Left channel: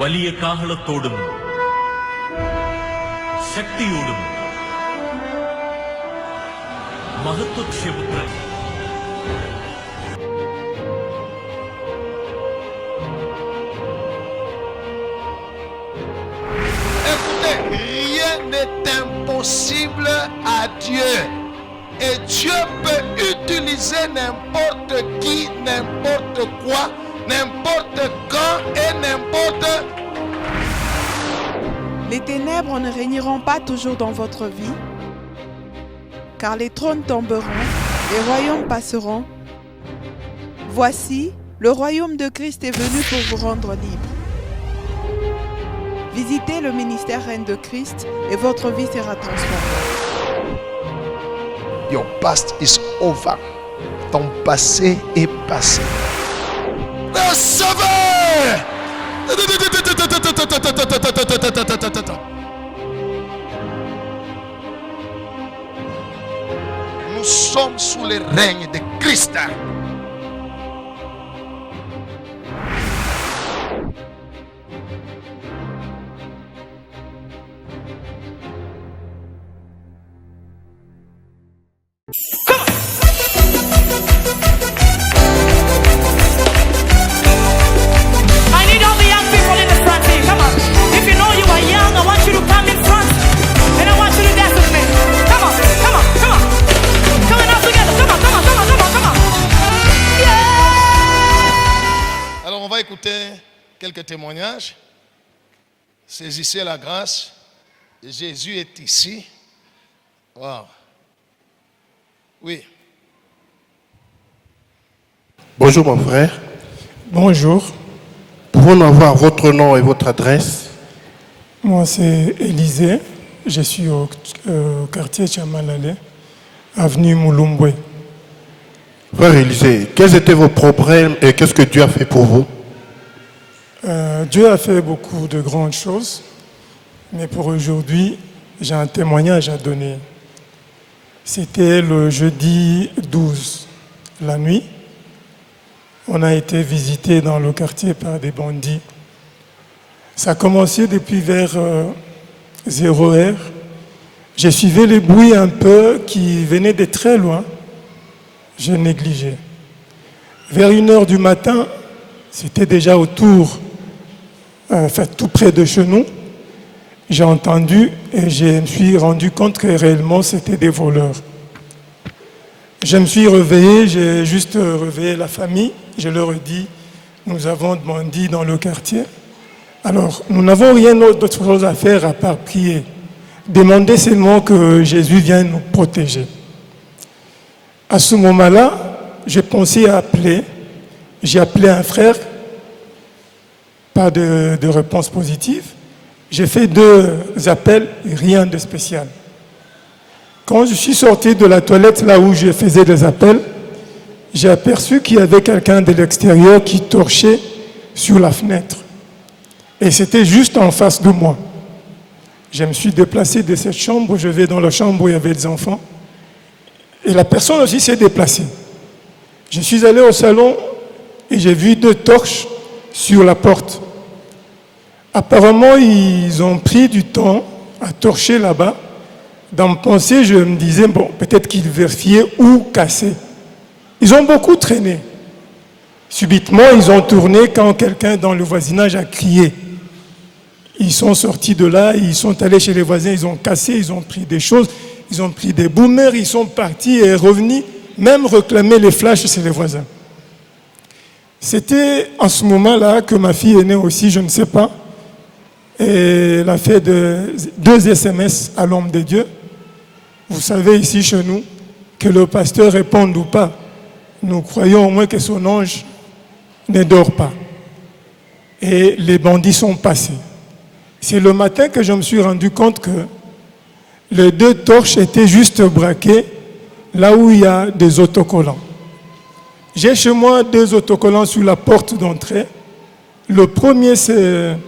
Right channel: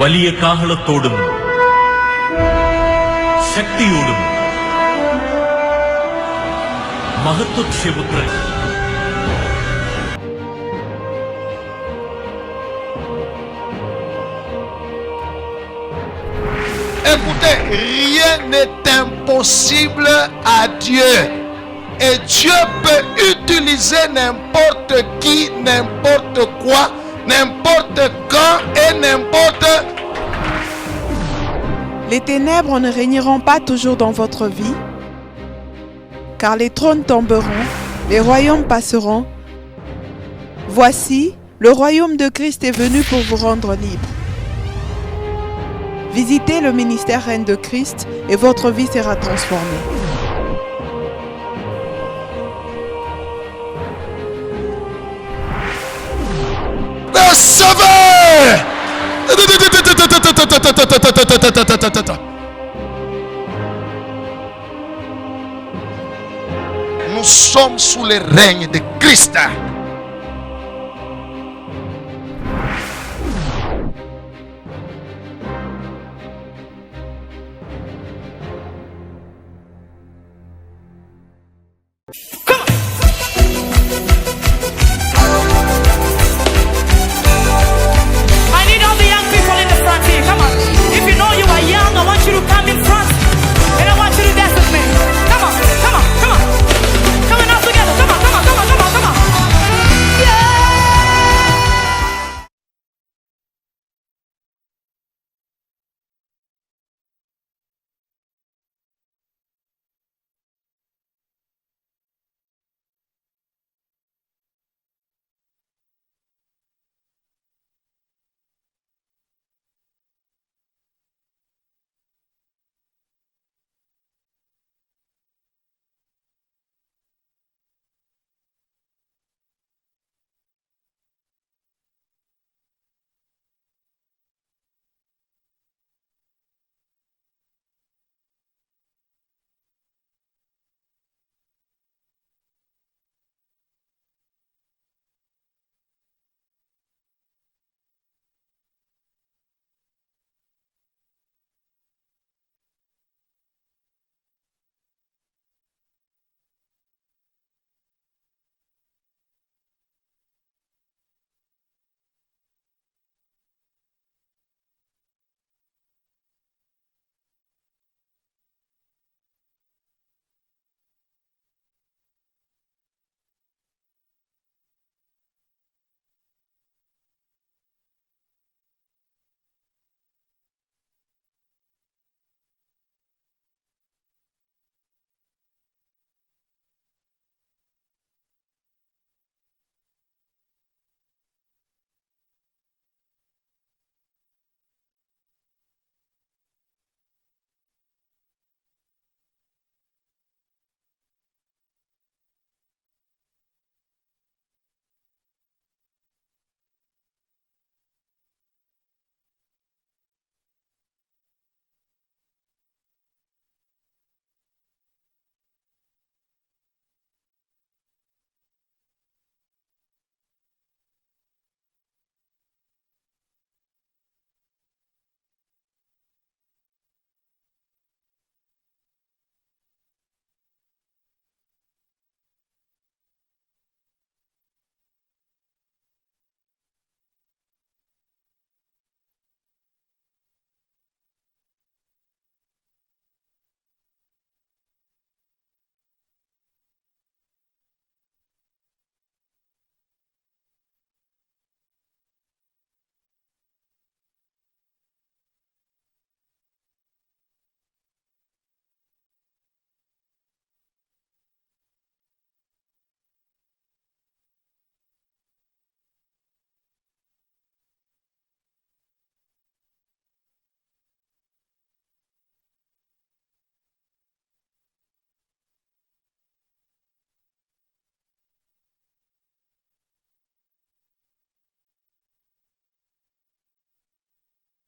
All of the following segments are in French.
വലിയ കാഹളത്തോടും ശക്തിയോടും മഹത്വക്ഷേപുത്രൻ Écoutez, rien n'est impossible à Dieu. Et Dieu peut utiliser n'importe qui, n'importe quoi, n'importe quand et n'importe. Les ténèbres ne régneront pas toujours dans votre vie, car les trônes tomberont, les royaumes passeront. Voici, le royaume de Christ est venu pour vous rendre libre. Visitez le ministère Reine de Christ et votre vie sera transformée. Your past is over. Ton passé est passé. Le sauveur! Nous sommes sous le règne de Christ. I need all the young people in the front here. Come on. If you know you are young, I want you to come in front. And I want you to dance with me. Come on, come on, come on. Come on all together. Come on, come on, come on, come on, come on. Yeah! Alors on va écouter quelques témoignages. Saisissez la grâce. Jésus est ici. Wow. Oui. Bonjour mon frère, Bonjour, pouvons-nous avoir votre nom et votre adresse? moi c'est Élisée, je suis au quartier Chamalale, avenue Mouloumboué. Frère Élisée, quels étaient vos problèmes et qu'est-ce que Dieu a fait pour vous? Dieu a fait beaucoup de grandes choses, mais pour aujourd'hui, j'ai un témoignage à donner. C'était le jeudi 12, la nuit. On a été visité dans le quartier par des bandits. Ça a commencé depuis vers 0 heure. J'ai suivi les bruits un peu qui venaient de très loin. J'ai négligé. Vers 1 heure du matin, c'était déjà autour, tout près de chez nous. J'ai entendu et je me suis rendu compte que réellement c'était des voleurs. Je me suis réveillé, j'ai juste réveillé la famille. Je leur ai dit, nous avons des bandits dans le quartier. Alors, nous n'avons rien d'autre chose à faire à part prier. Demander seulement que Jésus vienne nous protéger. À ce moment-là, j'ai pensé à appeler. J'ai appelé un frère, pas de réponse positive. J'ai fait 2 appels, rien de spécial. Quand je suis sorti de la toilette, là où je faisais des appels, j'ai aperçu qu'il y avait quelqu'un de l'extérieur qui torchait sur la fenêtre. Et c'était juste en face de moi. Je me suis déplacé de cette chambre, je vais dans la chambre où il y avait des enfants. Et la personne aussi s'est déplacée. Je suis allé au salon et j'ai vu 2 torches sur la porte. Apparemment, ils ont pris du temps à torcher là-bas. Dans ma pensée, je me disais, bon, peut-être qu'ils vérifiaient ou cassaient. Ils ont beaucoup traîné. Subitement, ils ont tourné quand quelqu'un dans le voisinage a crié. Ils sont sortis de là, ils sont allés chez les voisins, ils ont cassé, ils ont pris des choses, ils ont pris des boomers, ils sont partis et revenus, même réclamer les flashs chez les voisins. C'était en ce moment-là que ma fille est née aussi, je ne sais pas. Et elle a fait 2 SMS à l'homme de Dieu. Vous savez ici chez nous, que le pasteur réponde ou pas, nous croyons au moins que son ange ne dort pas. Et les bandits sont passés. C'est le matin que je me suis rendu compte que les 2 torches étaient juste braquées là où il y a des autocollants. J'ai chez moi 2 autocollants sur la porte d'entrée. Le premier, c'est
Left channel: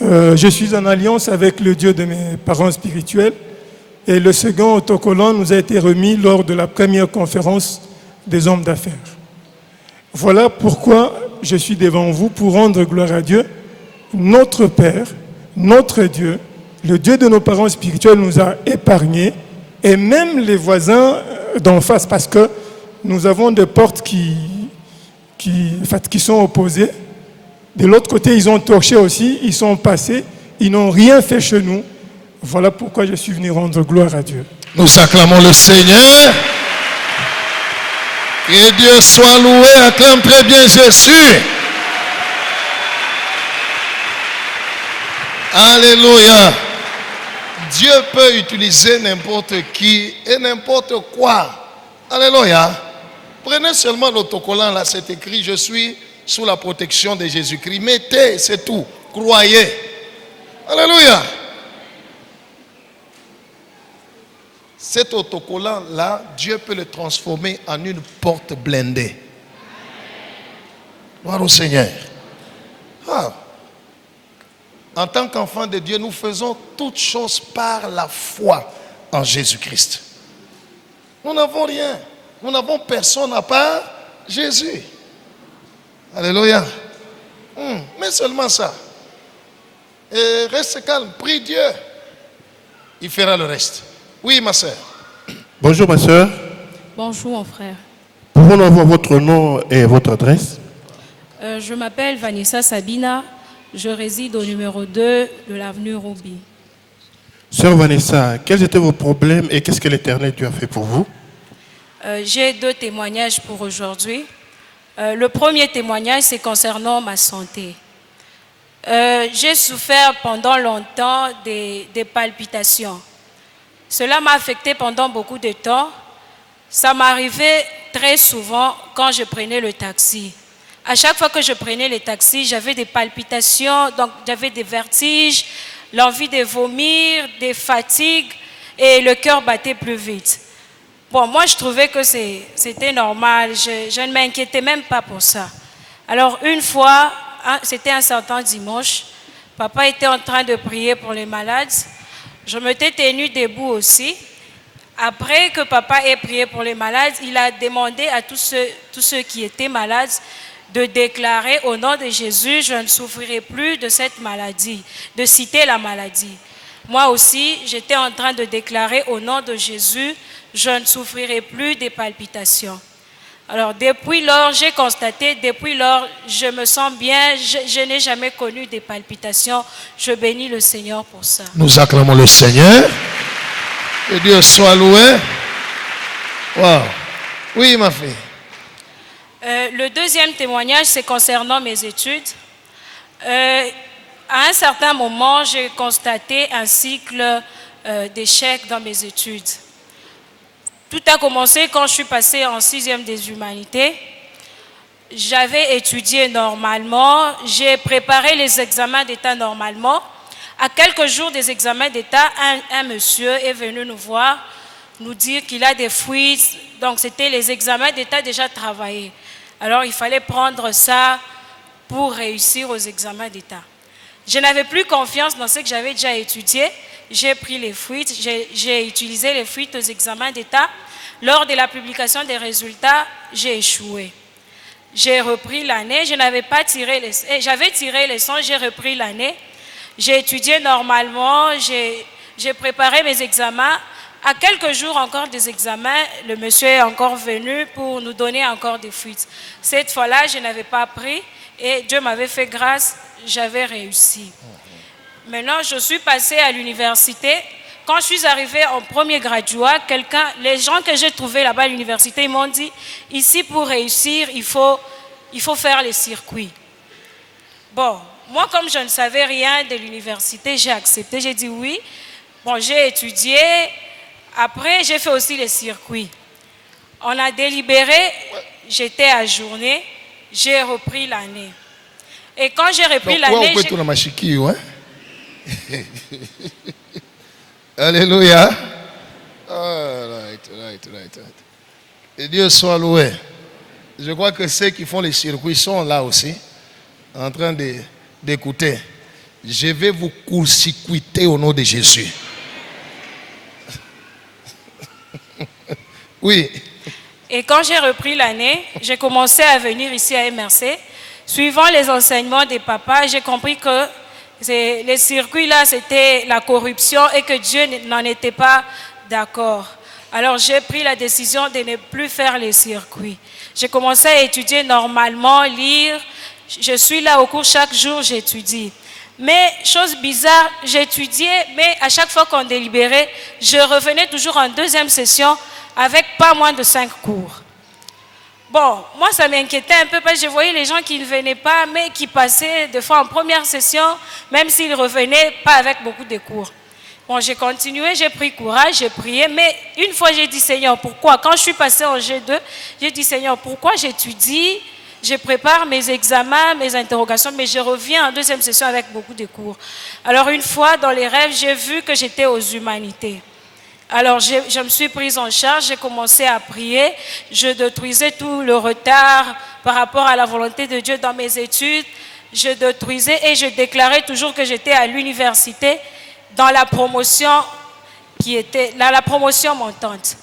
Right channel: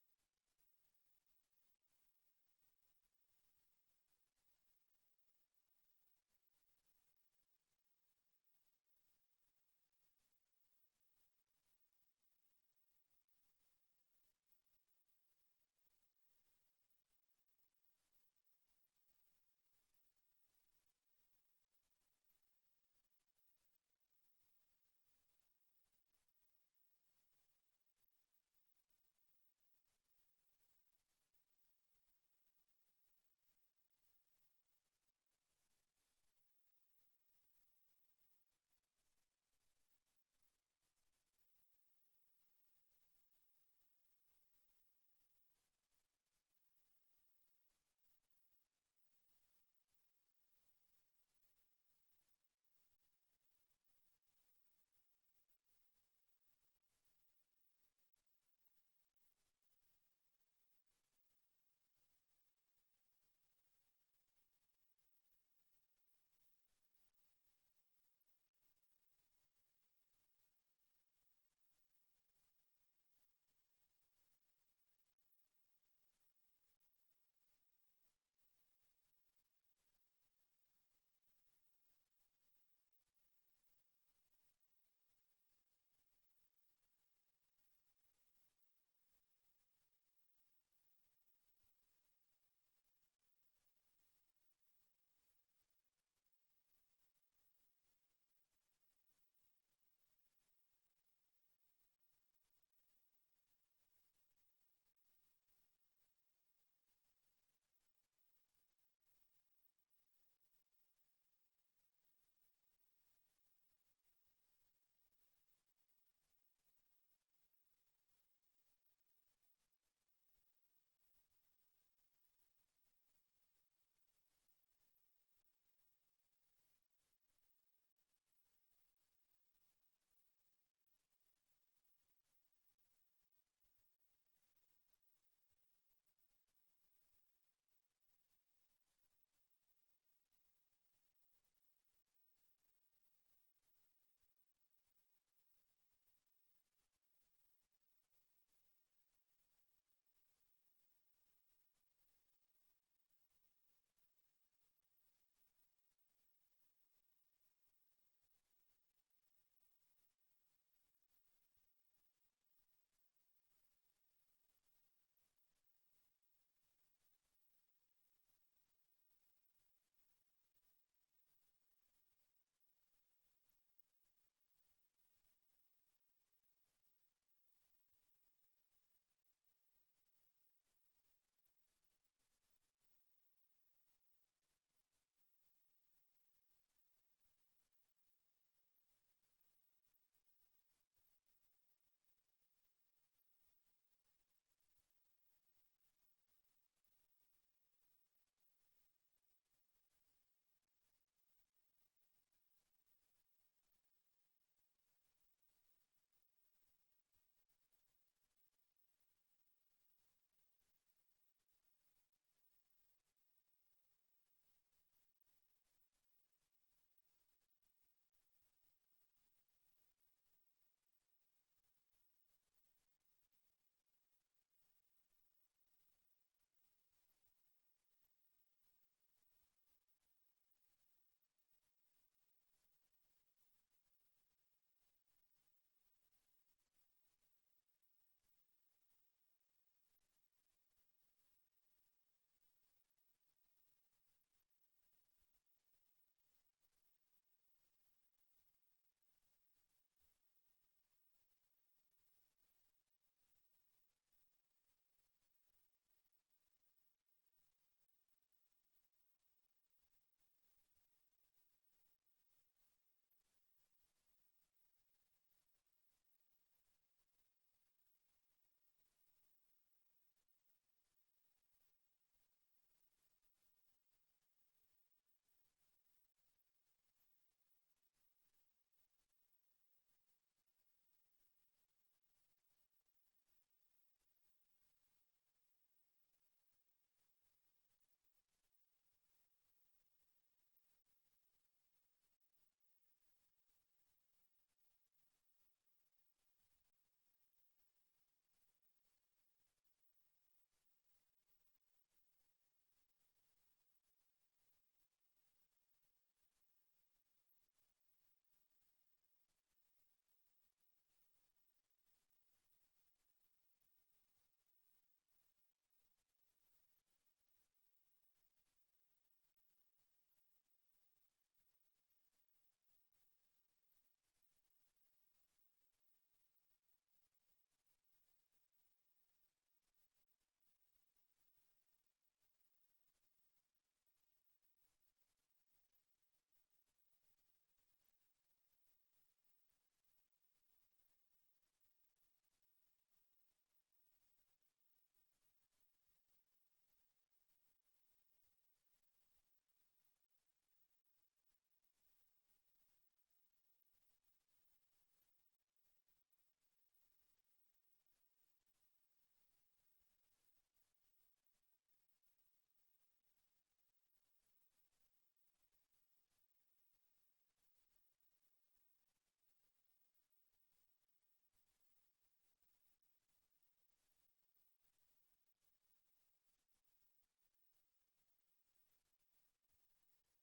je suis en alliance avec le Dieu de mes parents spirituels. Et le second autocollant nous a été remis lors de la première conférence des hommes d'affaires. Voilà pourquoi je suis devant vous pour rendre gloire à Dieu notre Père, notre Dieu, le Dieu de nos parents spirituels nous a épargnés, et même les voisins d'en face, parce que nous avons des portes qui sont opposées. De l'autre côté, ils ont torché aussi, ils sont passés, ils n'ont rien fait chez nous. Voilà pourquoi je suis venu rendre gloire à Dieu. Nous acclamons le Seigneur. Que Dieu soit loué. Acclame très bien Jésus. Alléluia. Dieu peut utiliser n'importe qui et n'importe quoi. Alléluia. Prenez seulement l'autocollant, là c'est écrit, je suis sous la protection de Jésus-Christ. Mettez, c'est tout. Croyez. Alléluia. Cet autocollant-là, Dieu peut le transformer en une porte blindée. Gloire au Seigneur. Ah. En tant qu'enfants de Dieu, nous faisons toutes choses par la foi en Jésus-Christ. Nous n'avons rien. Nous n'avons personne à part Jésus. Alléluia. Mais seulement ça. Et reste calme, prie Dieu. Il fera le reste. Oui, ma soeur. Bonjour ma soeur. Bonjour mon frère. Pouvons-nous avoir votre nom et votre adresse? Je m'appelle Vanessa Sabina. Je réside au numéro 2 de l'avenue Roubi. Sœur Vanessa, quels étaient vos problèmes et qu'est-ce que l'Éternel Dieu a fait pour vous? J'ai 2 témoignages pour aujourd'hui. Le premier témoignage, c'est concernant ma santé. J'ai souffert pendant longtemps des palpitations. Cela m'a affecté pendant beaucoup de temps. Ça m'arrivait très souvent quand je prenais le taxi. À chaque fois que je prenais le taxi, j'avais des palpitations, donc j'avais des vertiges, l'envie de vomir, des fatigues et le cœur battait plus vite. Bon, moi je trouvais que c'était normal, je ne m'inquiétais même pas pour ça. Alors une fois, c'était un certain dimanche, papa était en train de prier pour les malades. Je m'étais tenue debout aussi. Après que papa ait prié pour les malades, il a demandé à tous ceux qui étaient malades de déclarer au nom de Jésus, je ne souffrirai plus de cette maladie, de citer la maladie. Moi aussi, j'étais en train de déclarer au nom de Jésus, je ne souffrirai plus des palpitations. Alors depuis lors, j'ai constaté, depuis lors, je me sens bien, je n'ai jamais connu des palpitations. Je bénis le Seigneur pour ça. Nous acclamons le Seigneur. Que Dieu soit loué. Wow. Oui, ma fille. Le deuxième témoignage, c'est concernant mes études. À un certain moment, j'ai constaté un cycle d'échecs dans mes études. Tout a commencé quand je suis passée en 6e des humanités. J'avais étudié normalement, j'ai préparé les examens d'État normalement. À quelques jours des examens d'État, un monsieur est venu nous voir, nous dire qu'il a des fuites. Donc c'était les examens d'État déjà travaillés. Alors il fallait prendre ça pour réussir aux examens d'État. Je n'avais plus confiance dans ce que j'avais déjà étudié. J'ai pris les fuites, j'ai utilisé les fuites aux examens d'État. Lors de la publication des résultats, j'ai échoué. J'ai repris l'année, j'avais tiré les leçons, j'ai repris l'année. J'ai étudié normalement, j'ai préparé mes examens. À quelques jours encore des examens, le monsieur est encore venu pour nous donner encore des fuites. Cette fois-là, je n'avais pas pris et Dieu m'avait fait grâce, j'avais réussi. Maintenant, je suis passée à l'université. Quand je suis arrivée en premier graduat, les gens que j'ai trouvés là-bas à l'université, ils m'ont dit, ici pour réussir, il faut faire les circuits. Bon, moi comme je ne savais rien de l'université, j'ai accepté, j'ai dit oui. Bon, j'ai étudié, après j'ai fait aussi les circuits. On a délibéré, j'étais ajournée, j'ai repris l'année. Et quand j'ai repris l'année... Alléluia. Right. Et Dieu soit loué. Je crois que ceux qui font les circuits sont là aussi, en train d'écouter. Je vais vous court-circuiter au nom de Jésus. Oui. Et quand j'ai repris l'année, j'ai commencé à venir ici à MRC. Suivant les enseignements des papas, j'ai compris que Les circuits là, c'était la corruption et que Dieu n'en était pas d'accord. Alors j'ai pris la décision de ne plus faire les circuits. J'ai commencé à étudier normalement, lire. Je suis là au cours chaque jour, j'étudie. Mais chose bizarre, j'étudiais, mais à chaque fois qu'on délibérait, je revenais toujours en deuxième session avec pas moins de 5 cours. Bon, moi ça m'inquiétait un peu parce que je voyais les gens qui ne venaient pas, mais qui passaient des fois en première session, même s'ils revenaient pas avec beaucoup de cours. Bon, j'ai continué, j'ai pris courage, j'ai prié, mais une fois j'ai dit Seigneur, pourquoi? Quand je suis passée en G2, j'ai dit Seigneur, pourquoi j'étudie, je prépare mes examens, mes interrogations, mais je reviens en deuxième session avec beaucoup de cours. Alors une fois dans les rêves, j'ai vu que j'étais aux humanités. Alors je me suis prise en charge, j'ai commencé à prier, je détruisais tout le retard par rapport à la volonté de Dieu dans mes études, je détruisais et je déclarais toujours que j'étais à l'université dans la promotion la promotion montante.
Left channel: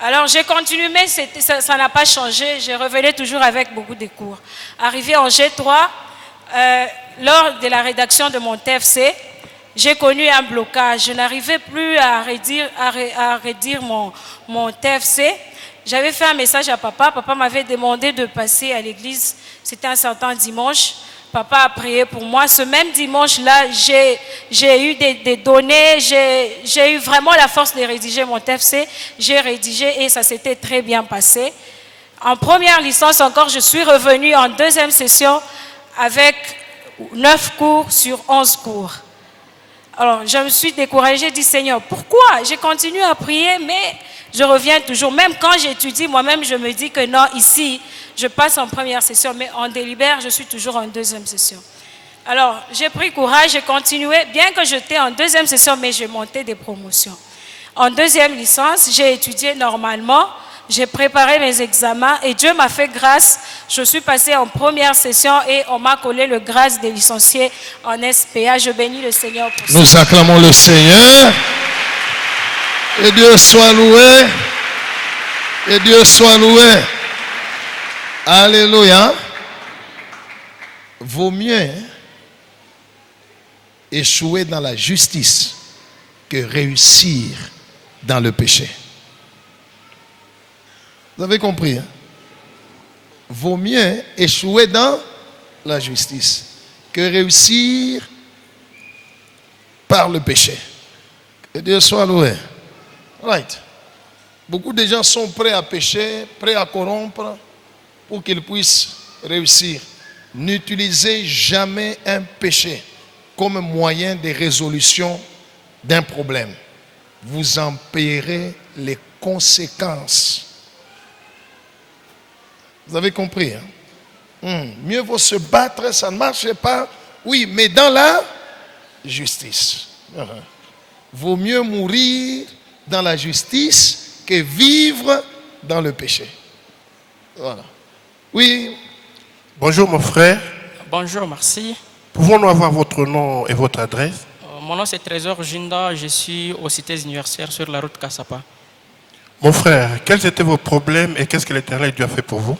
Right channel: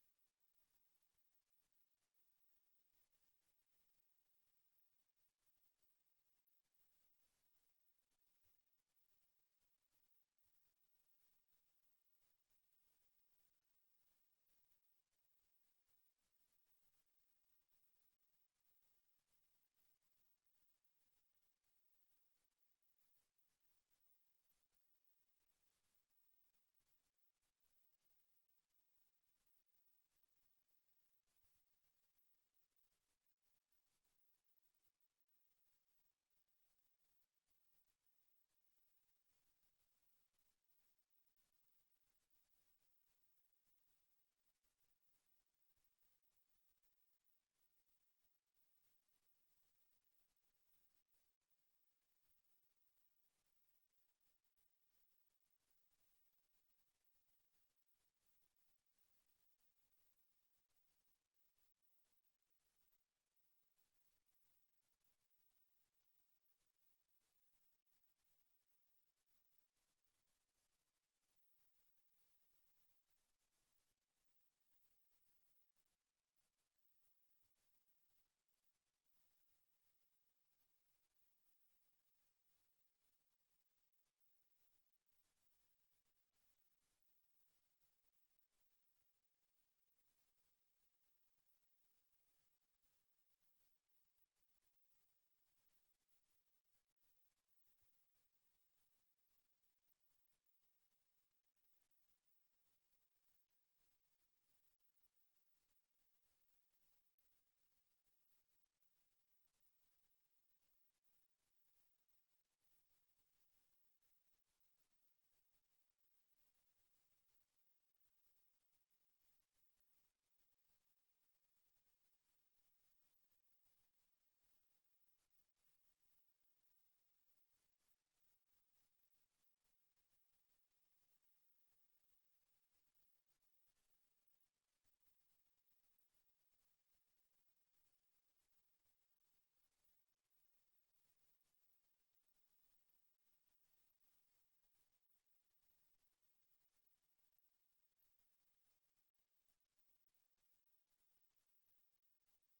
Alors j'ai continué, mais ça n'a pas changé, je revenais toujours avec beaucoup de cours. Arrivé en G3, lors de la rédaction de mon TFC, j'ai connu un blocage. Je n'arrivais plus à rédiger mon TFC. J'avais fait un message à papa. Papa m'avait demandé de passer à l'église. C'était un certain dimanche. Papa a prié pour moi. Ce même dimanche-là, j'ai eu des données. J'ai eu vraiment la force de rédiger mon TFC. J'ai rédigé et ça s'était très bien passé. En première licence encore, je suis revenue en deuxième session avec 9 cours sur 11 cours. Alors, je me suis découragée, j'ai dit, Seigneur, pourquoi? J'ai continué à prier, mais je reviens toujours. Même quand j'étudie, moi-même, je me dis que non, ici, je passe en première session, mais en délibère, je suis toujours en deuxième session. Alors, j'ai pris courage, j'ai continué, bien que j'étais en deuxième session, mais je montais des promotions. En deuxième licence, j'ai étudié normalement, j'ai préparé mes examens et Dieu m'a fait grâce. Je suis passée en première session et on m'a collé le grâce des licenciés en SPA. Je bénis le Seigneur pour ça. Nous acclamons le Seigneur. Et Dieu soit loué. Et Dieu soit loué. Alléluia. Vaut mieux échouer dans la justice que réussir dans le péché. Vous avez compris, hein? Vaut mieux échouer dans la justice que réussir par le péché. Que Dieu soit loué. Right. Beaucoup de gens sont prêts à pécher, prêts à corrompre pour qu'ils puissent réussir. N'utilisez jamais un péché comme moyen de résolution d'un problème. Vous en payerez les conséquences. Vous avez compris, hein? Mieux vaut se battre, ça ne marche pas. Oui, mais dans la justice. Vaut mieux mourir dans la justice que vivre dans le péché. Voilà. Oui. Bonjour mon frère. Bonjour, merci. Pouvons-nous avoir votre nom et votre adresse? Mon nom c'est Trésor Jinda, je suis aux cités universitaires sur la route Kassapa. Mon frère, quels étaient vos problèmes et qu'est-ce que l'Éternel Dieu a fait pour vous?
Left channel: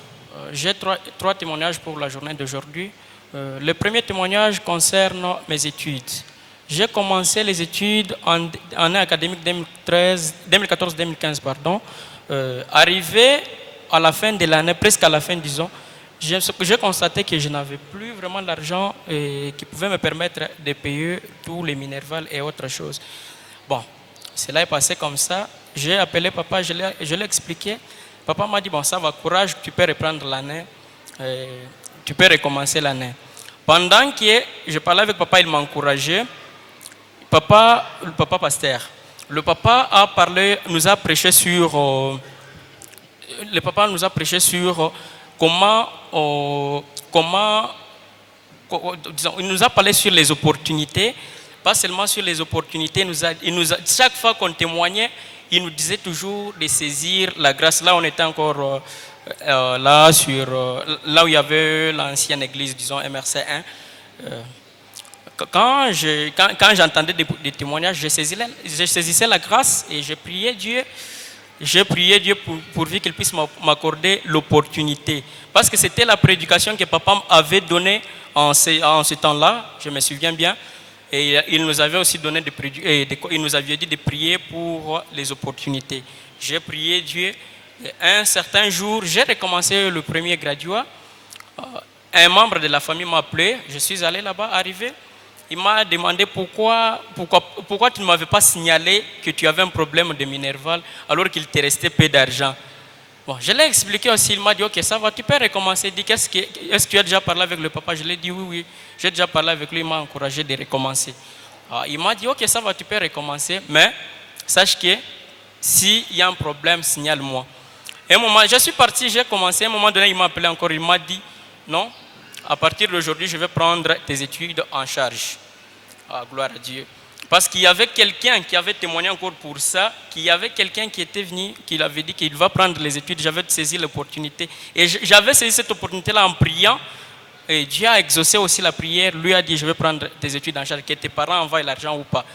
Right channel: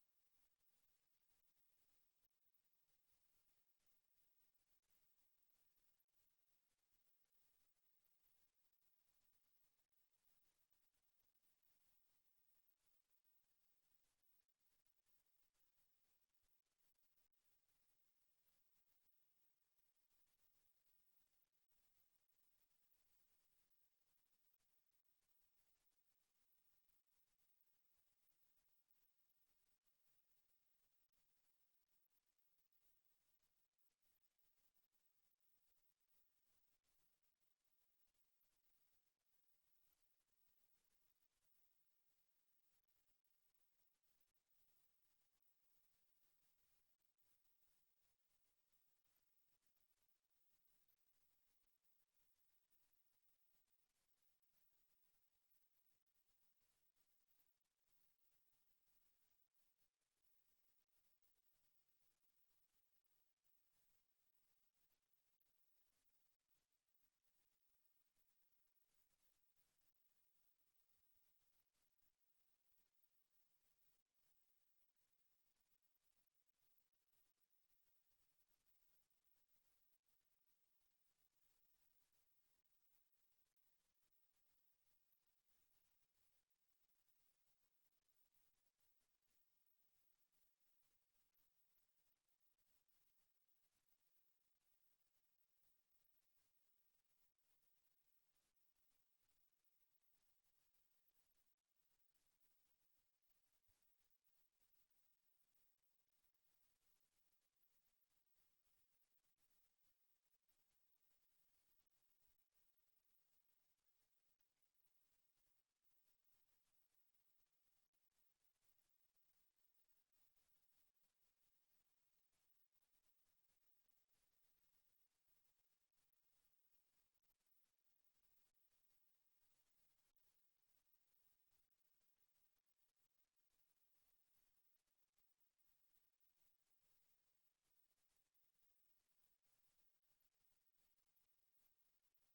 J'ai trois témoignages pour la journée d'aujourd'hui. Le premier témoignage concerne mes études. J'ai commencé les études en année académique 2014-2015. Arrivé à la fin de l'année, presque à la fin, disons, j'ai constaté que je n'avais plus vraiment l'argent qui pouvait me permettre de payer tous les minervales et autres choses. Bon, cela est passé comme ça. J'ai appelé papa, je l'ai expliqué. Papa m'a dit, bon, ça va, courage, tu peux reprendre l'année, tu peux recommencer l'année. Pendant que je parlais avec papa, il m'a encouragé. Le papa pasteur, le papa a parlé, nous a prêché sur, comment, disons, il nous a parlé sur les opportunités, pas seulement sur les opportunités, chaque fois qu'on témoignait, il nous disait toujours de saisir la grâce. Là, on était encore là où il y avait l'ancienne église, disons MRC 1. Quand j'entendais des témoignages, je saisissais la grâce et je priais Dieu. J'ai prié Dieu pourvu qu'il puisse m'accorder l'opportunité. Parce que c'était la prédication que papa avait donnée en ce temps-là, je me souviens bien, et il nous avait aussi donné il nous avait dit de prier pour les opportunités. J'ai prié Dieu. Et un certain jour, j'ai recommencé le premier graduat. Un membre de la famille m'a appelé. Je suis allé là-bas, arrivé. Il m'a demandé pourquoi tu ne m'avais pas signalé que tu avais un problème de minerval alors qu'il te restait peu d'argent. Bon, je l'ai expliqué aussi, il m'a dit, ok, ça va, tu peux recommencer. Il dit, est-ce que tu as déjà parlé avec le papa? Je lui ai dit, oui, j'ai déjà parlé avec lui, il m'a encouragé de recommencer. Alors, il m'a dit, ok, ça va, tu peux recommencer, mais sache que s'il y a un problème, signale-moi. Et un moment, je suis parti, j'ai commencé, à un moment donné, il m'a appelé encore, il m'a dit, non, à partir d'aujourd'hui, je vais prendre tes études en charge. Ah, gloire à Dieu. Parce qu'il y avait quelqu'un qui avait témoigné encore pour ça, qu'il y avait quelqu'un qui était venu, qui avait dit qu'il va prendre les études, j'avais saisi l'opportunité. Et j'avais saisi cette opportunité-là en priant, et Dieu a exaucé aussi la prière, lui a dit, je vais prendre tes études en charge, que tes parents envoient l'argent ou pas.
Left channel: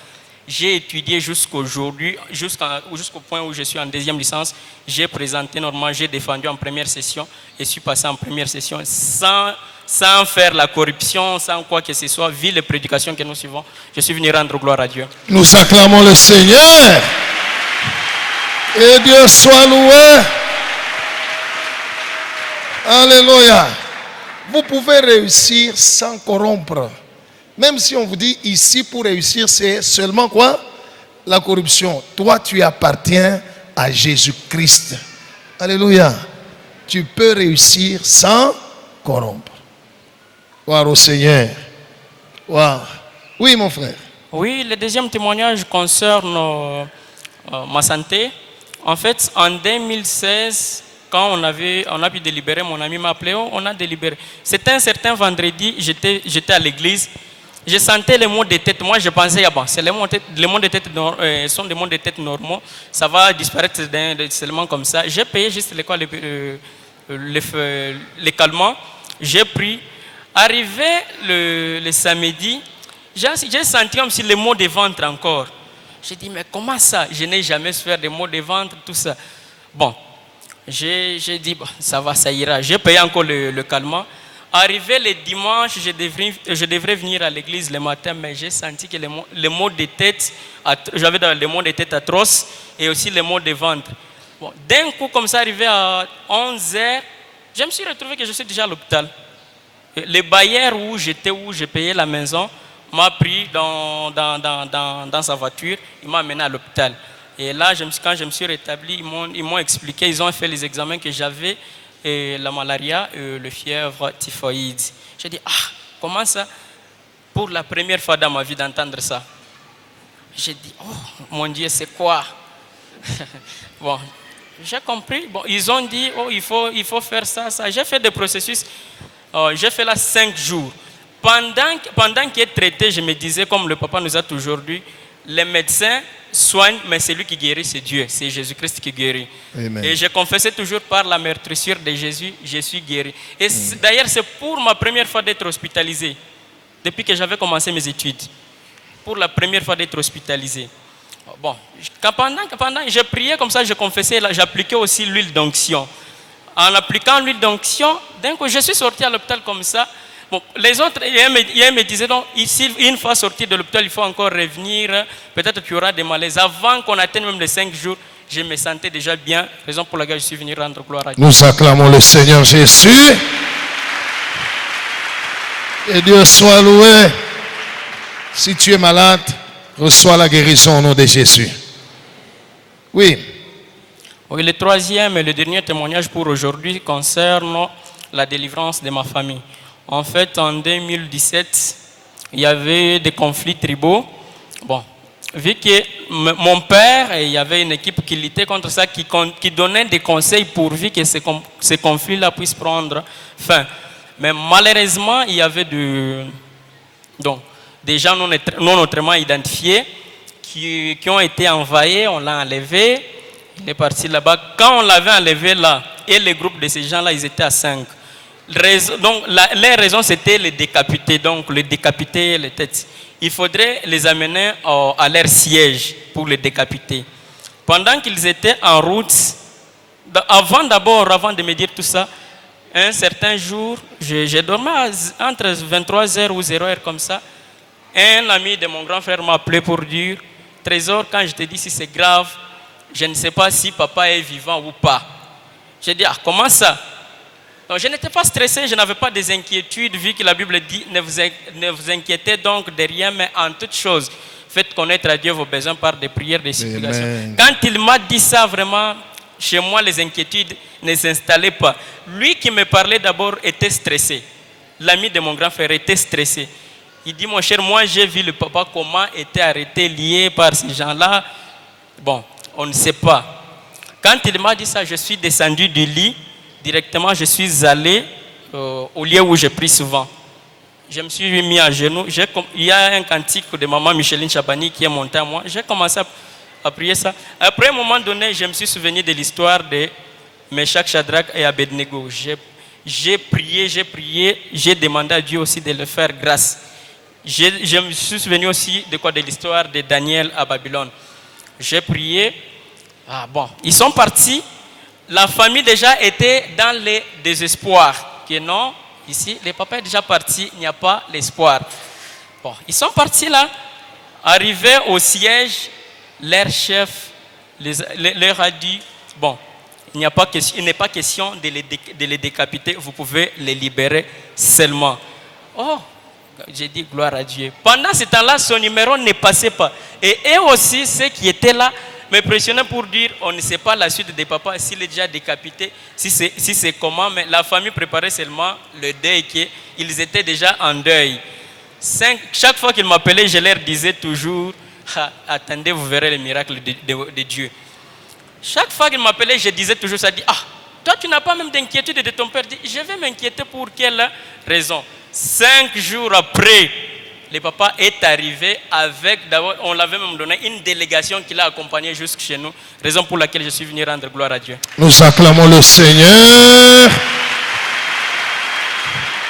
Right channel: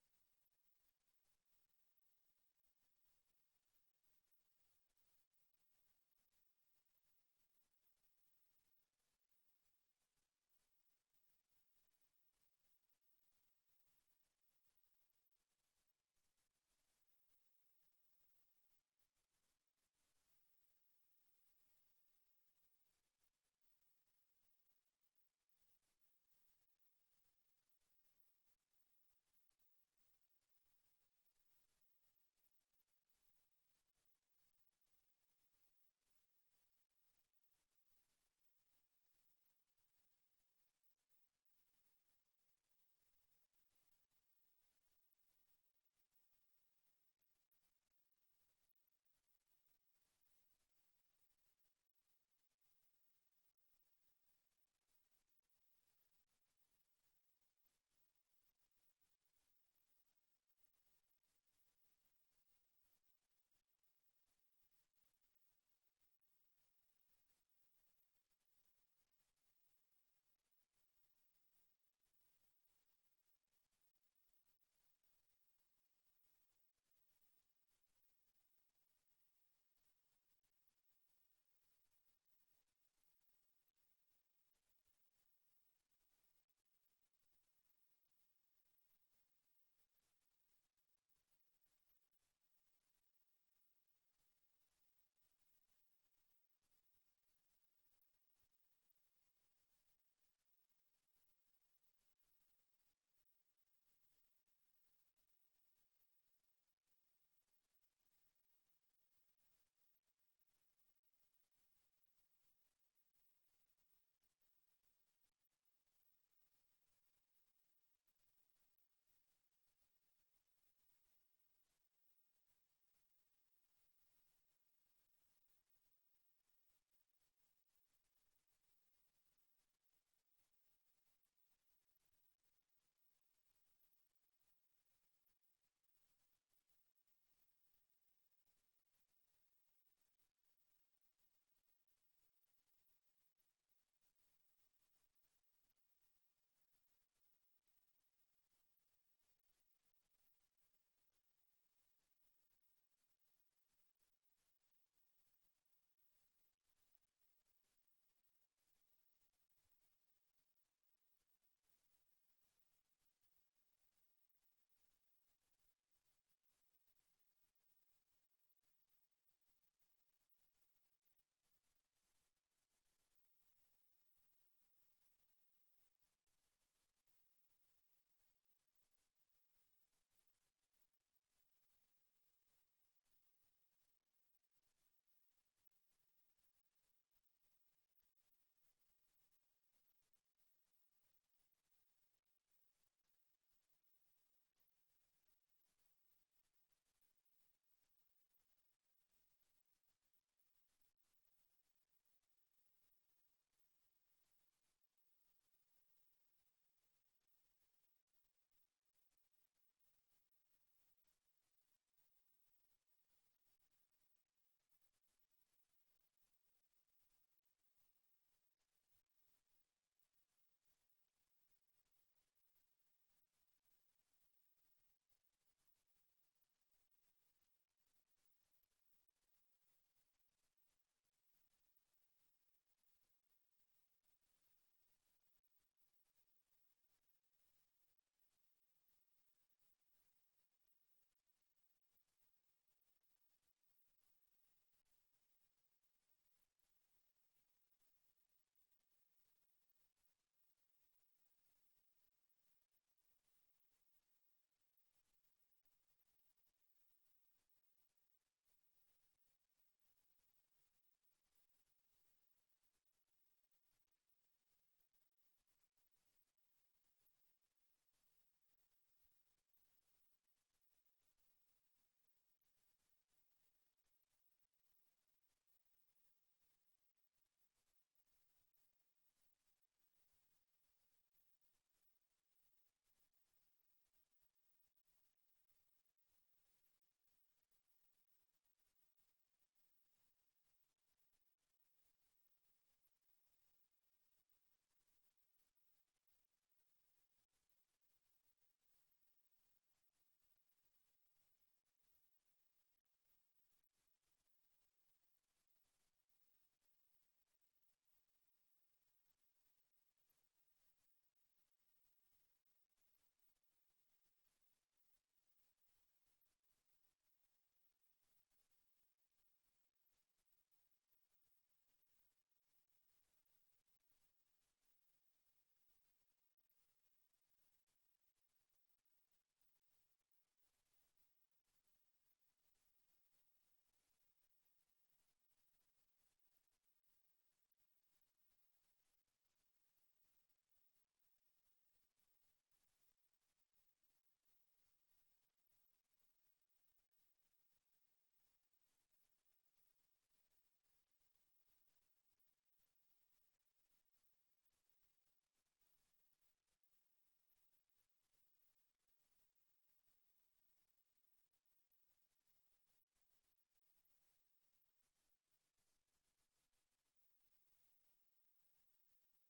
J'ai étudié jusqu'aujourd'hui, jusqu'au point où je suis en deuxième licence, j'ai présenté normalement, j'ai défendu en première session, et suis passé en première session sans faire la corruption, sans quoi que ce soit, vu les prédications que nous suivons, je suis venu rendre gloire à Dieu. Nous acclamons le Seigneur. Et Dieu soit loué. Alléluia. Vous pouvez réussir sans corrompre. Même si on vous dit ici pour réussir, c'est seulement quoi? La corruption. Toi, tu appartiens à Jésus-Christ. Alléluia. Tu peux réussir sans corrompre. Gloire au Seigneur. Wow. Oui, mon frère. Oui, le deuxième témoignage concerne ma santé. En fait, en 2016, quand on a pu délibérer, mon ami m'a appelé, on a délibéré. C'était un certain vendredi, j'étais à l'église. Je sentais les maux de tête. Moi, je pensais, ah bon, c'est les maux de tête sont des maux de tête normaux. Ça va disparaître seulement comme ça. J'ai payé juste les calmants. J'ai pris. Arrivé le samedi, j'ai senti comme si les maux de ventre encore. J'ai dit, mais comment ça? Je n'ai jamais fait des maux de ventre, tout ça. Bon, j'ai dit, bon, ça va, ça ira. J'ai payé encore le calmant. Arrivé le dimanche, je devrais venir à l'église le matin, mais j'ai senti que les maux de tête, j'avais les maux de tête atroces et aussi les maux de ventre. Bon, d'un coup, comme ça, arrivé à 11h, je me suis retrouvé que je suis déjà à l'hôpital. Le bailleur où je payais la maison, m'a pris dans sa voiture, il m'a amené à l'hôpital. Et là, quand je me suis rétabli, ils m'ont expliqué, ils ont fait les examens que j'avais, la malaria, le fièvre typhoïde. J'ai dit, comment ça? Pour la première fois dans ma vie d'entendre ça. J'ai dit, oh mon Dieu, c'est quoi? Bon, j'ai compris. Bon, ils ont dit, oh, il faut faire ça. J'ai fait des processus. J'ai fait là 5 jours. Pendant qu'il est traité, je me disais, comme le papa nous a toujours dit, les médecins soignent, mais c'est lui qui guérit, c'est Dieu, c'est Jésus-Christ qui guérit. Amen. Et je confessais toujours par la meurtrissure de Jésus, je suis guéri. Et d'ailleurs, c'est pour ma première fois d'être hospitalisé, depuis que j'avais commencé mes études. Pour la première fois d'être hospitalisé. Bon, pendant je priais comme ça, je confessais, j'appliquais aussi l'huile d'onction. En appliquant l'huile d'onction, d'un coup, je suis sorti à l'hôpital comme ça. Bon, les autres, ils me disaient, donc, ici, une fois sorti de l'hôpital, il faut encore revenir. Peut-être qu'il y aura des malaises. Avant qu'on atteigne même les 5 jours, je me sentais déjà bien. Raison pour laquelle je suis venu rendre gloire à Dieu. Nous acclamons le Seigneur Jésus. Et Dieu soit loué. Si tu es malade, reçois la guérison au nom de Jésus. Oui. Oui, le troisième et le dernier témoignage pour aujourd'hui concerne la délivrance de ma famille. En fait, en 2017, il y avait des conflits tribaux. Bon, vu que mon père, il y avait une équipe qui luttait contre ça, qui donnait des conseils pourvu que ces conflits-là puissent prendre fin. Mais malheureusement, il y avait des gens non autrement identifiés qui ont été envahis, on l'a enlevé, il est parti là-bas. Quand on l'avait enlevé là, et le groupe de ces gens-là, ils étaient à 5. Donc, les raisons, c'était les décapiter, donc les décapiter les têtes. Il faudrait les amener à leur siège pour les décapiter. Pendant qu'ils étaient en route, avant de me dire tout ça, Un certain jour, j'ai dormi entre 23h ou 0h comme ça. Un ami de mon grand frère m'a appelé pour dire, Trésor, quand je te dis si c'est grave, je ne sais pas si papa est vivant ou pas. J'ai dit, ah, comment ça? Donc, je n'étais pas stressé, je n'avais pas des inquiétudes, vu que la Bible dit, ne vous inquiétez donc de rien, mais en toute chose, faites connaître à Dieu vos besoins par des prières, des supplications. Amen. Quand il m'a dit ça, vraiment, chez moi, les inquiétudes ne s'installaient pas. Lui qui me parlait d'abord était stressé. L'ami de mon grand frère était stressé. Il dit, mon cher, moi j'ai vu le papa comment était arrêté, lié par ces gens-là. Bon, on ne sait pas. Quand il m'a dit ça, je suis descendu du lit. Directement, je suis allé au lieu où je prie souvent. Je me suis mis à genoux. Il y a un cantique de maman Micheline Chabani qui est monté à moi. J'ai commencé à prier ça. Après, à un moment donné, je me suis souvenu de l'histoire de Meshach, Shadrach et Abednego. J'ai prié, j'ai demandé à Dieu aussi de le faire grâce. Je me suis souvenu aussi de l'histoire de Daniel à Babylone. J'ai prié. Ah bon, ils sont partis. La famille déjà était dans le désespoir. Que non, ici, le papa est déjà parti, il n'y a pas l'espoir. Bon, ils sont partis là. Arrivés au siège, leur chef leur a dit, bon, il n'est pas question de les décapiter, vous pouvez les libérer seulement. Oh, j'ai dit gloire à Dieu. Pendant ce temps-là, son numéro ne passait pas. Et eux aussi, ceux qui étaient là, me pressionnaient pour dire, on ne sait pas la suite des papas, s'il est déjà décapité, si c'est comment, mais la famille préparait seulement le deuil, qu'ils étaient déjà en deuil. Chaque fois qu'ils m'appelaient, je leur disais toujours, attendez, vous verrez les miracles de Dieu. Chaque fois qu'ils m'appelaient, je disais toujours ça, toi tu n'as pas même d'inquiétude de ton père. Je vais m'inquiéter pour quelle raison? 5 jours après, le papa est arrivé avec, d'abord, on l'avait même donné une délégation qui l'a accompagné jusque chez nous, raison pour laquelle je suis venu rendre gloire à Dieu. Nous acclamons le Seigneur.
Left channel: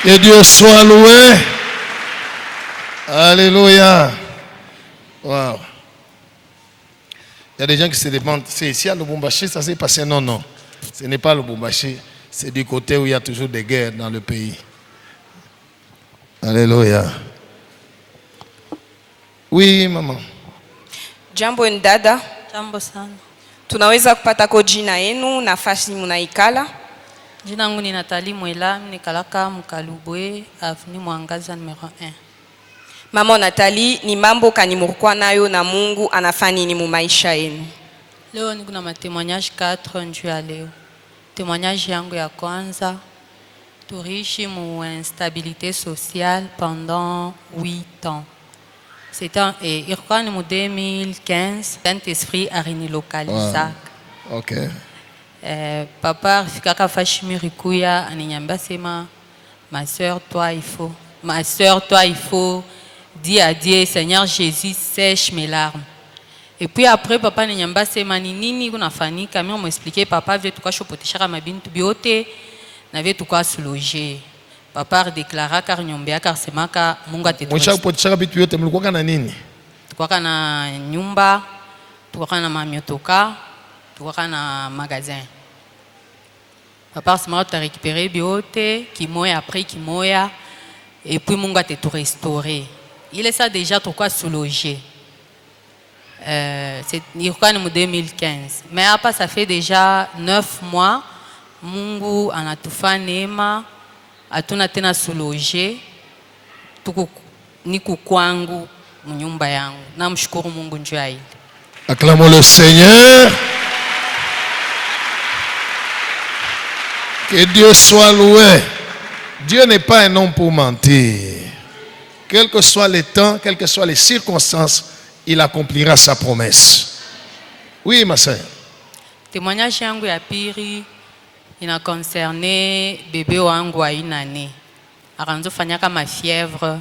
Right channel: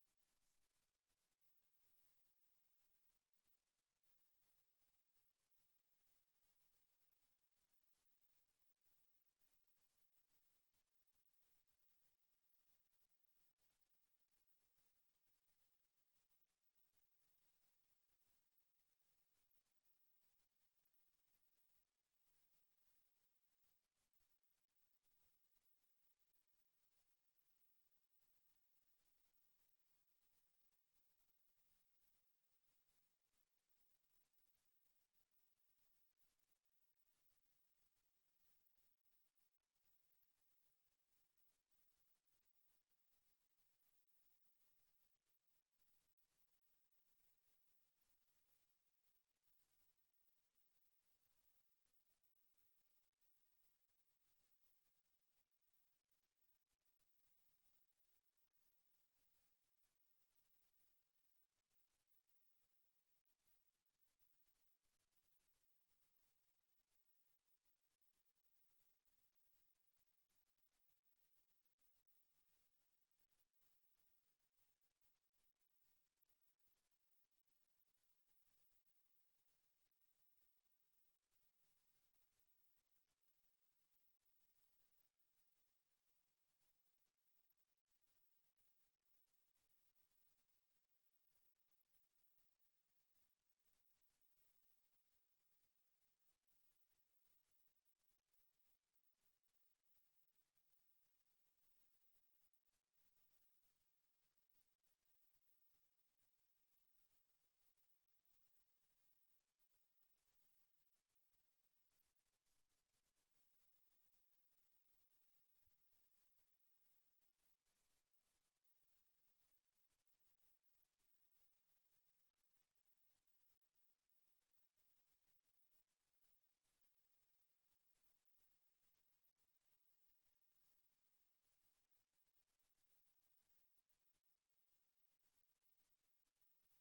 Que Dieu soit loué. Alléluia. Wow. Il y a des gens qui se demandent, c'est ici à Lubumbashi, ça s'est passé? Non, non. Ce n'est pas Lubumbashi. C'est du côté où il y a toujours des guerres dans le pays. Alléluia. Oui, maman. Jambo dada. Jambo sana. Tunaweza kupata ko jina yenu, nafasi munaikala? Jina langu ni Nathalie Mwela, nikalaka Mkalubwe, avenue Mwangaza numero 1. Mama Nathalie, ni mambo kani murukwa nayo na Mungu anafanya nini mu maisha yenu? Leo niko na témoignage 4 njuu ya leo. Témoignage yangu ya kwanza, tuliishi mu instabilité sociale pendant 8 ans. C'était ilikuwa ni mu 2015, Saint-Esprit alinilokaliza. Wow. Ok. Papa fikaka fashimiri kuya aninyambia sema ma sœur toi il faut dire à Dieu Seigneur Jésus sèche mes larmes. Et puis après papa aninyambia sema ni nini kunafanyika, mimi m'expliquer papa veut tukashopoteshaka mabintu biote na veut tukasuloger. Papa déclara car nyombea car semaka Mungu atetuwa. Mshapoteshaka bitu yote mlikuwa na nini? Tukaka na nyumba, tukaka na mamiotoka, tukaka na magasin. Papa semaka tu récupéré biote, kimoya après kimoya, et puis Mungu a tout restauré. Il est ça déjà pourquoi sous-logé. C'est en 2015. Mais après ça fait déjà 9 mois, Mungu anatufa neema, atuna tena sous-logé, niku kwangu mnyumba yangu. Namshukuru Mungu njoo hili. Acclamons le Seigneur. Que Dieu soit loué. Dieu n'est pas un homme pour mentir. Quel que soit le temps, quelles que soient les circonstances, il accomplira sa promesse. Oui, ma sœur. Témoignage yangu ya pili ina concerné bébé wangu wa inane. Akanzo fanyaka ma fièvre.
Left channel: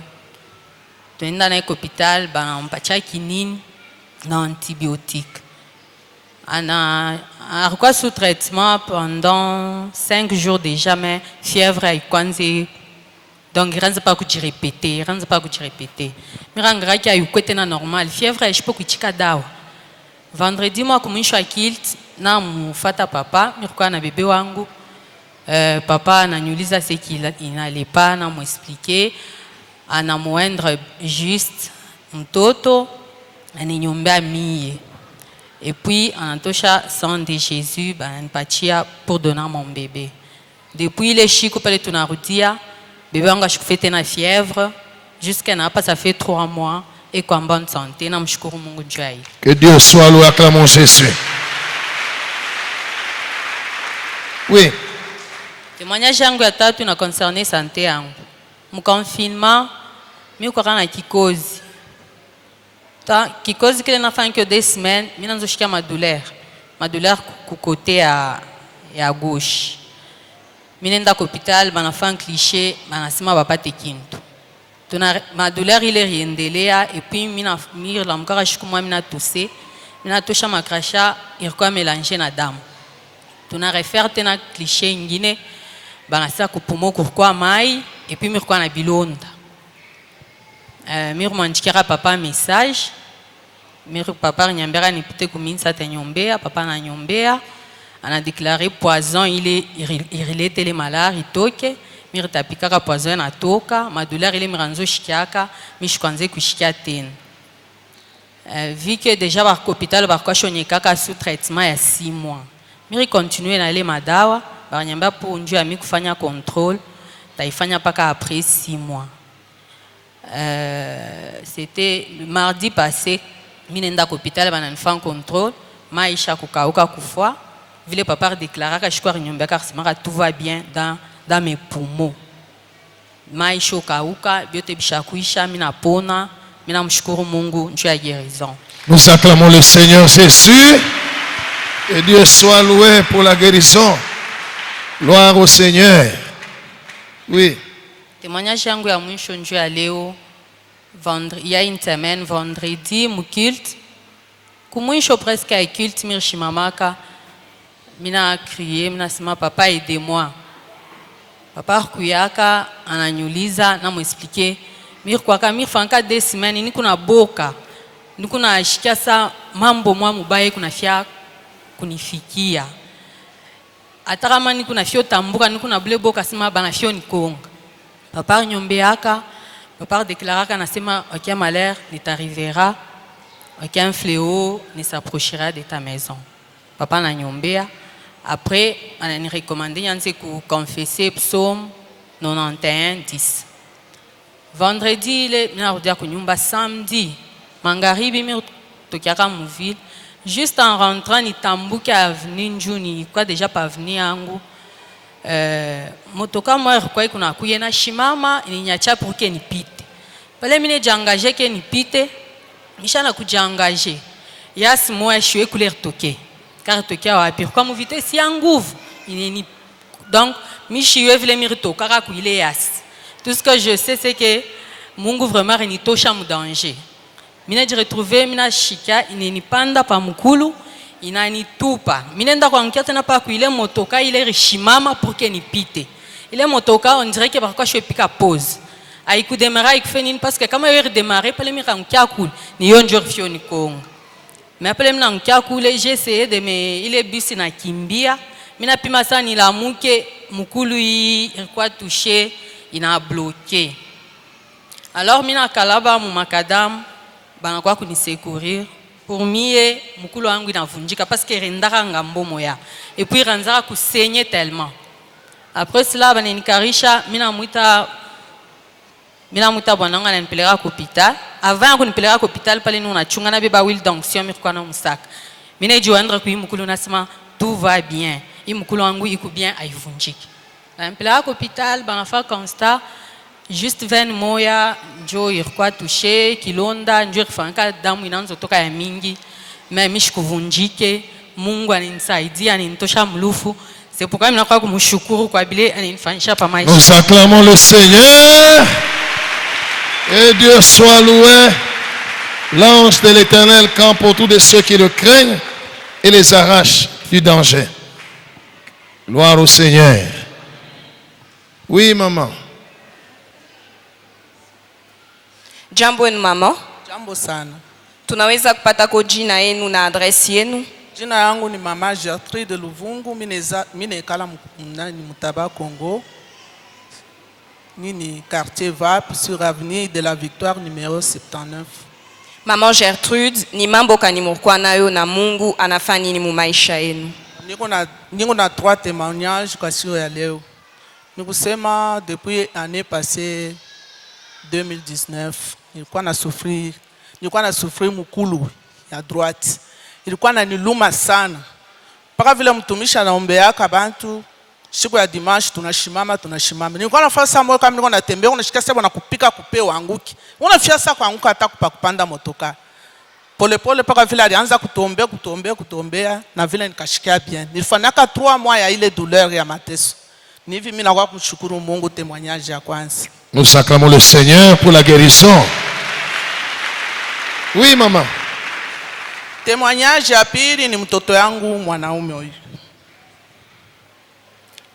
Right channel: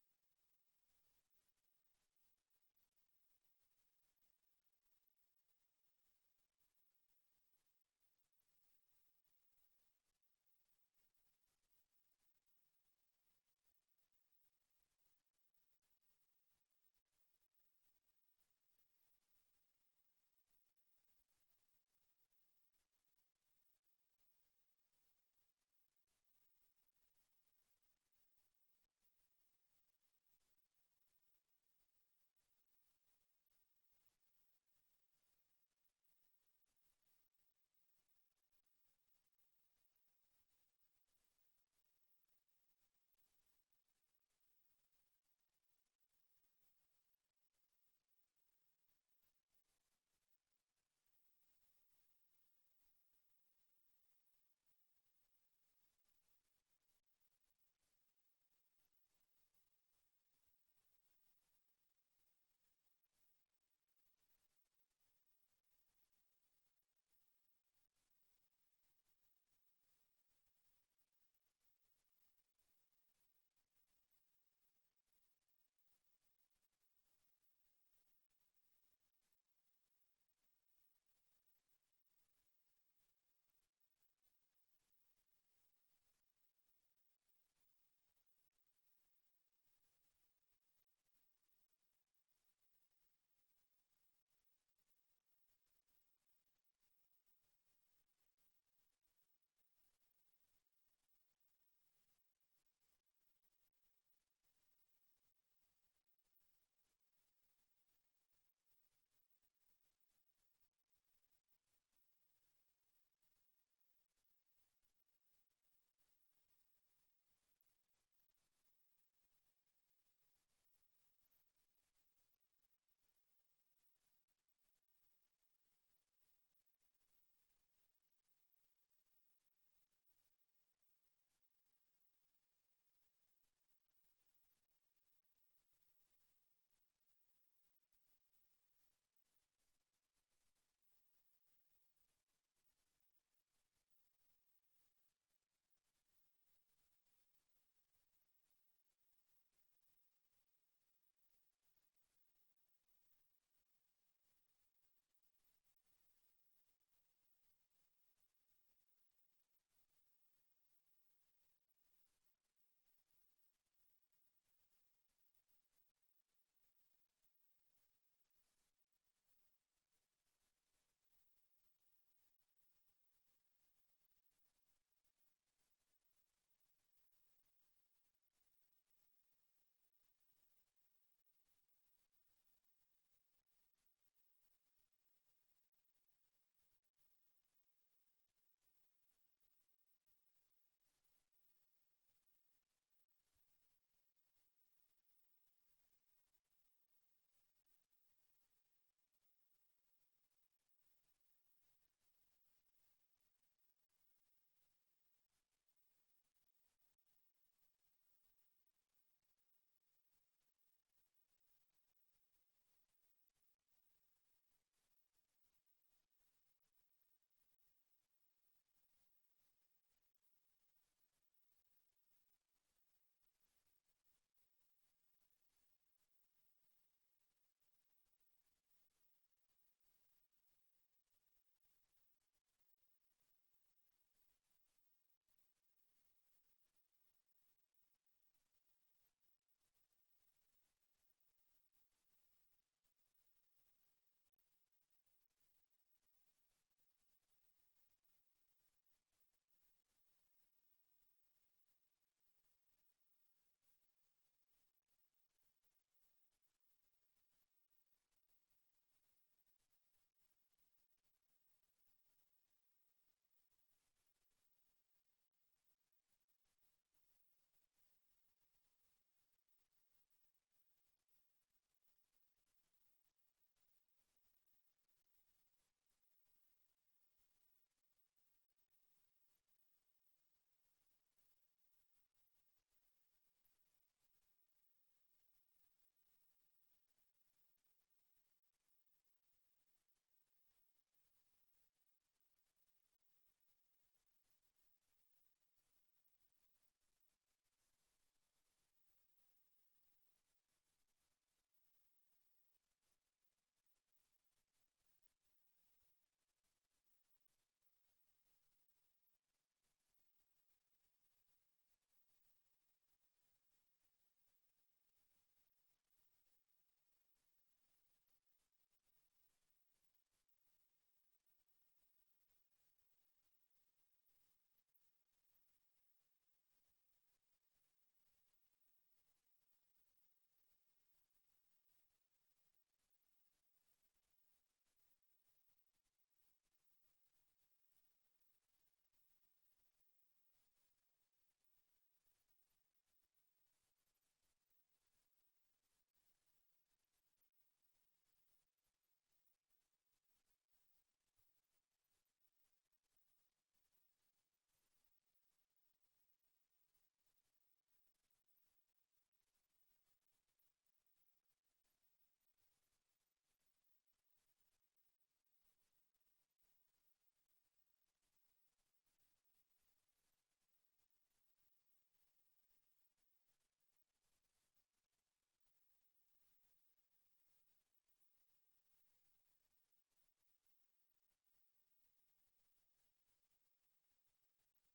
Tuenda na hôpital banampatia kinini na antibiotique. Alikuwa sous traitement pendant 5 jours déjà, mais fièvre haikwanzi. Donc il ne pas répéter. Mirangaki ayukwete na normal. Fièvre haishipo kuchika dawa. Vendredi moi kumisho akilt na mufata papa, nilikuwa na bebe wangu. Papa ananiuliza ce qu'il n'allait pas, anamwexpliquer, anamuendre juste mtoto, aninyombea mie. Et puis, anatosha sang de Jésus, ananipatia pour donner mon bébé. Depuis les chico pale tunarudia, bébé wangu ashikufete na fièvre, jusqu'à n'a pas ça fait 3 mois, et qu'en bonne santé, namshukuru Mungu juu ya hii. Que Dieu soit loué, acclamons Jésus. Oui. Témoignage yangu ya tatu na concerné santé yangu. Mu confinement, mi kwa na kikozi. Kikozi kile nafanya kyo 2 semaines, mi nanzoshikia madouleur. Madouleur ku côté ya gauche. Mi nenda kwa hospital, banafanya cliché, banasema bapate kintu. Madouleur ile riendelea, et puis mi la mkara shiku mwa mi na toussé, mi na tosha makrasha, ilikuwa mélanger na damu. Tuna refaire tena cliché ingine, banasa kupumo kurkwa mai, et puis mirkwa na bilonda. Mir mwanjikira papa message, mir papa nyambera nipite kuminsa te nyombea, papa na nyombea, ana déclaré poison, il était les malades, il toke, mir tapikaka poison na toka, ma douleur ile miranzo shikiaka, mi shikwanze kushikia tena. Vu que déjà par hôpital par quoi shonyekaka sous traitement ya 6 mois. Mir continue na ile madawa, ba nyamba pour njua mi kufanya contrôle, taifanya paka après 6 mois. C'était le mardi passé, minenda à l'hôpital, on fait un contrôle, maïcha kukauka kufwa, vile papa déclara que je suis nyomba car tout va bien dans mes poumons. Maïcha kukauka, biote bishakuisha, mina pona, mina mshukuru Mungu, njua ya guérison. Nous acclamons le Seigneur Jésus. Et Dieu soit loué pour la guérison. Gloire au Seigneur. Oui. Témoignage yangu ya mwisho njoo ya leo, il y a une semaine, vendredi, mu culte. Kumwisho presque à culte, mirshimamaka, mina crié, mina sema papa aidez-moi. Papa kuyaka, ananyuliza, na m'expliquer, mir kwaka mir fanka 2 semaines, ni kuna boka, ni kuna shikia sa mambo mwa mubaye kuna fia kunifikia. Atakama ni kuna fio tambuka, ni kuna ble boka sema bana fio ni konga. Papa nyombeaka, papa déclaraka nasema aucun malheur ne t'arrivera, aucun fléau ne s'approchera de ta maison. Papa na nyombea. Après, on a recommandé de confesser psaume 91, 10. Vendredi, il y a samedi, mangaribi mi tokiaka mu ville. Juste en rentrant, ni tambuki avenue njuni, quoi déjà pas venir angu. Motoka moi kwa kuna kuyena shimama ininyacha pour que nipite. Pale mine jangaje ke nipite, mishana kujangaje. Yas moi je suis couleur toke. Car toke wapi kwa mu vitesse ya nguvu. Inini donc mishiwe vile mirito kaka kuile yas. Tout ce que je sais c'est que Mungu vraiment renitosha mu danger. Mine je retrouver mina shika inini panda pa mukulu. Inanitupa. Minenda kwa nkete na pa kuile motoka ile rishimama pour que nipite. Ile motoka on dirait que parfois je pika pause. Aiku démarrer aiku fenine parce que kama yeur démarrer pale mi kankia cool ni yonjo fio ni kongo. Mais après mina nkia cool j'ai essayé de me ile bisi na kimbia. Mina pima sana ni la muke mukulu yi ilikuwa touché ina bloqué. Alors mina kalaba mu makadam bana kwa kunisecourir. Pour moi, mukulu wangu inavunjika parce que rendaka ngambo moya. Et puis ranzaka kusenye tellement. Après cela, banenikarisha mina muita bwananga na nipeleka kwa hospital. Avant kunipeleka kwa hospital pale nuna chunga na beba wil d'onction mirikwa na musaka. Mina jiwandra kui mukulu nasema tout va bien. I mukulu wangu iku bien aivunjiki. Na nipeleka kwa hospital banafa constat juste 20 moya njo irikuwa touché kilonda njo irifanyika damu inaanza toka ya mingi mais mishikuvunjike. Mungu aninisaidia aninitosha mlufu. C'est pourquoi mimi nakuwa kumshukuru kwa bile aninifanyisha pa maisha. Nous acclamons le Seigneur. Et Dieu soit loué. L'ange de l'Éternel campe autour de ceux qui le craignent et les arrache du danger. Gloire au Seigneur. Oui, maman. Jambo yenu mama. Jambo sana. Tunaweza kupata ko jina yenu na adresi yenu? Jina yangu ni Mama Gertrude Luvungu, mine kala mnani Mutaba Congo. Nini quartier VAP sur avenue de la Victoire numéro 79. Maman Gertrude, ni mambo kanimurukwa nayo na Mungu anafanya nini mu maisha yenu? Niko na 3 témoignages kwa siku ya leo. Nikusema depuis année passée 2019, nilikuwa na souffrir mukulu ya droite. Ilikuwa inaniluma sana. Paka vile mtumishi anaombeaka bantu, siku ya dimanche tunashimama. Nilikuwa nafanya saa moja kama nilikuwa natembea, unashika sasa na kupika kupe wanguki. Unafia sasa kuanguka hata kupanda motoka. Pole pole paka vile alianza kutombea na vile nikashikia bien. Nilifanyaka 3 mois ya ile douleur ya mateso. Ni hivi mimi nakuwa kumshukuru Mungu, témoignage ya kwanza. Nous acclamons le Seigneur pour la guérison. Oui, maman. Témoignage ya pili ni mtoto yangu mwanaume huyu.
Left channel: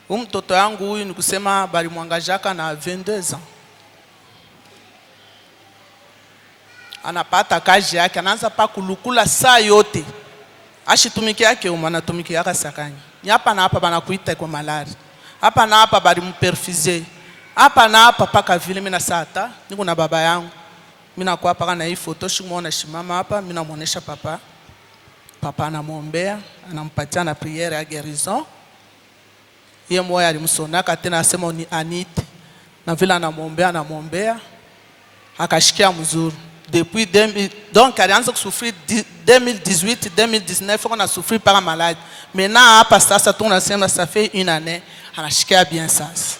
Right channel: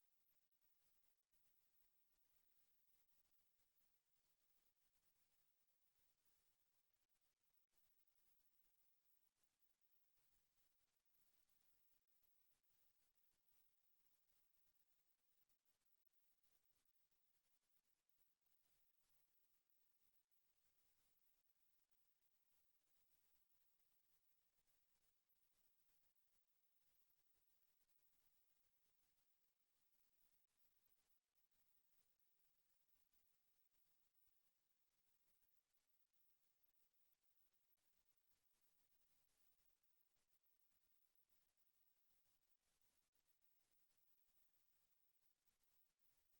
Mtoto yangu huyu ni kusema bali mwangajaka na 22 ans. Anapata kazi yake, anaanza pa kulukula saa yote. Ashitumiki yake anatumiki yaka sakanya. Ni hapa na hapa banakuita kwa malari. Hapa na hapa bali mperfize. Hapa na hapa paka vile mimi na sata, niko na baba yangu. Mimi nakuwa paka na hii photo shimuona shimama hapa, mimi namuonesha papa. Papa anamwombea, anampatia na prière ya guérison. Yeye moyo alimsonaka tena asema ni Anite. Na vile anamwombea akashikia mzuri. Depuis 2000, donc alianza kusufrir 2018, 2019 on a souffert par malade. Maintenant hapa sasa tunasema ça fait une année, anashikia bien sasa.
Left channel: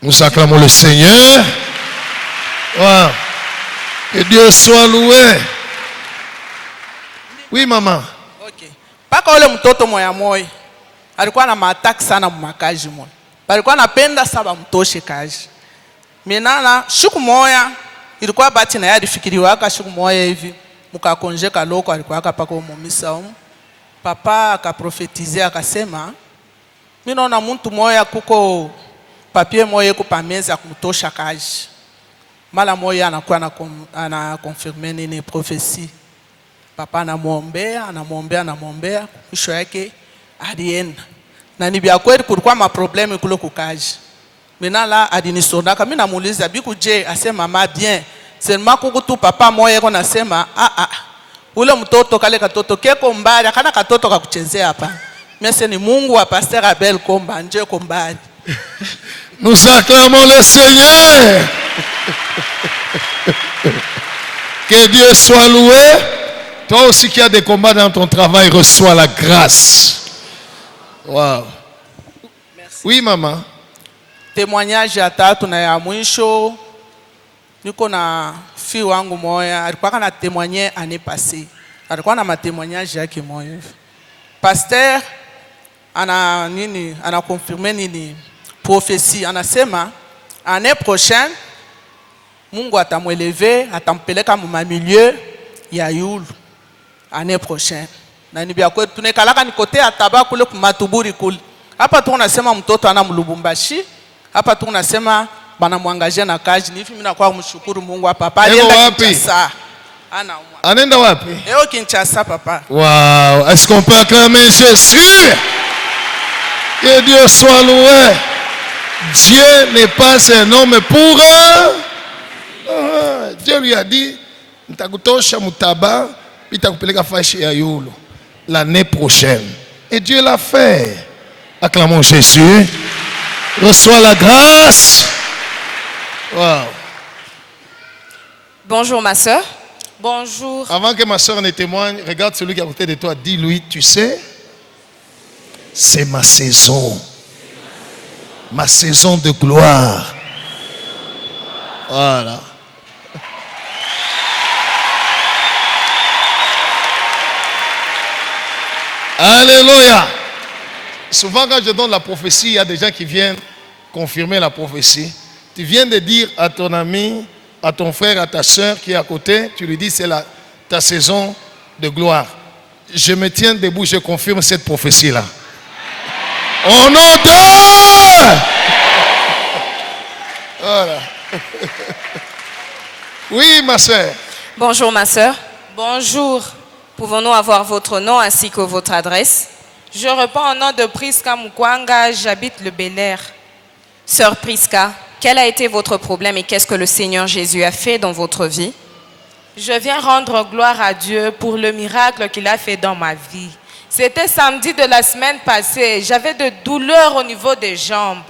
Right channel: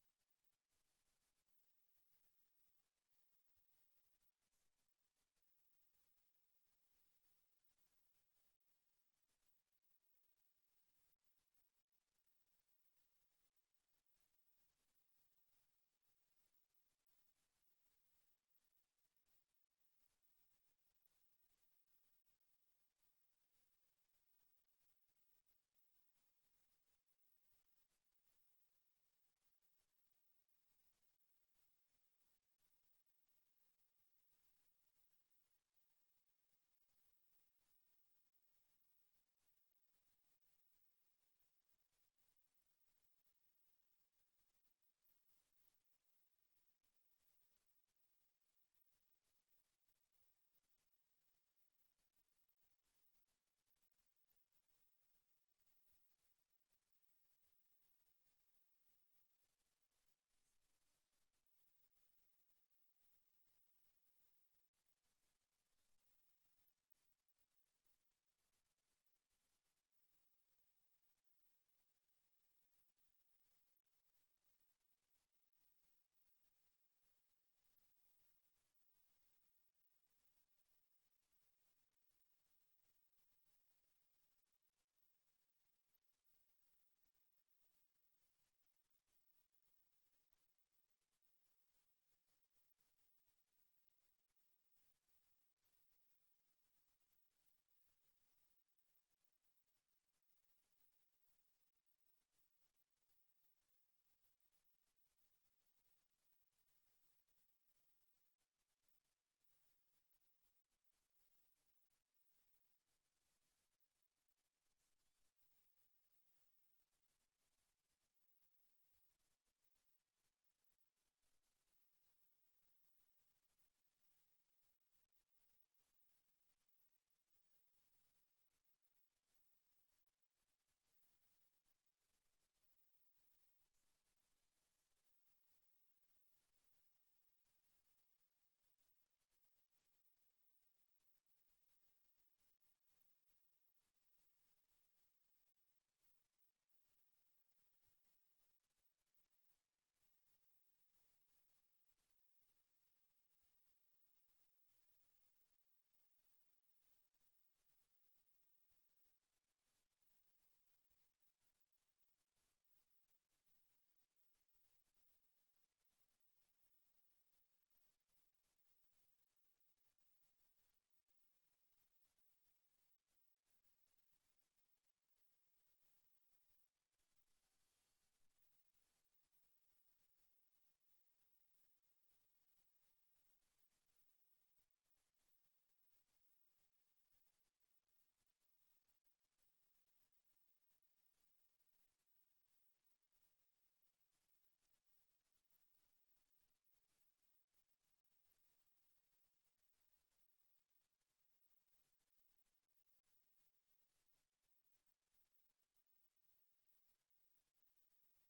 Nous acclamons le Seigneur. Wow. Que Dieu soit loué. Oui, maman. Okay. Paka ule mtoto moya alikuwa na mataki sana mumakaji moya. Alikuwa anapenda saba mtoshe kazi. Menana siku moya ilikuwa bati na yadi fikiriwaka siku moya hivi mukakonjeka loko alikuwa paka umumisa papa akaprofetize akasema mimi naona mtu moya kuko papier moya ku pameza kumtosha kazi. Mala moya anakuwa ana confirmer nini prophecy. Papa anamwombea, mwisho yake alienda. Na ni bia kweli kulikuwa maprobleme kule kukaji. Mina la adinisonaka, mimi namuuliza biku je, asema mama bien. Sema kukutu papa moya yako nasema ule mtoto kale katoto keko mbali, kana katoto kakuchezea hapa. Mimi ni Mungu wa Pasteur Abel Komba, nje kombali. Nous acclamons le Seigneur. Que Dieu soit loué. Toi aussi qui as des combats dans ton travail, reçois la grâce. Wow. Merci. Oui, maman. Témoignage ya tatu na ya mwisho. Niko na fi wangu moya, alikuwa na témoigner année passée. Alikuwa na témoignage yake moya. Pasteur ana confirmer nini prophétie, anasema année prochaine Mungu atamweleve, atampeleka mu milieu ya yulu année prochaine. Na ni bia kwetu tunekalaka ni kote ataba kule kumatuburi kule. Hapa tu unasema mtoto ana Lubumbashi. Hapa tu unasema bana mwangaje na kazi. Ni hivi mimi nakuwa kumshukuru Mungu hapa. Papa alienda Kinshasa. Anaenda wapi? Leo Kinshasa papa. Wow, est-ce qu'on peut acclamer Jésus? Que Dieu soit loué. Dieu n'est pas un homme pour Dieu lui a dit nitakutosha mutaba nitakupeleka fashi ya yulu l'année prochaine. Et Dieu l'a fait. Acclamons Jésus. Reçois la grâce. Wow. Bonjour ma soeur. Bonjour. Avant que ma soeur ne témoigne, regarde celui qui est à côté de toi, dis-lui, tu sais, c'est ma saison. Ma saison de gloire. Voilà. Alléluia. Souvent quand je donne la prophétie, il y a des gens qui viennent confirmer la prophétie. Tu viens de dire à ton ami, à ton frère, à ta soeur qui est à côté, tu lui dis c'est ta saison de gloire. Je me tiens debout, je confirme cette prophétie-là. Au nom de... Voilà. Oui, ma soeur. Bonjour ma soeur. Bonjour. Pouvons-nous avoir votre nom ainsi que votre adresse? Je réponds au nom de Priska Mukwanga, j'habite le Bel-Air. Sœur Priska, quel a été votre problème et qu'est-ce que le Seigneur Jésus a fait dans votre vie? Je viens rendre gloire à Dieu pour le miracle qu'il a fait dans ma vie. C'était samedi de la semaine passée. J'avais de douleurs au niveau des jambes.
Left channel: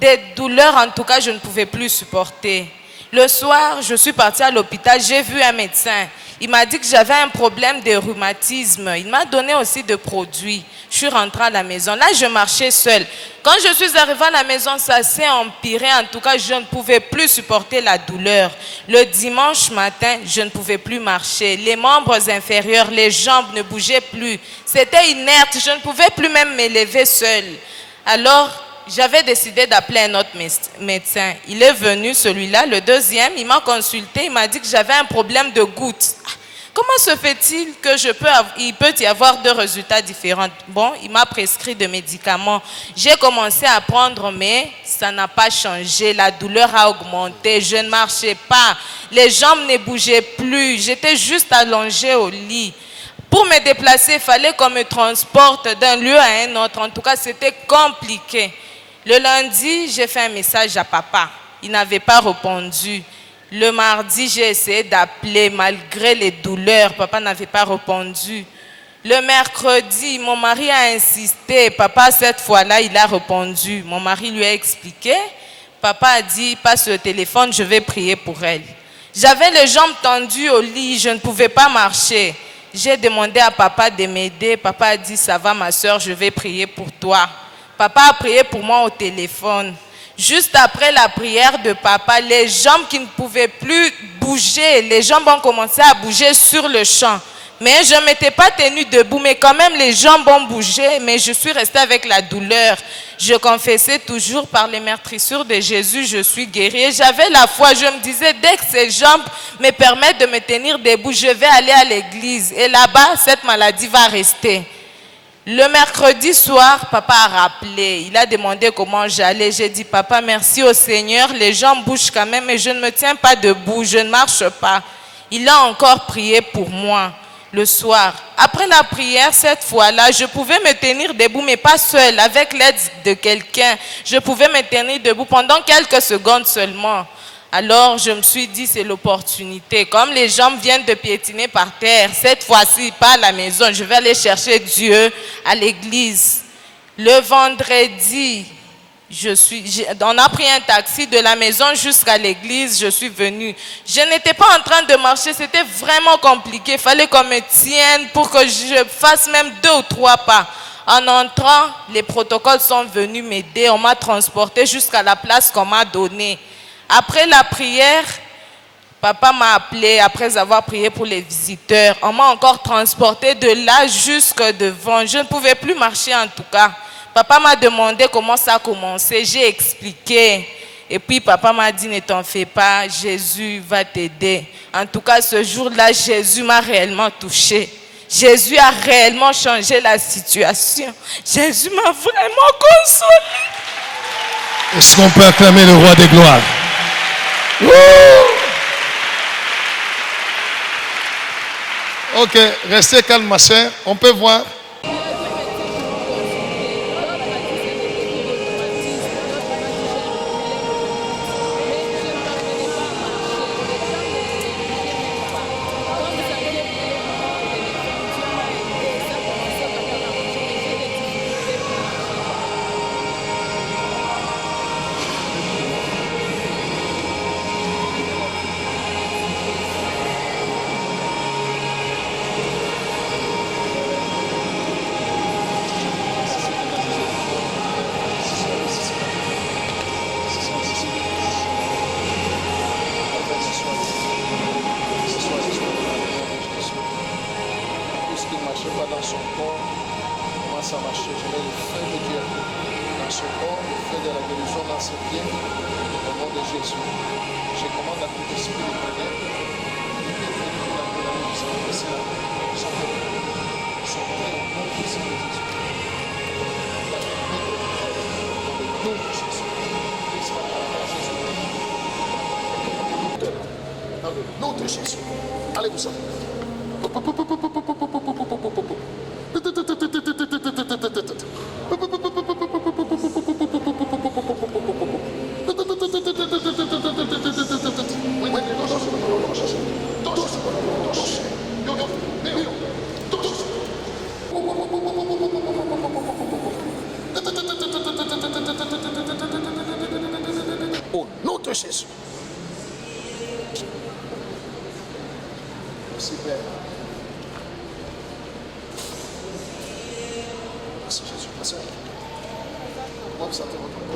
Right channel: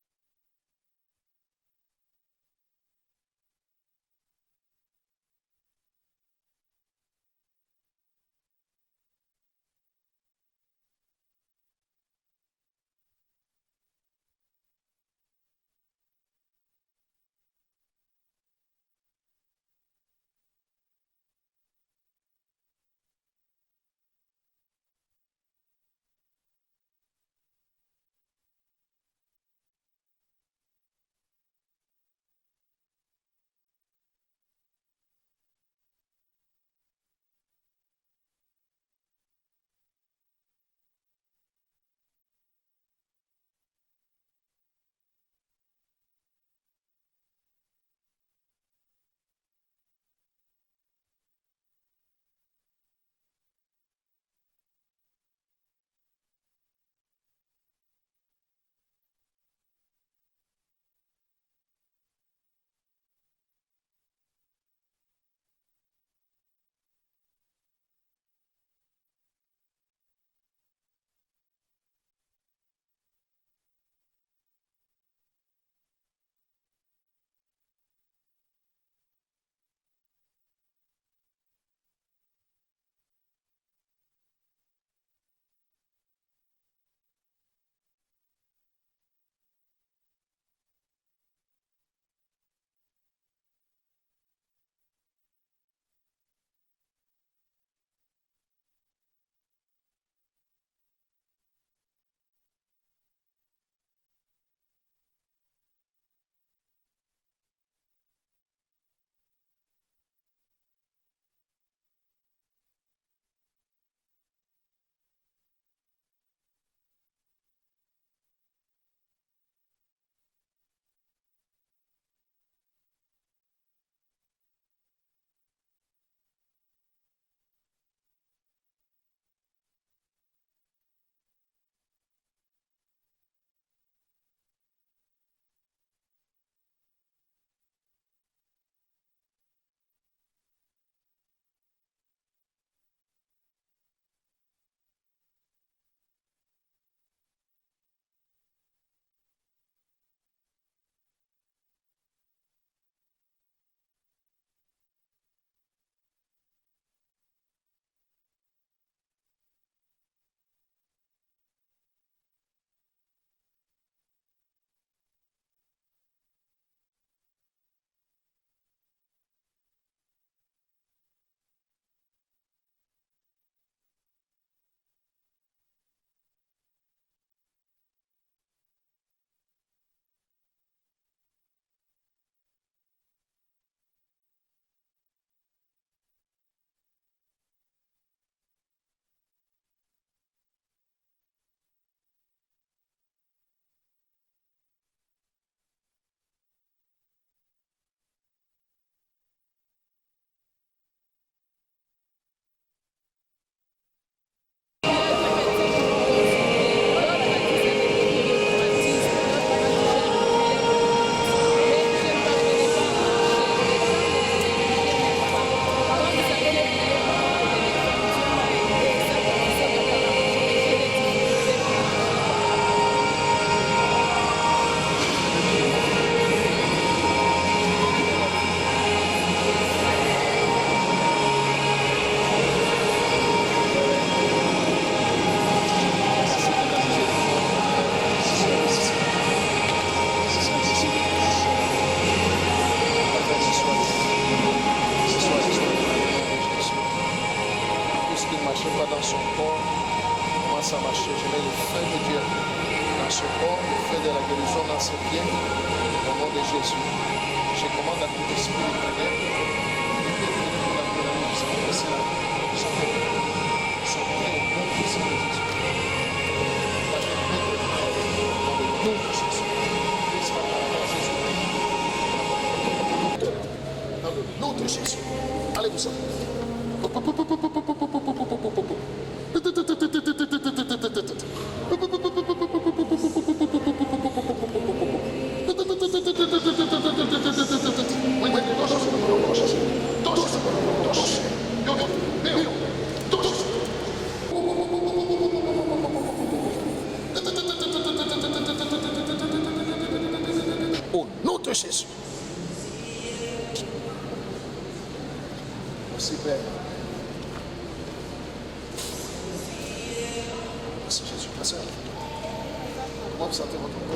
Des douleurs, en tout cas, je ne pouvais plus supporter. Le soir, je suis partie à l'hôpital, j'ai vu un médecin. Il m'a dit que j'avais un problème de rhumatisme. Il m'a donné aussi des produits. Je suis rentrée à la maison. Là, je marchais seule. Quand je suis arrivée à la maison, ça s'est empiré. En tout cas, je ne pouvais plus supporter la douleur. Le dimanche matin, je ne pouvais plus marcher. Les membres inférieurs, les jambes ne bougeaient plus. C'était inerte. Je ne pouvais plus même m'élever seule. Alors, j'avais décidé d'appeler un autre médecin. Il est venu, celui-là, le deuxième. Il m'a consulté. Il m'a dit que j'avais un problème de gouttes. Comment se fait-il que il peut y avoir deux résultats différents? Bon, il m'a prescrit des médicaments. J'ai commencé à prendre, mais ça n'a pas changé. La douleur a augmenté. Je ne marchais pas. Les jambes ne bougeaient plus. J'étais juste allongée au lit. Pour me déplacer, il fallait qu'on me transporte d'un lieu à un autre. En tout cas, c'était compliqué. Le lundi, j'ai fait un message à papa. Il n'avait pas répondu. Le mardi, j'ai essayé d'appeler malgré les douleurs. Papa n'avait pas répondu. Le mercredi, mon mari a insisté. Papa, cette fois-là, il a répondu. Mon mari lui a expliqué. Papa a dit, passe le téléphone, je vais prier pour elle. J'avais les jambes tendues au lit, je ne pouvais pas marcher. J'ai demandé à papa de m'aider. Papa a dit, ça va ma soeur, je vais prier pour toi. Papa a prié pour moi au téléphone. Juste après la prière de papa, les jambes qui ne pouvaient plus bouger, les jambes ont commencé à bouger sur le champ. Mais je ne m'étais pas tenue debout, mais quand même les jambes ont bougé, mais je suis restée avec la douleur. Je confessais toujours par les meurtrissures de Jésus, je suis guérie. Et j'avais la foi, je me disais, dès que ces jambes me permettent de me tenir debout, je vais aller à l'église. Et là-bas, cette maladie va rester. Le mercredi soir, papa a rappelé. Il a demandé comment j'allais. J'ai dit, papa, merci au Seigneur. Les jambes bougent quand même, mais je ne me tiens pas debout. Je ne marche pas. Il a encore prié pour moi le soir. Après la prière, cette fois-là, je pouvais me tenir debout, mais pas seule, avec l'aide de quelqu'un. Je pouvais me tenir debout pendant quelques secondes seulement. Alors, je me suis dit, c'est l'opportunité. Comme les jambes viennent de piétiner par terre, cette fois-ci, pas à la maison, je vais aller chercher Dieu à l'église. Le vendredi, on a pris un taxi de la maison jusqu'à l'église, je suis venue. Je n'étais pas en train de marcher, c'était vraiment compliqué. Il fallait qu'on me tienne pour que je fasse même 2 ou 3 pas. En entrant, les protocoles sont venus m'aider. On m'a transporté jusqu'à la place qu'on m'a donnée. Après la prière, papa m'a appelé après avoir prié pour les visiteurs. On m'a encore transporté de là jusque devant. Je ne pouvais plus marcher en tout cas. Papa m'a demandé comment ça a commencé. J'ai expliqué. Et puis papa m'a dit, ne t'en fais pas, Jésus va t'aider. En tout cas, ce jour-là, Jésus m'a réellement touché. Jésus a réellement changé la situation. Jésus m'a vraiment consolé. Est-ce qu'on peut acclamer le roi des gloires? Ok, restez calme ma soeur. On peut voir. Nom de Jésus. Allez-vous-en. Merci Père. Merci Jésus. Ma soeur, comment vous sentez votre corps?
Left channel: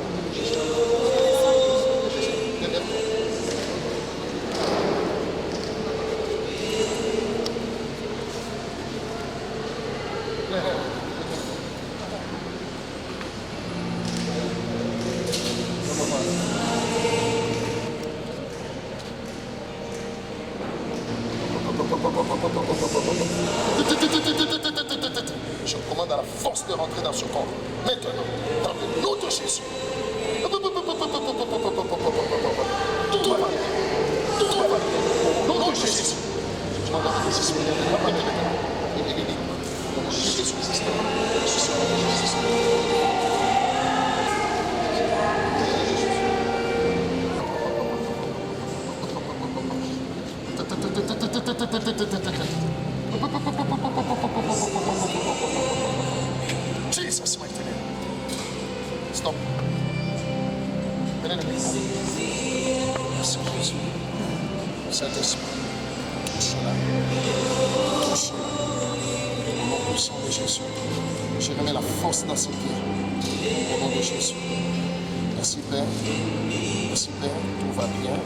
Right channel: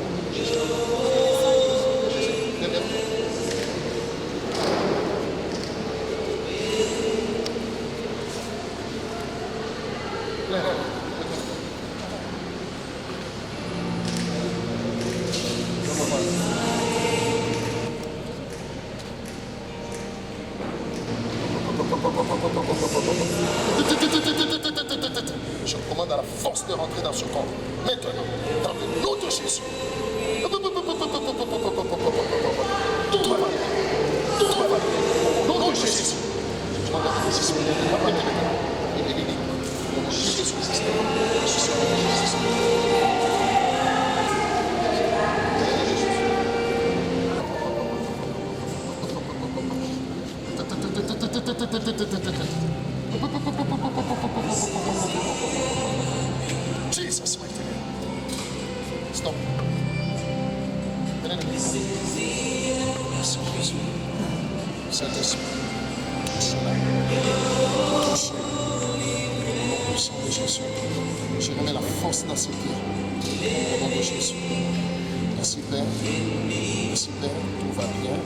Je commande à la force de rentrer dans ce corps. Maintenant, dans le nom de Jésus. Tout va bien. Tout va bien. Au nom de Jésus. Je demande à la résistance. Il est libre. Jésus existe. Jesus, mighty name. Stop. Merci Jésus. Saint-Esprit. Touche-la. Touche-la. Au nom puissant de Jésus. Je remets la force dans ses pieds. Au nom de Jésus. Merci Père. Merci Père. Tout va bien.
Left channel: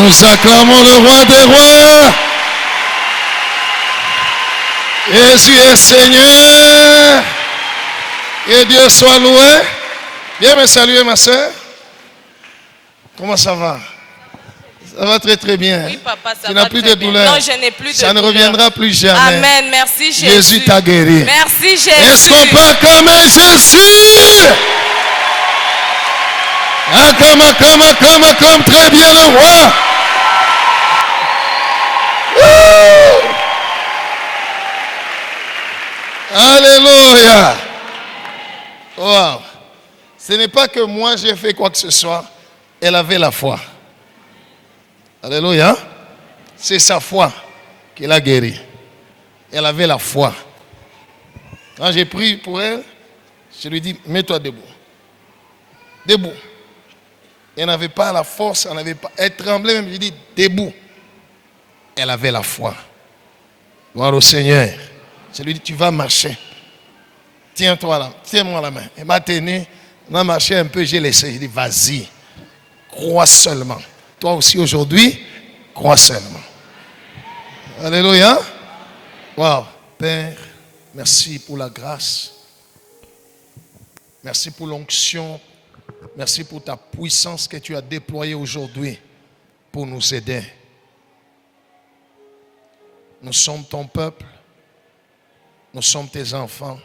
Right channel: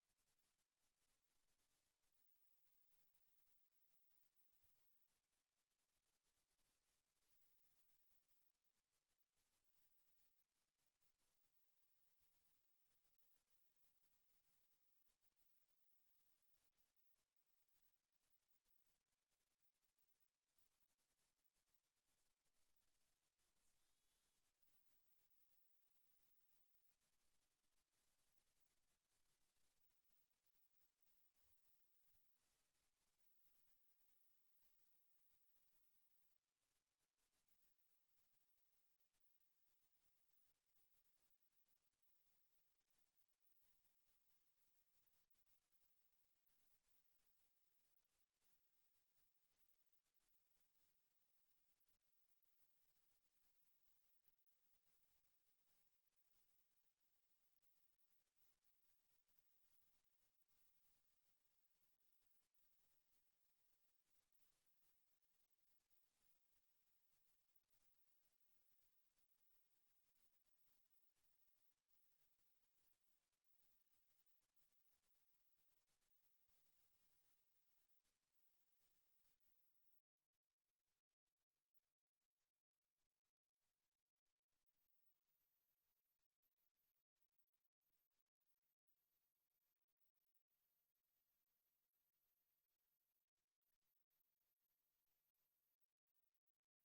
Nous acclamons le roi des rois. Jésus est Seigneur. Que Dieu soit loué. Viens me saluer, ma soeur. Comment ça va? Ça va très très bien. Oui, papa, ça tu va n'as plus très de bien. douleur. Non, je n'ai plus de Ça ne douleur. reviendra plus jamais. Amen. Merci Jésus. Jésus t'a guéri. Merci Jésus. Est-ce qu'on peut acclamer Jésus? Acclame très bien le roi. Alléluia. Wow. Ce n'est pas que moi j'ai fait quoi que ce soit. Elle avait la foi. Alléluia. C'est sa foi qui l'a guérie. Elle avait la foi. Quand j'ai prié pour elle, je lui ai dit, mets-toi debout. Debout. Elle n'avait pas la force, elle tremblait même. Je lui ai dit, debout. Elle avait la foi. Gloire au Seigneur. Je lui ai dit, tu vas marcher. Tiens-toi là, tiens-moi la main. Elle m'a tenu, on a marché un peu, j'ai laissé. J'ai dit, vas-y, crois seulement. Toi aussi aujourd'hui, crois seulement. Alléluia. Wow. Père, merci pour la grâce. Merci pour l'onction. Merci pour ta puissance que tu as déployée aujourd'hui pour nous aider. Nous sommes ton peuple. Nous sommes tes enfants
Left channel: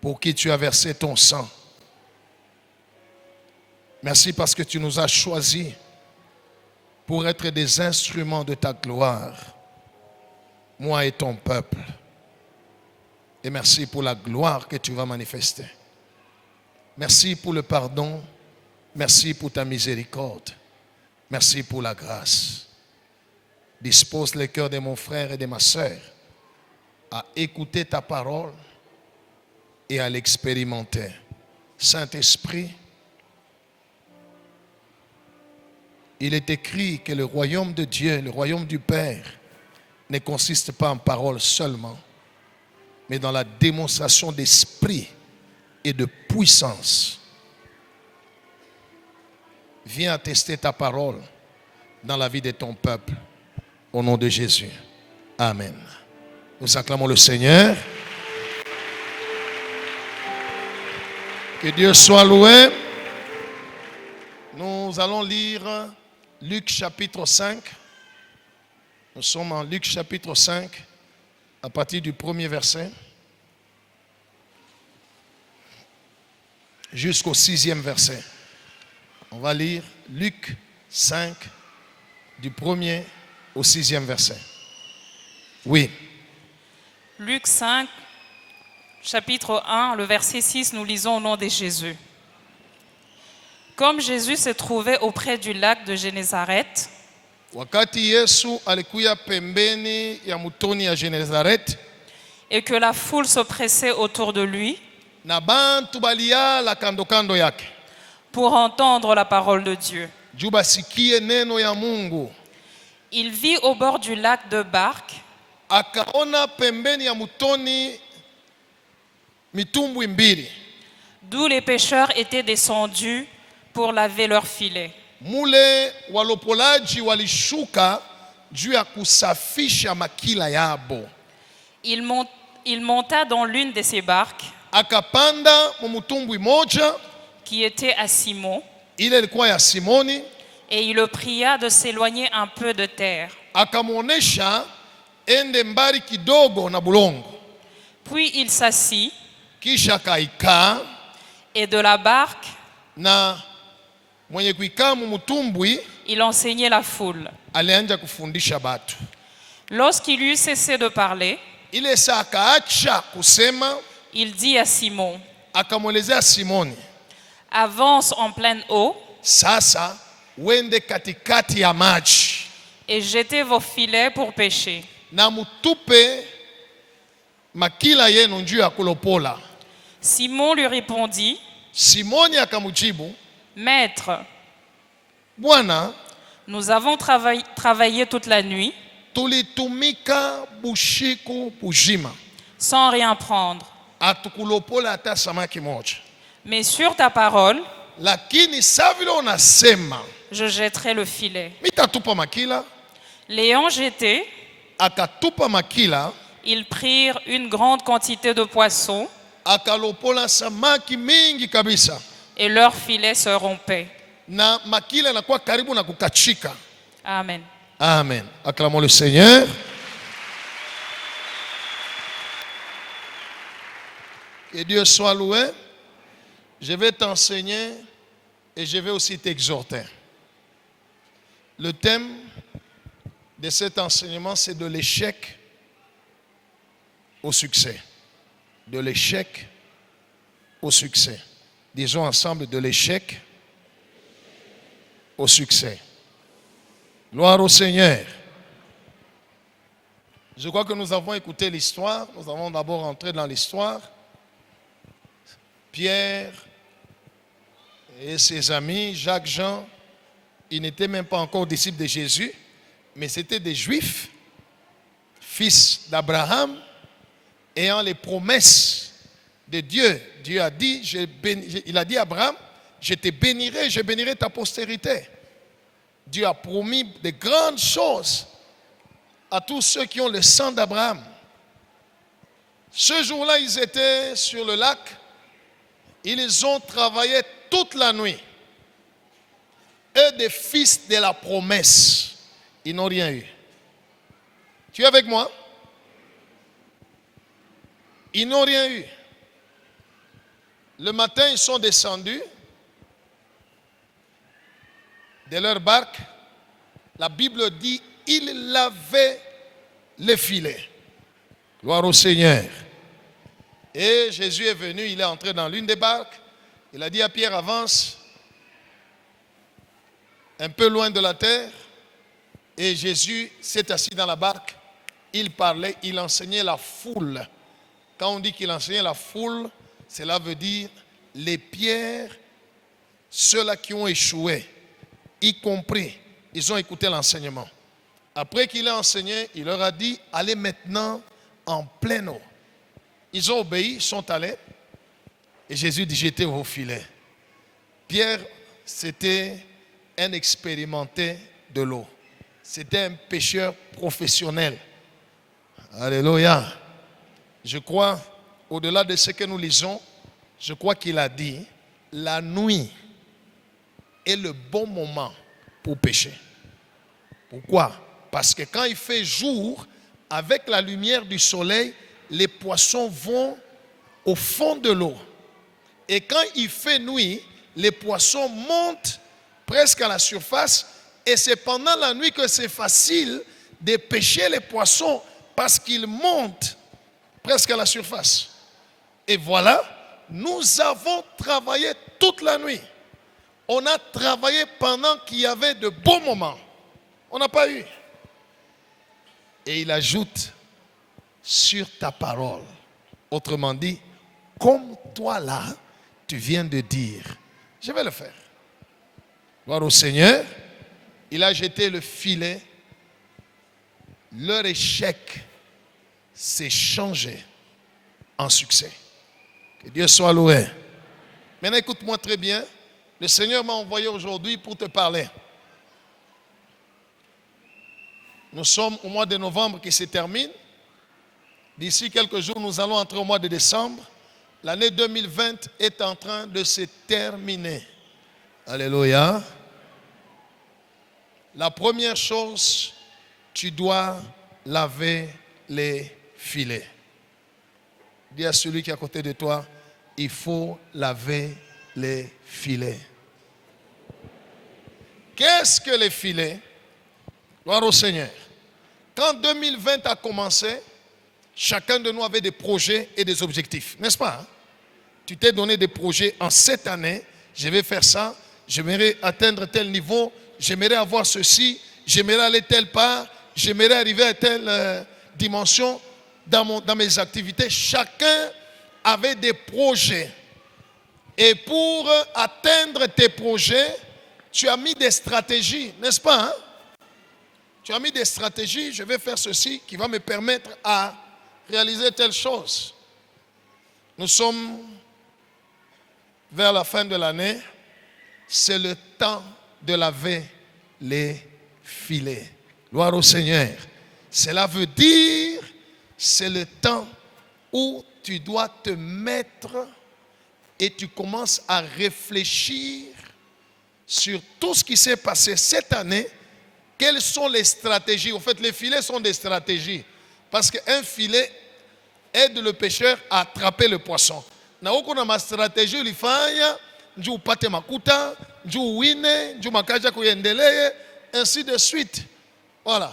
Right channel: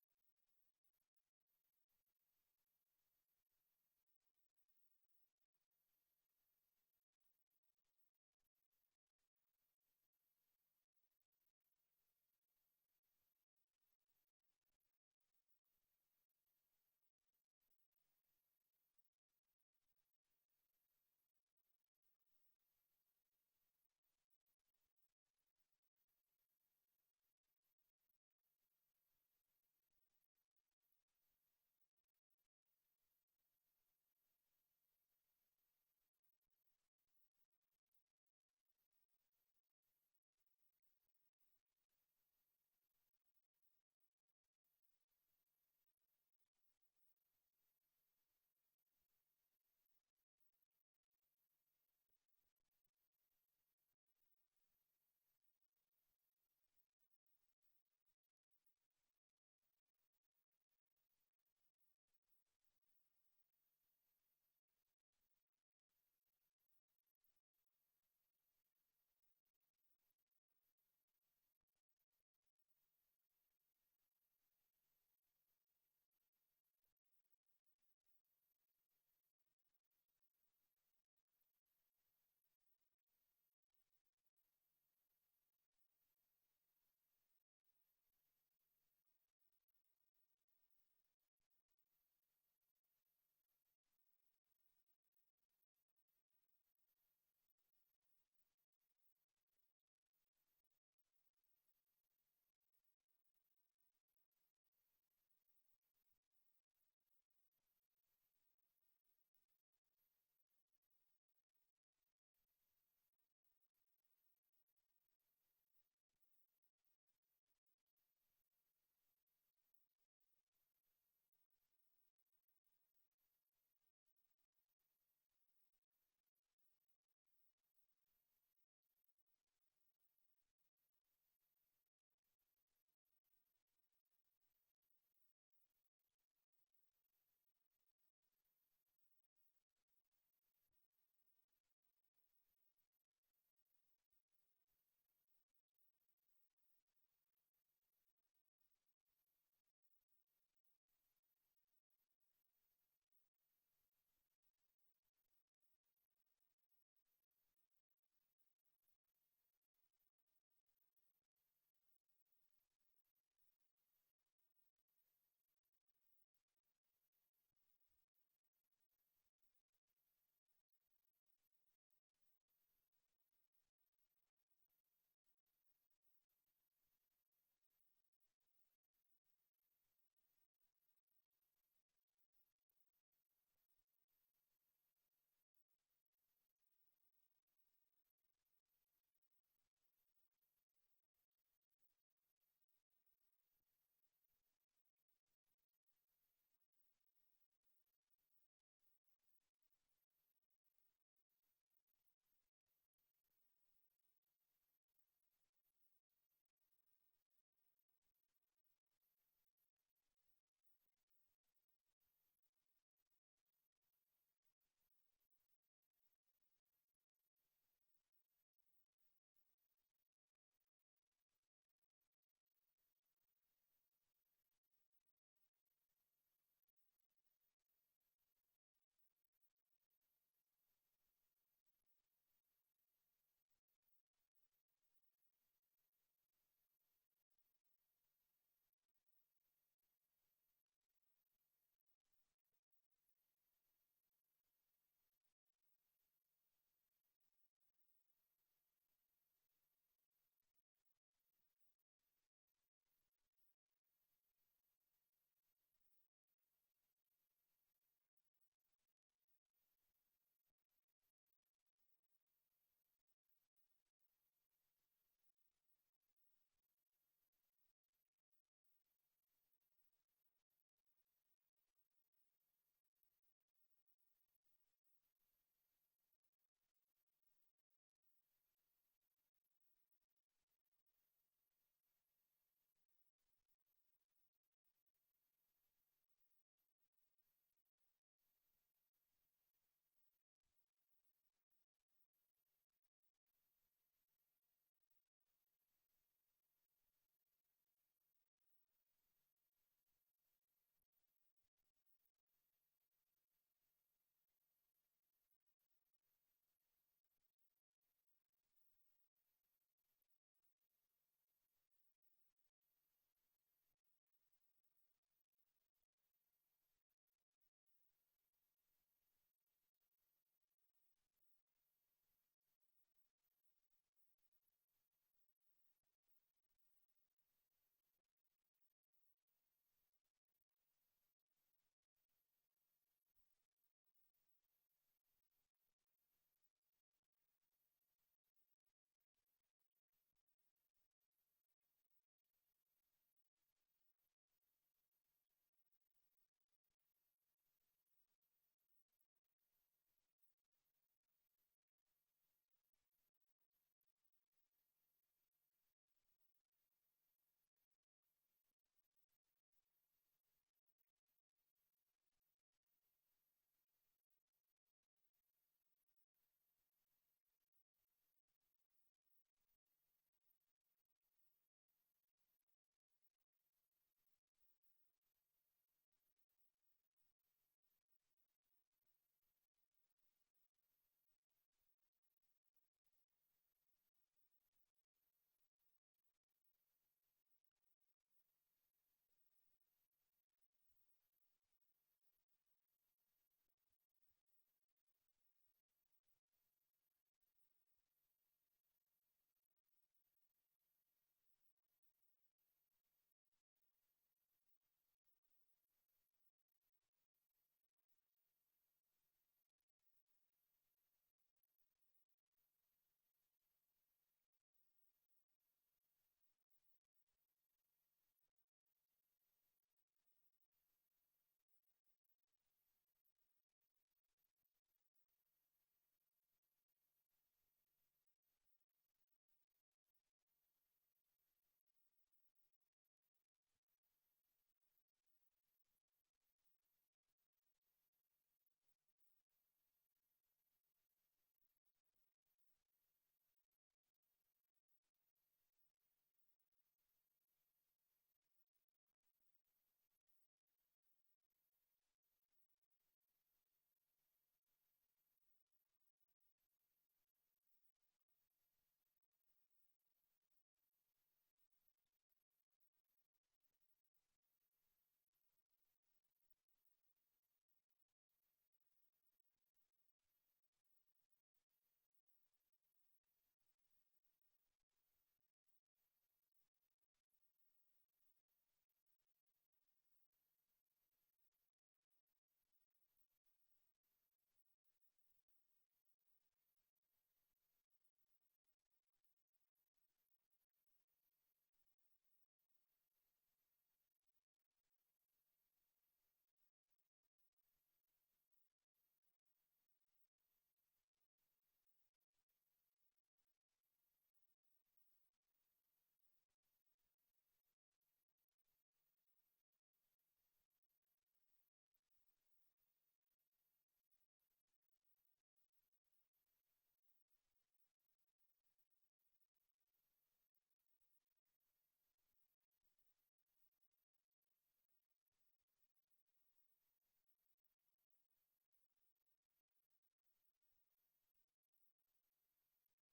pour qui tu as versé ton sang. Merci parce que tu nous as choisis pour être des instruments de ta gloire, moi et ton peuple. Et merci pour la gloire que tu vas manifester. Merci pour le pardon. Merci pour ta miséricorde. Merci pour la grâce. Dispose le cœur de mon frère et de ma sœur à écouter ta parole et à l'expérimenter. Saint-Esprit, il est écrit que le royaume de Dieu, le royaume du Père, ne consiste pas en paroles seulement, mais dans la démonstration d'esprit et de puissance. Viens attester ta parole dans la vie de ton peuple. Au nom de Jésus. Amen. Nous acclamons le Seigneur. Que Dieu soit loué. Nous allons lire Luc chapitre 5. Nous sommes en Luc chapitre 5, à partir du premier verset, jusqu'au 6e verset. On va lire Luc 5, du premier au 6e verset. Oui. Luc 5, chapitre 1, le verset 6, nous lisons au nom de Jésus. Comme Jésus se trouvait auprès du lac de Génézareth, Wakati Yesu alikuya pembeni ya mutoni ya Genezaret, et que la foule se pressait autour de lui, na bantu baliyala kando kando yake, pour entendre la parole de Dieu. juu basikie neno ya Mungu. Il vit au bord du lac deux barques, Akaona pembeni ya mutoni mitumbwi mbili, d'où les pêcheurs étaient descendus pour laver leurs filets. mule walopolaji walishuka juu ya kusafisha makila yabo. Il monta dans l'une de ces barques, Akapanda mumutumbwi moja, qui était à Simon, ile ilikuwa ya Simoni, et il le pria de s'éloigner un peu de terre. akamwonesha ende mbali kidogo na bulongo. Puis il s'assit, Kisha kaikaa, et de la barque, na mwenye kuikaa mumutumbwi il enseignait la foule. alianja kufundisha batu. Lorsqu'il eut cessé de parler, Ile saa akaacha kusema, il dit à Simon, akamwelezea Simoni, avance en pleine eau sasa wende katikati ya maji et jetez vos filets pour pêcher. na mutupe makila yenu njuu ya kulopola. Simon lui répondit, Simoni akamujibu, Maître, Bwana, nous avons travaillé toute la nuit tulitumika bushiku bujima, sans rien prendre. atukulopola hata samaki moja. Mais sur ta parole, Lakini saa vile unasema, je jetterai le filet. mitatupa makila. L'ayant jeté, Akatupa makila, ils prirent une grande quantité de poissons akalopola samaki mingi kabisa, et leur filet se rompait. na makila yanakuwa karibu na kukachika. Amen. Amen. Acclamons le Seigneur. Que Dieu soit loué. Je vais t'enseigner et je vais aussi t'exhorter. Le thème de cet enseignement, c'est de l'échec au succès. De l'échec au succès. Disons ensemble, de l'échec au succès. Gloire au Seigneur. Je crois que nous avons écouté l'histoire. Nous avons d'abord entré dans l'histoire. Pierre et ses amis, Jacques, Jean, ils n'étaient même pas encore disciples de Jésus, mais c'étaient des Juifs, fils d'Abraham, ayant les promesses de Dieu. Dieu a dit, il a dit à Abraham, je te bénirai, je bénirai ta postérité. Dieu a promis de grandes choses à tous ceux qui ont le sang d'Abraham. Ce jour-là, ils étaient sur le lac. Ils ont travaillé toute la nuit. Eux, des fils de la promesse, ils n'ont rien eu. Tu es avec moi? Ils n'ont rien eu. Le matin, ils sont descendus de leur barque. La Bible dit, ils lavaient les filets. Gloire au Seigneur. Et Jésus est venu, il est entré dans l'une des barques. Il a dit à Pierre, avance un peu loin de la terre. Et Jésus s'est assis dans la barque. Il parlait, il enseignait la foule. Quand on dit qu'il enseignait la foule, cela veut dire les pierres, ceux-là qui ont échoué, y compris, ils ont écouté l'enseignement. Après qu'il a enseigné, il leur a dit, allez maintenant en pleine eau. Ils ont obéi, ils sont allés. Et Jésus dit, jetez vos filets. Pierre, c'était un expérimenté de l'eau. C'était un pêcheur professionnel. Alléluia. Je crois, au-delà de ce que nous lisons, je crois qu'il a dit, la nuit est le bon moment pour pêcher. Pourquoi? Parce que quand il fait jour, avec la lumière du soleil, les poissons vont au fond de l'eau. Et quand il fait nuit, les poissons montent presque à la surface. Et c'est pendant la nuit que c'est facile de pêcher les poissons parce qu'ils montent presque à la surface. Et voilà, nous avons travaillé toute la nuit. On a travaillé pendant qu'il y avait de beaux moments. On n'a pas eu. Et il ajoute, sur ta parole. Autrement dit, comme toi là, tu viens de dire. Je vais le faire. Gloire au Seigneur. Il a jeté le filet. Leur échec s'est changé en succès. Que Dieu soit loué. Maintenant, écoute-moi très bien. Le Seigneur m'a envoyé aujourd'hui pour te parler. Nous sommes au mois de novembre qui se termine. D'ici quelques jours, nous allons entrer au mois de décembre. L'année 2020 est en train de se terminer. Alléluia. La première chose, tu dois laver les filets. Dis à celui qui est à côté de toi, il faut laver les filets. Qu'est-ce que les filets? Gloire au Seigneur. Quand 2020 a commencé, chacun de nous avait des projets et des objectifs, n'est-ce pas? Tu t'es donné des projets en cette année, je vais faire ça, j'aimerais atteindre tel niveau, j'aimerais avoir ceci, j'aimerais aller telle part, j'aimerais arriver à telle dimension dans mes activités. Chacun avait des projets. Et pour atteindre tes projets, tu as mis des stratégies, n'est-ce pas? Hein? Tu as mis des stratégies, je vais faire ceci qui va me permettre à réaliser telle chose. Nous sommes vers la fin de l'année. C'est le temps de laver les filets. Gloire au Seigneur. Cela veut dire, c'est le temps où tu dois te mettre et tu commences à réfléchir sur tout ce qui s'est passé cette année. Quelles sont les stratégies? En fait, les filets sont des stratégies. Parce qu'un filet aide le pêcheur à attraper le poisson. Na huko na ma stratégie ulifanya, njoo upate makuta, njoo uwine, njoo makaja kuendelee, ainsi de suite. Voilà.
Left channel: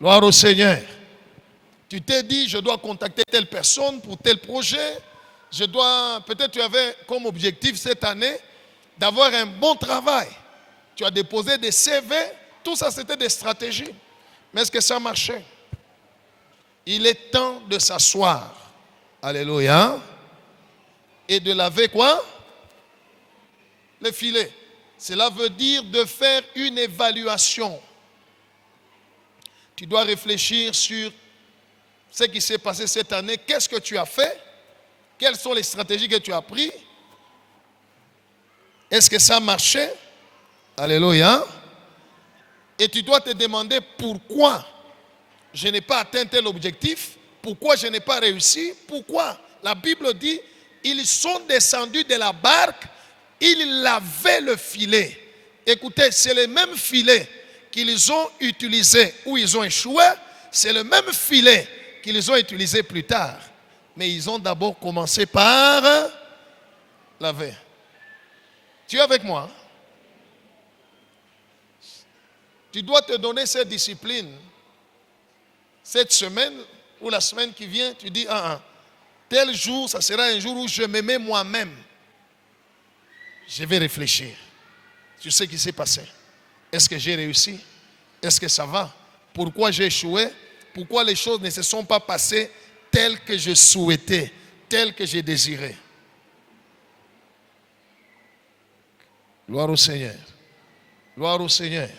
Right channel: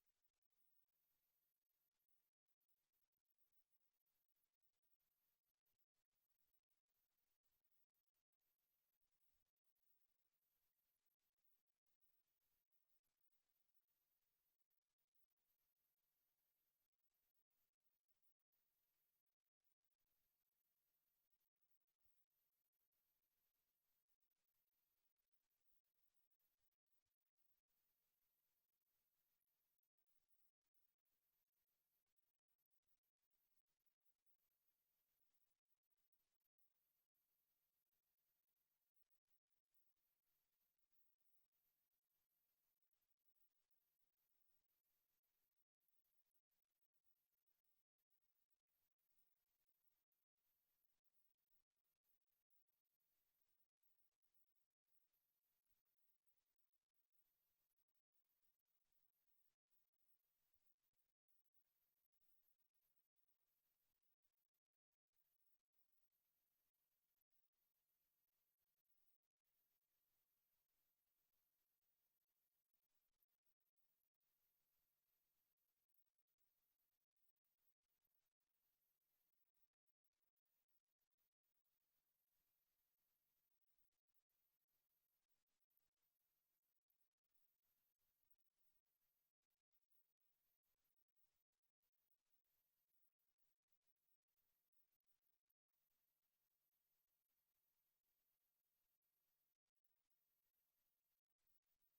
Gloire au Seigneur. Tu t'es dit, je dois contacter telle personne pour tel projet. Peut-être tu avais comme objectif cette année d'avoir un bon travail. Tu as déposé des CV. Tout ça, c'était des stratégies. Mais est-ce que ça marchait? Il est temps de s'asseoir. Alléluia. Et de laver quoi? Les filets. Cela veut dire de faire une évaluation. Tu dois réfléchir sur ce qui s'est passé cette année. Qu'est-ce que tu as fait? Quelles sont les stratégies que tu as prises? Est-ce que ça marchait? Alléluia. Et tu dois te demander pourquoi je n'ai pas atteint tel objectif, pourquoi je n'ai pas réussi, pourquoi. La Bible dit, ils sont descendus de la barque, ils lavaient le filet. Écoutez, c'est le même filet qu'ils ont utilisé où ils ont échoué, c'est le même filet qu'ils ont utilisé plus tard. Mais ils ont d'abord commencé par laver. Tu es avec moi? Tu dois te donner cette discipline. Cette semaine ou la semaine qui vient, tu dis, tel jour, ça sera un jour où je me mets moi-même. Je vais réfléchir sur ce qui s'est passé. Est-ce que j'ai réussi? Est-ce que ça va? Pourquoi j'ai échoué? Pourquoi les choses ne se sont pas passées telles que je souhaitais, telles que j'ai désiré? Gloire au Seigneur. Gloire au Seigneur.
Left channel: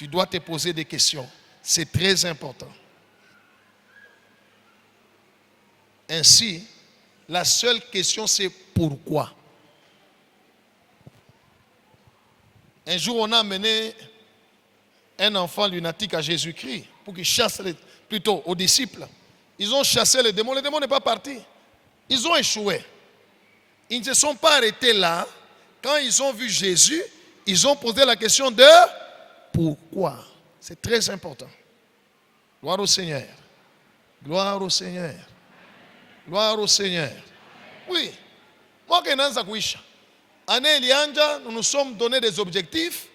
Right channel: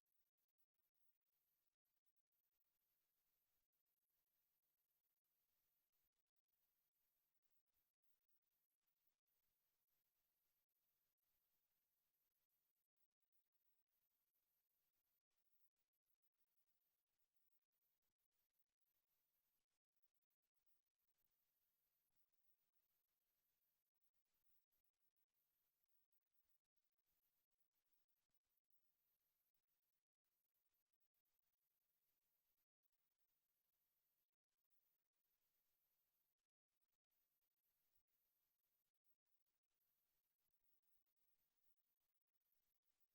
tu dois te poser des questions. C'est très important. Ainsi, la seule question c'est pourquoi. Un jour, on a amené un enfant lunatique à Jésus-Christ pour qu'il chasse plutôt aux disciples. Ils ont chassé le démon n'est pas parti. Ils ont échoué. Ils ne se sont pas arrêtés là. Quand ils ont vu Jésus, ils ont posé la question de pourquoi. C'est très important. Gloire au Seigneur. Gloire au Seigneur. Gloire au Seigneur. Oui. Moi, année Elianja, nous nous sommes donné des objectifs.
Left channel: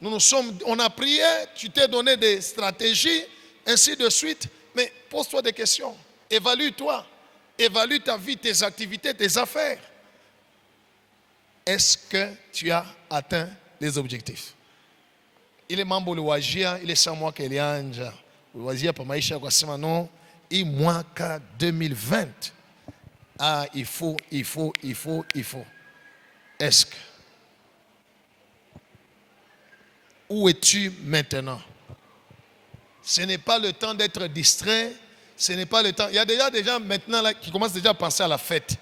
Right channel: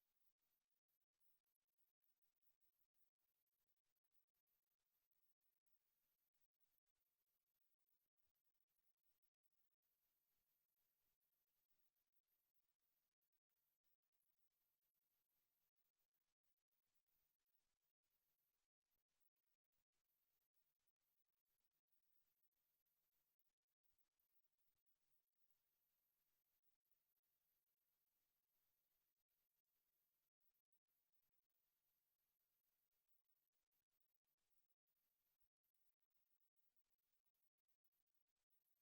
On a prié, tu t'es donné des stratégies, ainsi de suite. Mais pose-toi des questions. Évalue-toi. Évalue ta vie, tes activités, tes affaires. Est-ce que tu as atteint les objectifs? Il est membre de l'Ouajia, il est sans moi qu'elle est anja. L'Ouajia, pour maïcha, quoi, c'est maintenant, il manque 2020. Ah, il faut. Est-ce que? Où es-tu maintenant? Ce n'est pas le temps d'être distrait. Ce n'est pas le temps. Il y a déjà des gens maintenant là, qui commencent déjà à penser à la fête.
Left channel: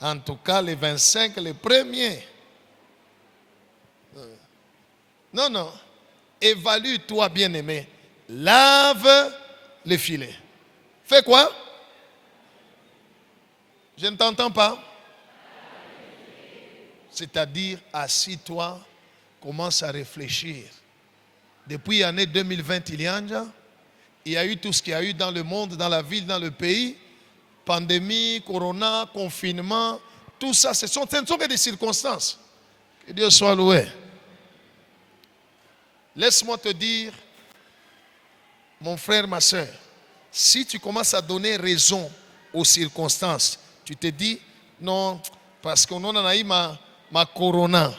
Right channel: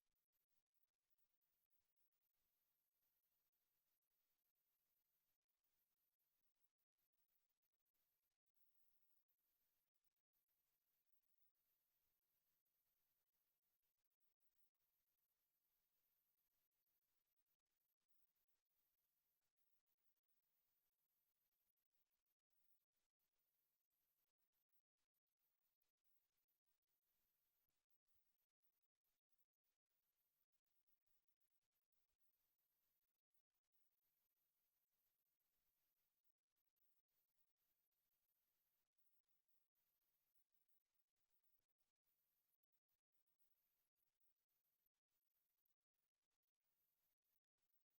En tout cas, les 25, les premiers. Non. Évalue-toi, bien-aimé. Lave les filets. Fais quoi? Je ne t'entends pas. C'est-à-dire, assis-toi, commence à réfléchir. Depuis l'année 2020, il y a eu tout ce qu'il y a eu dans le monde, dans la ville, dans le pays. Pandémie, corona, confinement, tout ça, ce ne sont que des circonstances. Que Dieu soit loué. Laisse-moi te dire, mon frère, ma soeur, si tu commences à donner raison aux circonstances, tu te dis, non, parce qu'on en a eu ma corona,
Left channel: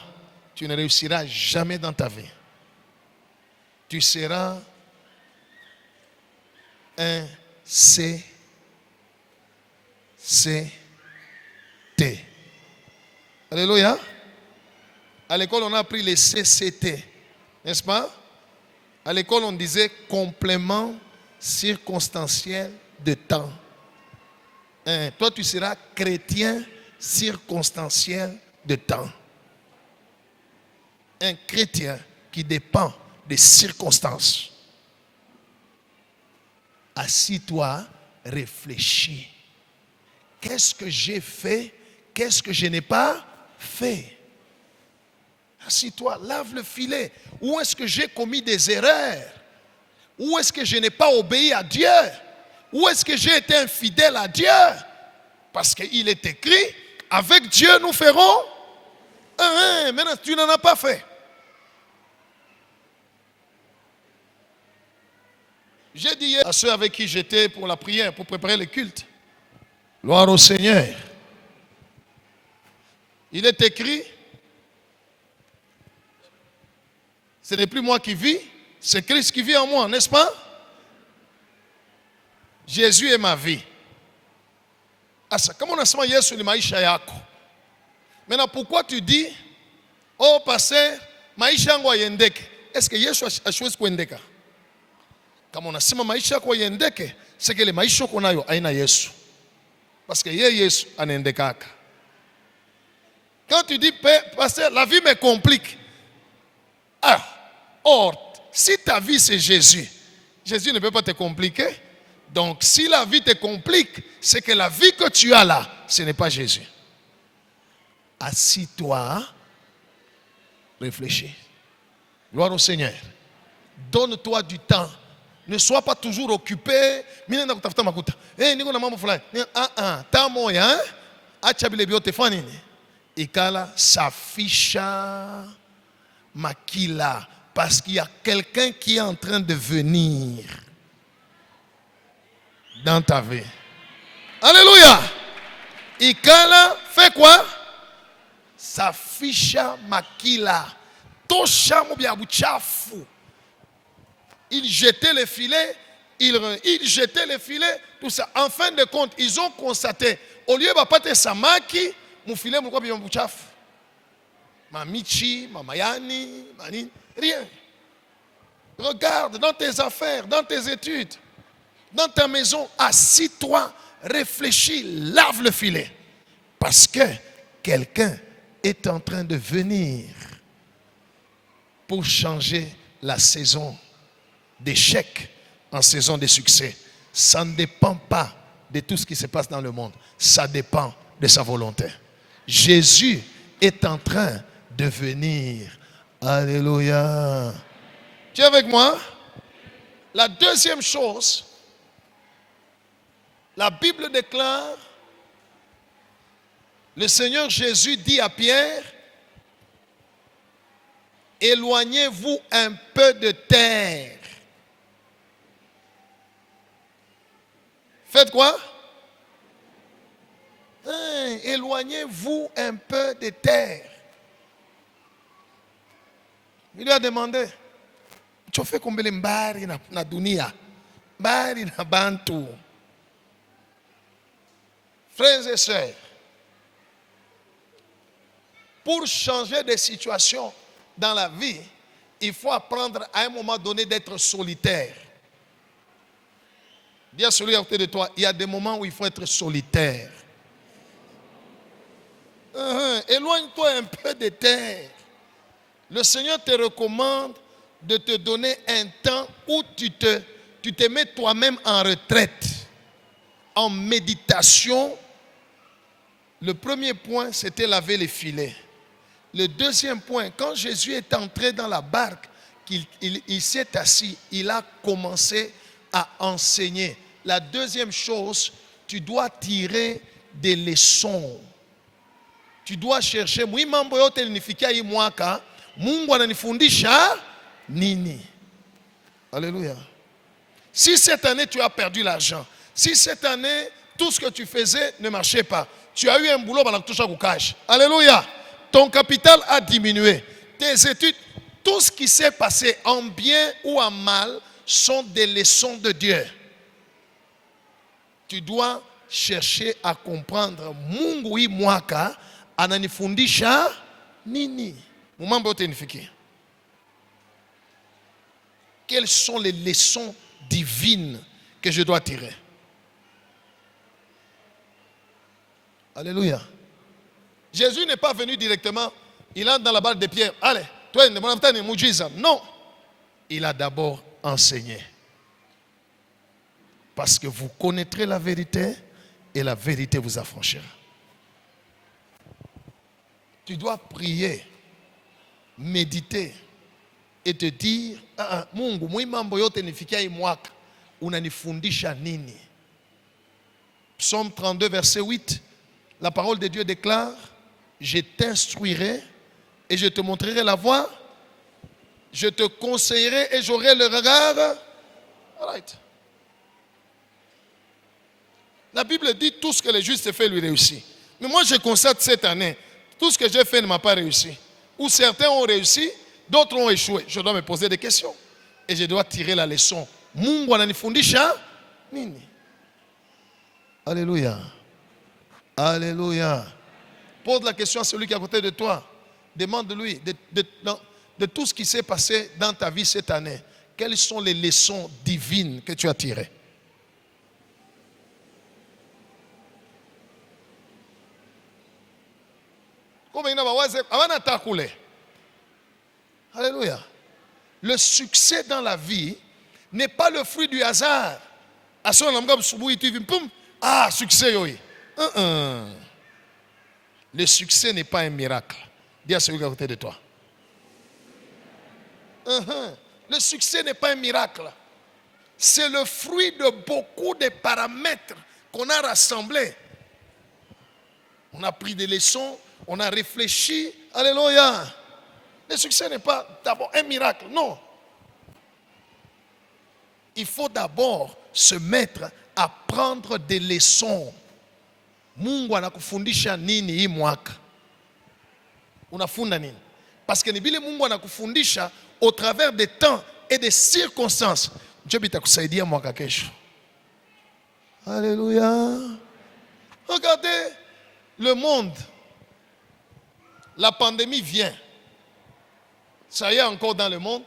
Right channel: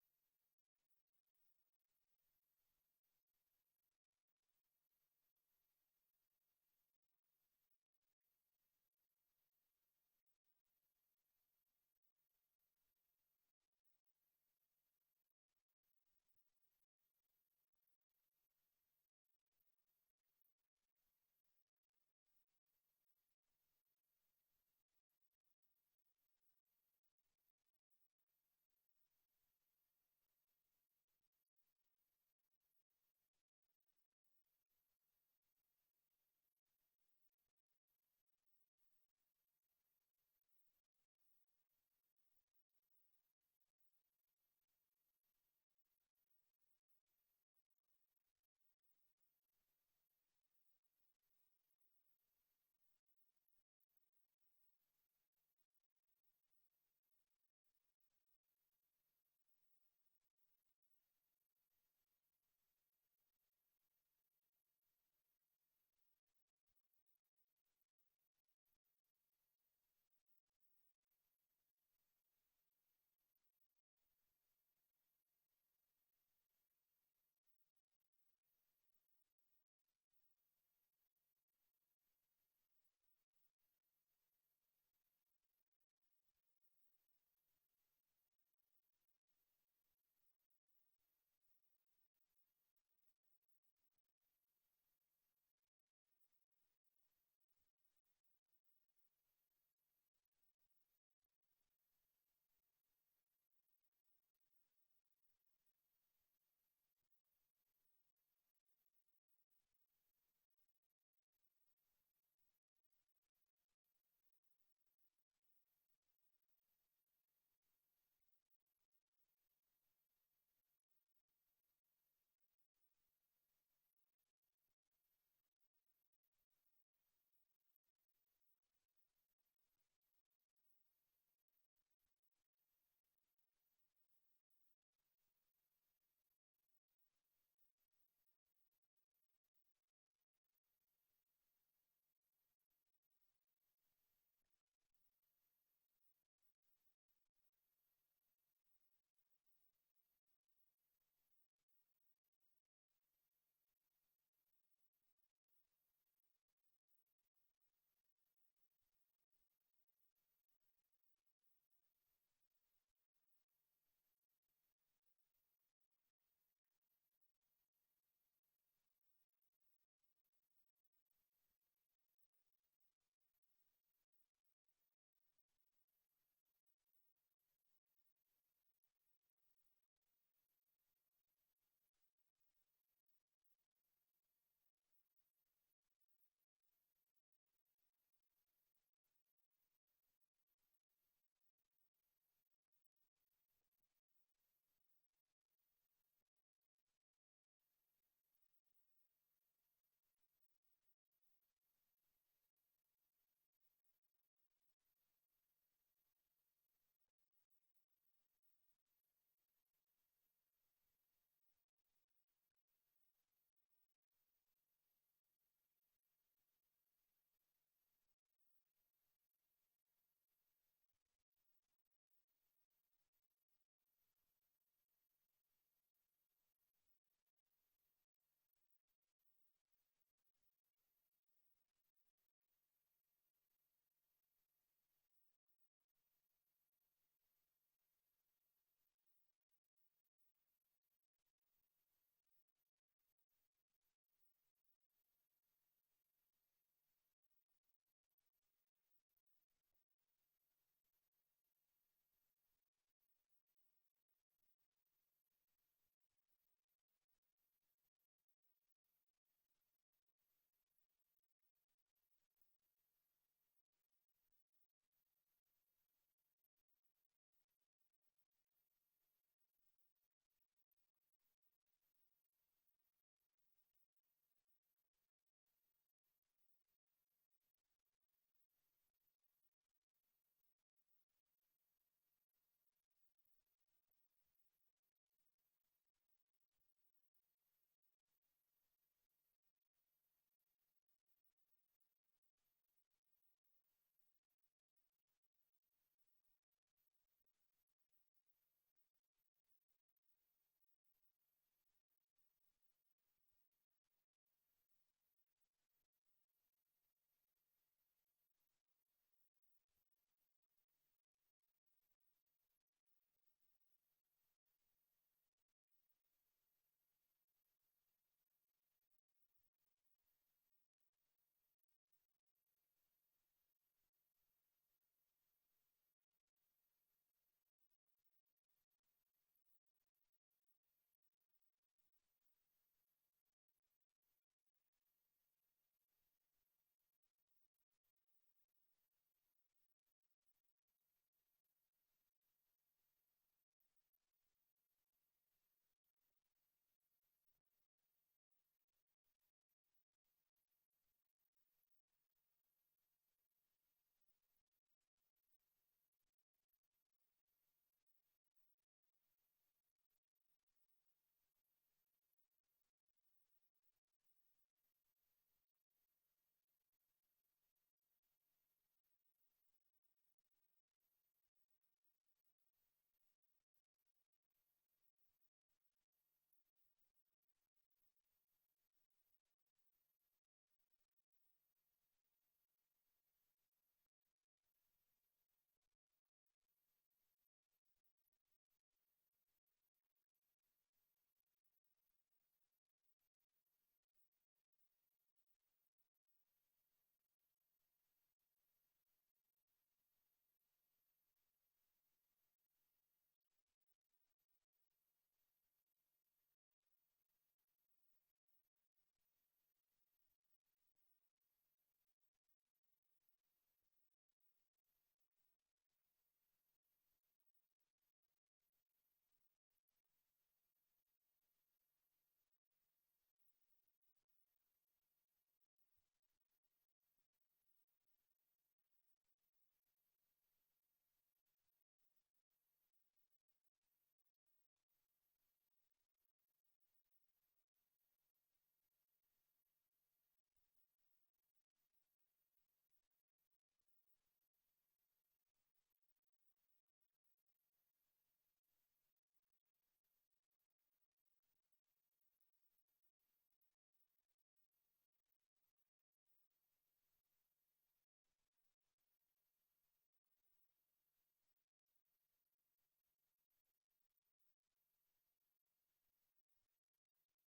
tu ne réussiras jamais dans ta vie. Tu seras un CCT. Alléluia. À l'école, on a appris les CCT. N'est-ce pas? À l'école, on disait complément circonstanciel de temps. Toi, tu seras chrétien circonstanciel de temps. Un chrétien qui dépend des circonstances. Assis-toi, réfléchis. Qu'est-ce que j'ai fait? Qu'est-ce que je n'ai pas fait? Assis-toi, lave le filet. Où est-ce que j'ai commis des erreurs? Où est-ce que je n'ai pas obéi à Dieu? Où est-ce que j'ai été infidèle à Dieu? Parce qu'il est écrit, avec Dieu nous ferons un. Maintenant, tu n'en as pas fait. J'ai dit hier à ceux avec qui j'étais pour la prière, pour préparer le culte. Gloire au Seigneur. Il est écrit, ce n'est plus moi qui vis, c'est Christ qui vit en moi, n'est-ce pas? Jésus est ma vie. Asa, kama unasema Yesu ni maisha yako. Maintenant, pourquoi tu dis, oh pasteur, maisha yangu yendeke? Est-ce que Yesu hashwezi kuendeka? Kama unasema maisha yako yendeke, c'est que le maisha yako nayo haina Yesu. Parce que Yesu anaendekaka. Quand tu dis, pasteur, la vie me complique. Or, si ta vie c'est Jésus, Jésus ne peut pas te compliquer. Donc, si la vie te complique, c'est que la vie que tu as là, ce n'est pas Jésus. Assis-toi, réfléchis. Gloire au Seigneur. Donne-toi du temps. Ne sois pas toujours occupé. Ikala safisha makila. Parce qu'il y a quelqu'un qui est en train de venir dans ta vie. Alléluia. Ikala fait quoi? Safisha makila. Tosha mobiabuchafu. Il jetait les filets, il jetait les filets, tout ça. En fin de compte, ils ont constaté, au lieu de pas samaki, mon filet, mon quoi, bien Mamichi, mamayani, mani, rien. Regarde dans tes affaires, dans tes études, dans ta maison, assis-toi, réfléchis, lave le filet. Parce que quelqu'un est en train de venir pour changer la saison d'échec en saison de succès. Ça ne dépend pas de tout ce qui se passe dans le monde. Ça dépend de sa volonté. Jésus est en train de venir. Alléluia. Tu es avec moi? La deuxième chose, la Bible déclare, le Seigneur Jésus dit à Pierre, éloignez-vous un peu de terre. Faites quoi? Éloignez-vous un peu de terre. Il lui a demandé, tu fais combien de mbari na dunia? Mbari na bantu. Frères et sœurs, pour changer de situation dans la vie, il faut apprendre à un moment donné d'être solitaire. Dis à celui à côté de toi, il y a des moments où il faut être solitaire. Éloigne-toi un peu de terre. Le Seigneur te recommande de te donner un temps où tu te mets toi-même en retraite, en méditation. Le premier point, c'était laver les filets. Le deuxième point, quand Jésus est entré dans la barque, il s'est assis, il a commencé à enseigner. La deuxième chose, tu dois tirer des leçons. Tu dois chercher. Alléluia. Si cette année tu as perdu l'argent, si cette année tout ce que tu faisais ne marchait pas, tu as eu un boulot, alléluia. Ton capital a diminué. Tes études, tout ce qui s'est passé en bien ou en mal sont des leçons de Dieu. Tu dois chercher à comprendre. Mungu hii mwaka ananifundisha nini? Mumambo yote nifikie. Quelles sont les leçons divines que je dois tirer? Alléluia. Jésus n'est pas venu directement, il entre dans la barque de Pierre. Allez, toi, non. Il a d'abord enseigné. Parce que vous connaîtrez la vérité et la vérité vous affranchira. Tu dois prier, méditer et te dire, Mungu, mambo yote nifikia hii mwaka, unanifundisha nini? Psaume 32, verset 8, la parole de Dieu déclare, je t'instruirai et je te montrerai la voie, je te conseillerai et j'aurai le regard. All right. La Bible dit tout ce que le juste fait lui réussit. Mais moi je constate cette année, tout ce que j'ai fait ne m'a pas réussi. Ou certains ont réussi, d'autres ont échoué. Je dois me poser des questions. Et je dois tirer la leçon. Mungu ananifundisha nini? Alléluia. Alléluia. Pose la question à celui qui est à côté de toi. Demande-lui de tout ce qui s'est passé dans ta vie cette année. Quelles sont les leçons divines que tu as tirées? Alléluia. Le succès dans la vie n'est pas le fruit du hasard. Ah, succès, oui. Le succès n'est pas un miracle. Dis à celui qui est à côté de toi. Le succès n'est pas un miracle. C'est le fruit de beaucoup de paramètres qu'on a rassemblés. On a pris des leçons, on a réfléchi. Alléluia. Le succès n'est pas d'abord un miracle, non. Il faut d'abord se mettre à prendre des leçons. Mungu anakufundisha nini hii mwaka? Unafunda nini? Parce que nibile Mungu anakufundisha au travers des temps et des circonstances. Dieu bitakusaidia mwaka kesho. Alléluia. Regardez le monde. La pandémie vient. Ça y est encore dans le monde.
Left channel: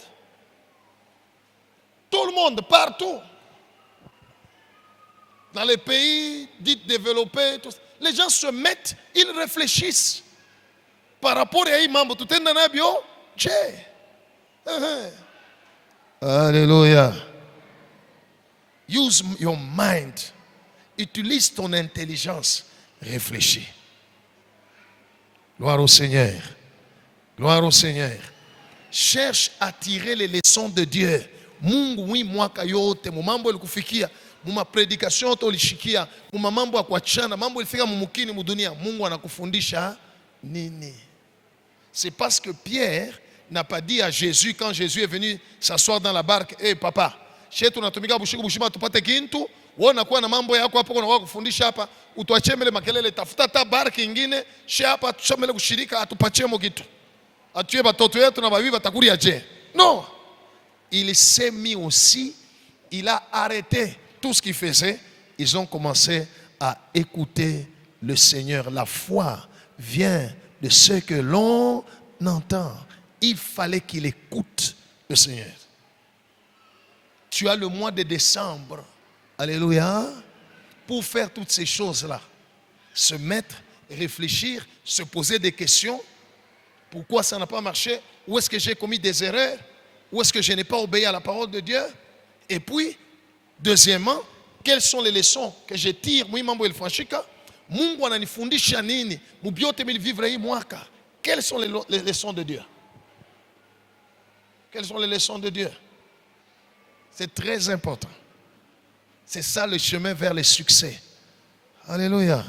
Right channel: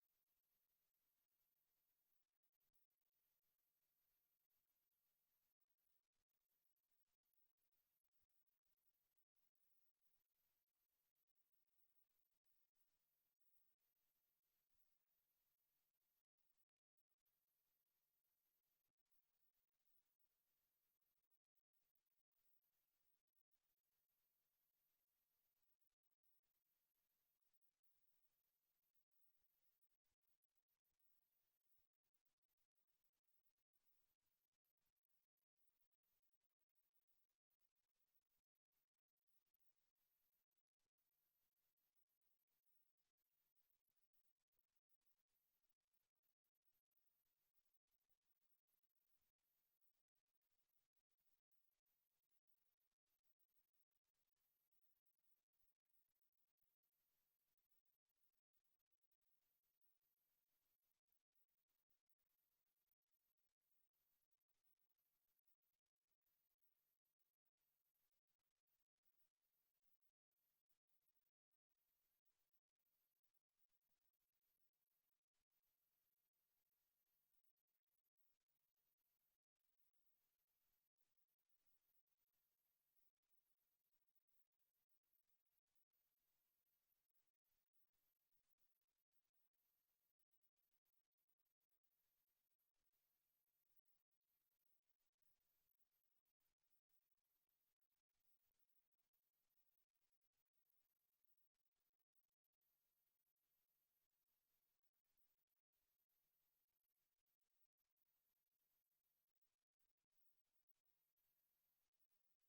Tout le monde, partout. Dans les pays dits développés, les gens se mettent, ils réfléchissent. Par rapport à Imam, tout est dans la bio. Alléluia. Use your mind. Utilise ton intelligence. Réfléchis. Gloire au Seigneur. Gloire au Seigneur. Cherche à tirer les leçons de Dieu. Mungu wi mwaka yote mu mambo ilikufikia mu mapredikation ulishikia mu mambo ya kuachana mambo ilifika mumukini mu dunia. Mungu anakufundisha nini? C'est parce que Pierre n'a pas dit à Jésus quand Jésus est venu s'asseoir dans la barque, "Eh papa, chez tunatumika bushiku bushima tupate kintu, wewe unakuwa na mambo yako hapo unakuwa kufundisha hapa, utuachie mbele makelele, tafuta ta barque nyingine, chez hapa tushamele kushirika atupatie mo kitu. Atuye batoto yetu na babibi batakulia je." Non. Il s'est mis aussi, il a arrêté tout ce qu'il faisait. Ils ont commencé à écouter le Seigneur. La foi vient de ce que l'on entend. Il fallait qu'il écoute le Seigneur. Tu as le mois de décembre, alléluia, pour faire toutes ces choses-là. Se mettre, réfléchir, se poser des questions. Pourquoi ça n'a pas marché? Où est-ce que j'ai commis des erreurs? Où est-ce que je n'ai pas obéi à la parole de Dieu? Et puis, deuxièmement, quelles sont les leçons que je tire? Mungu ananifundisha nini? Mubiote milivivre hii mwaka. Quelles sont les leçons de Dieu? Quelles sont les leçons de Dieu? C'est très important. C'est ça le chemin vers le succès. Alléluia.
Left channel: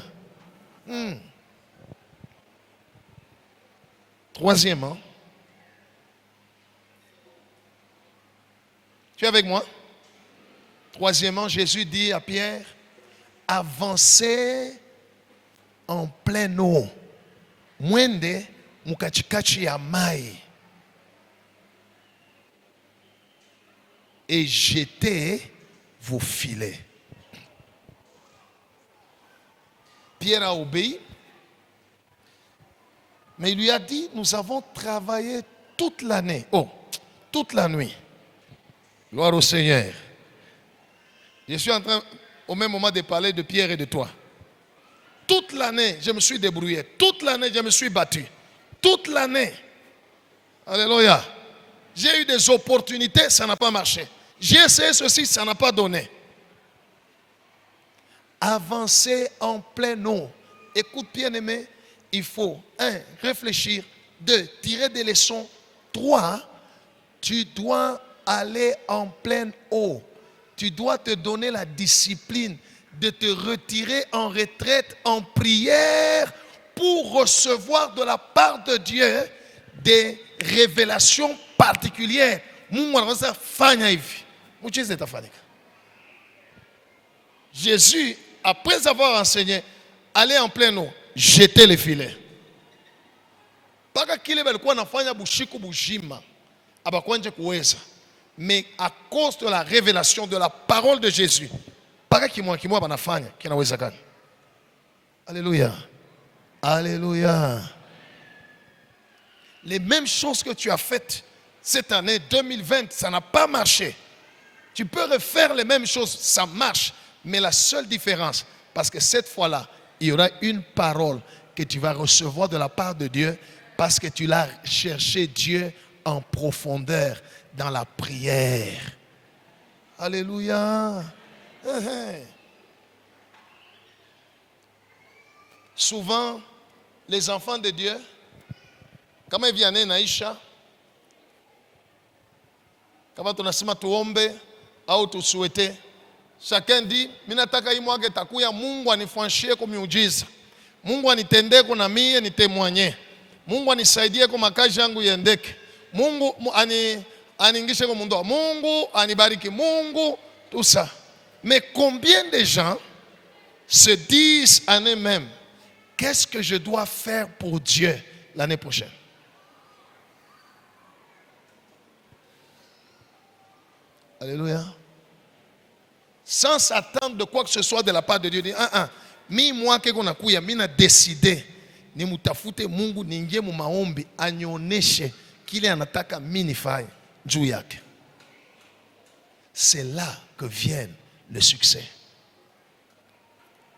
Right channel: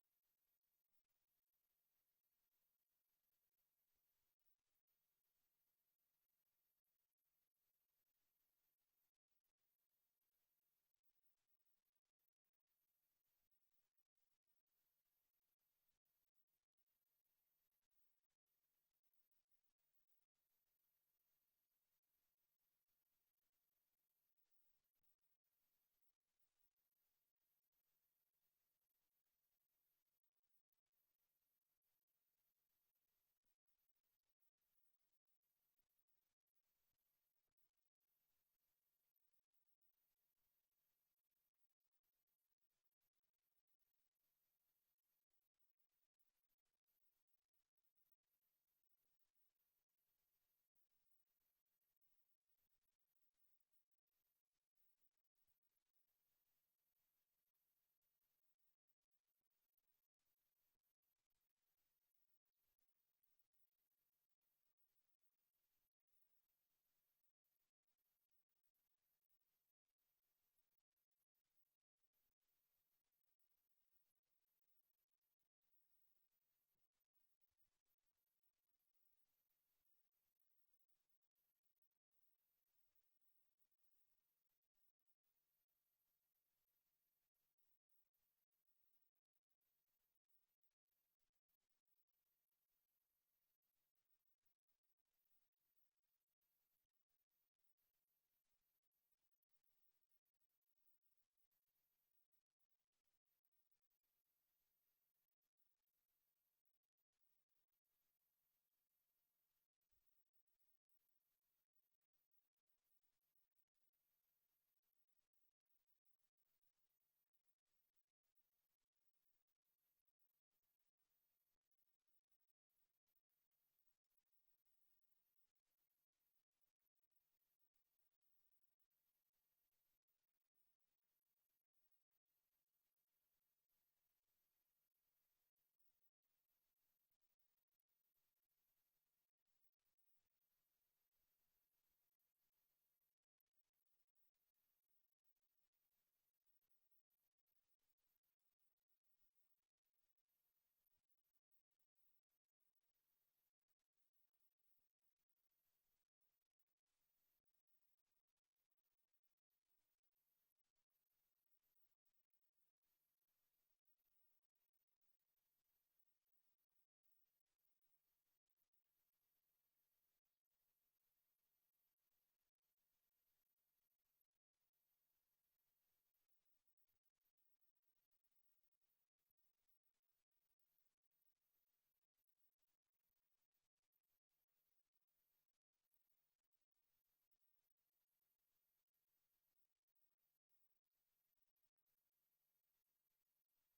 Troisièmement, tu es avec moi? Troisièmement, Jésus dit à Pierre, avancez en pleine eau. Mwende mukachikachi ya mai. Et jetez vos filets. Pierre a obéi. Mais il lui a dit, nous avons travaillé toute l'année. Oh, toute la nuit. Gloire au Seigneur. Je suis en train au même moment de parler de Pierre et de toi. Toute l'année, je me suis débrouillé. Toute l'année, je me suis battu. Toute l'année. Alléluia. J'ai eu des opportunités, ça n'a pas marché. J'ai essayé ceci, ça n'a pas donné. Avancer en pleine eau. Écoute, bien-aimé, il faut, 1, réfléchir. 2, tirer des leçons. 3, tu dois aller en pleine eau. Tu dois te donner la discipline de te retirer en retraite, en prière, pour recevoir de la part de Dieu des révélations particulières. Jésus, après avoir enseigné, allait en pleine eau, jeter les filets. Mais à cause de la révélation de la parole de Jésus, alléluia. Alléluia. Les mêmes choses que tu as faites cette année 2020, ça n'a pas marché. Tu peux refaire les mêmes choses, ça marche. Mais la seule différence, parce que cette fois-là, il y aura une parole que tu vas recevoir de la part de Dieu, parce que tu l'as cherché Dieu en profondeur dans la prière. Alléluia. Souvent, les enfants de Dieu, kama hivi ane naisha, kama tunasema tuombe au tusuete, chacun dit, minataka hii mwaka takuya Mungu anifanyie kwa miujiza. Mungu anitendee kwa na mie nitemwanye. Mungu anisaidie kwa makazi yangu yendeke. Mungu aniingishe kwa mundoa. Mungu anibariki. Mungu tout ça. Mais combien de gens se disent en eux-mêmes, qu'est-ce que je dois faire pour Dieu l'année prochaine? Alléluia. Sans s'attendre de quoi que ce soit de la part de Dieu. Mi moi que kuna kuya mina décidé ni mutafute Mungu ningie mu maombi anioneshe kile anataka mimi nifanye juu yake. c'est là que vient le succès.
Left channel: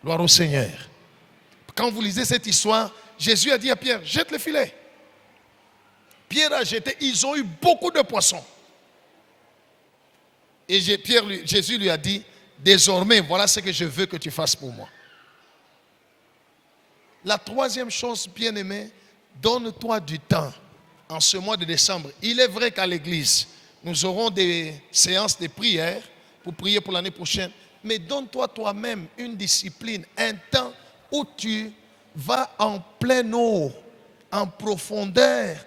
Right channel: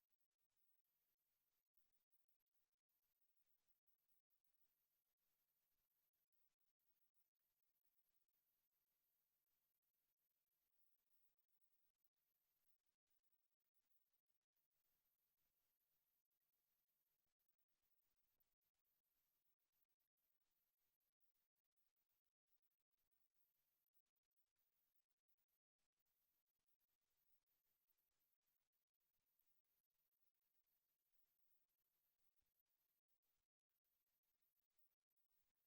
Gloire au Seigneur. Quand vous lisez cette histoire, Jésus a dit à Pierre, jette le filet. Pierre a jeté, ils ont eu beaucoup de poissons. Et Jésus lui a dit, désormais, voilà ce que je veux que tu fasses pour moi. La troisième chose, bien-aimé, donne-toi du temps en ce mois de décembre. Il est vrai qu'à l'église, nous aurons des séances de prière pour prier pour l'année prochaine. Mais donne-toi toi-même une discipline, un temps où tu vas en pleine eau, en profondeur.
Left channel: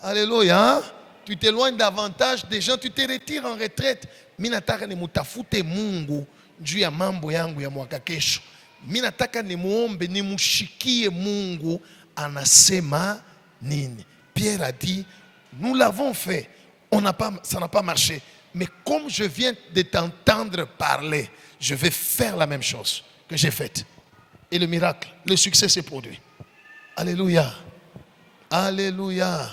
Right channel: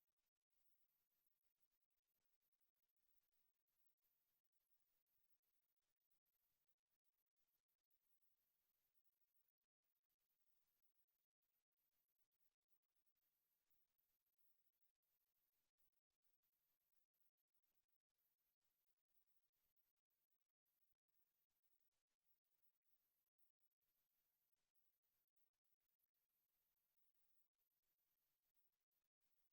Alléluia. Tu t'éloignes davantage des gens, tu te retires en retraite. Minataka ni mutafute Mungu juu ya mambo yangu ya mwaka kesho. Minataka ni muombe, ni mushikie Mungu anasema nini. Pierre a dit, nous l'avons fait, ça n'a pas marché. Mais comme je viens de t'entendre parler, je vais faire la même chose que j'ai faite. Et le miracle, le succès s'est produit. Alléluia. Alléluia.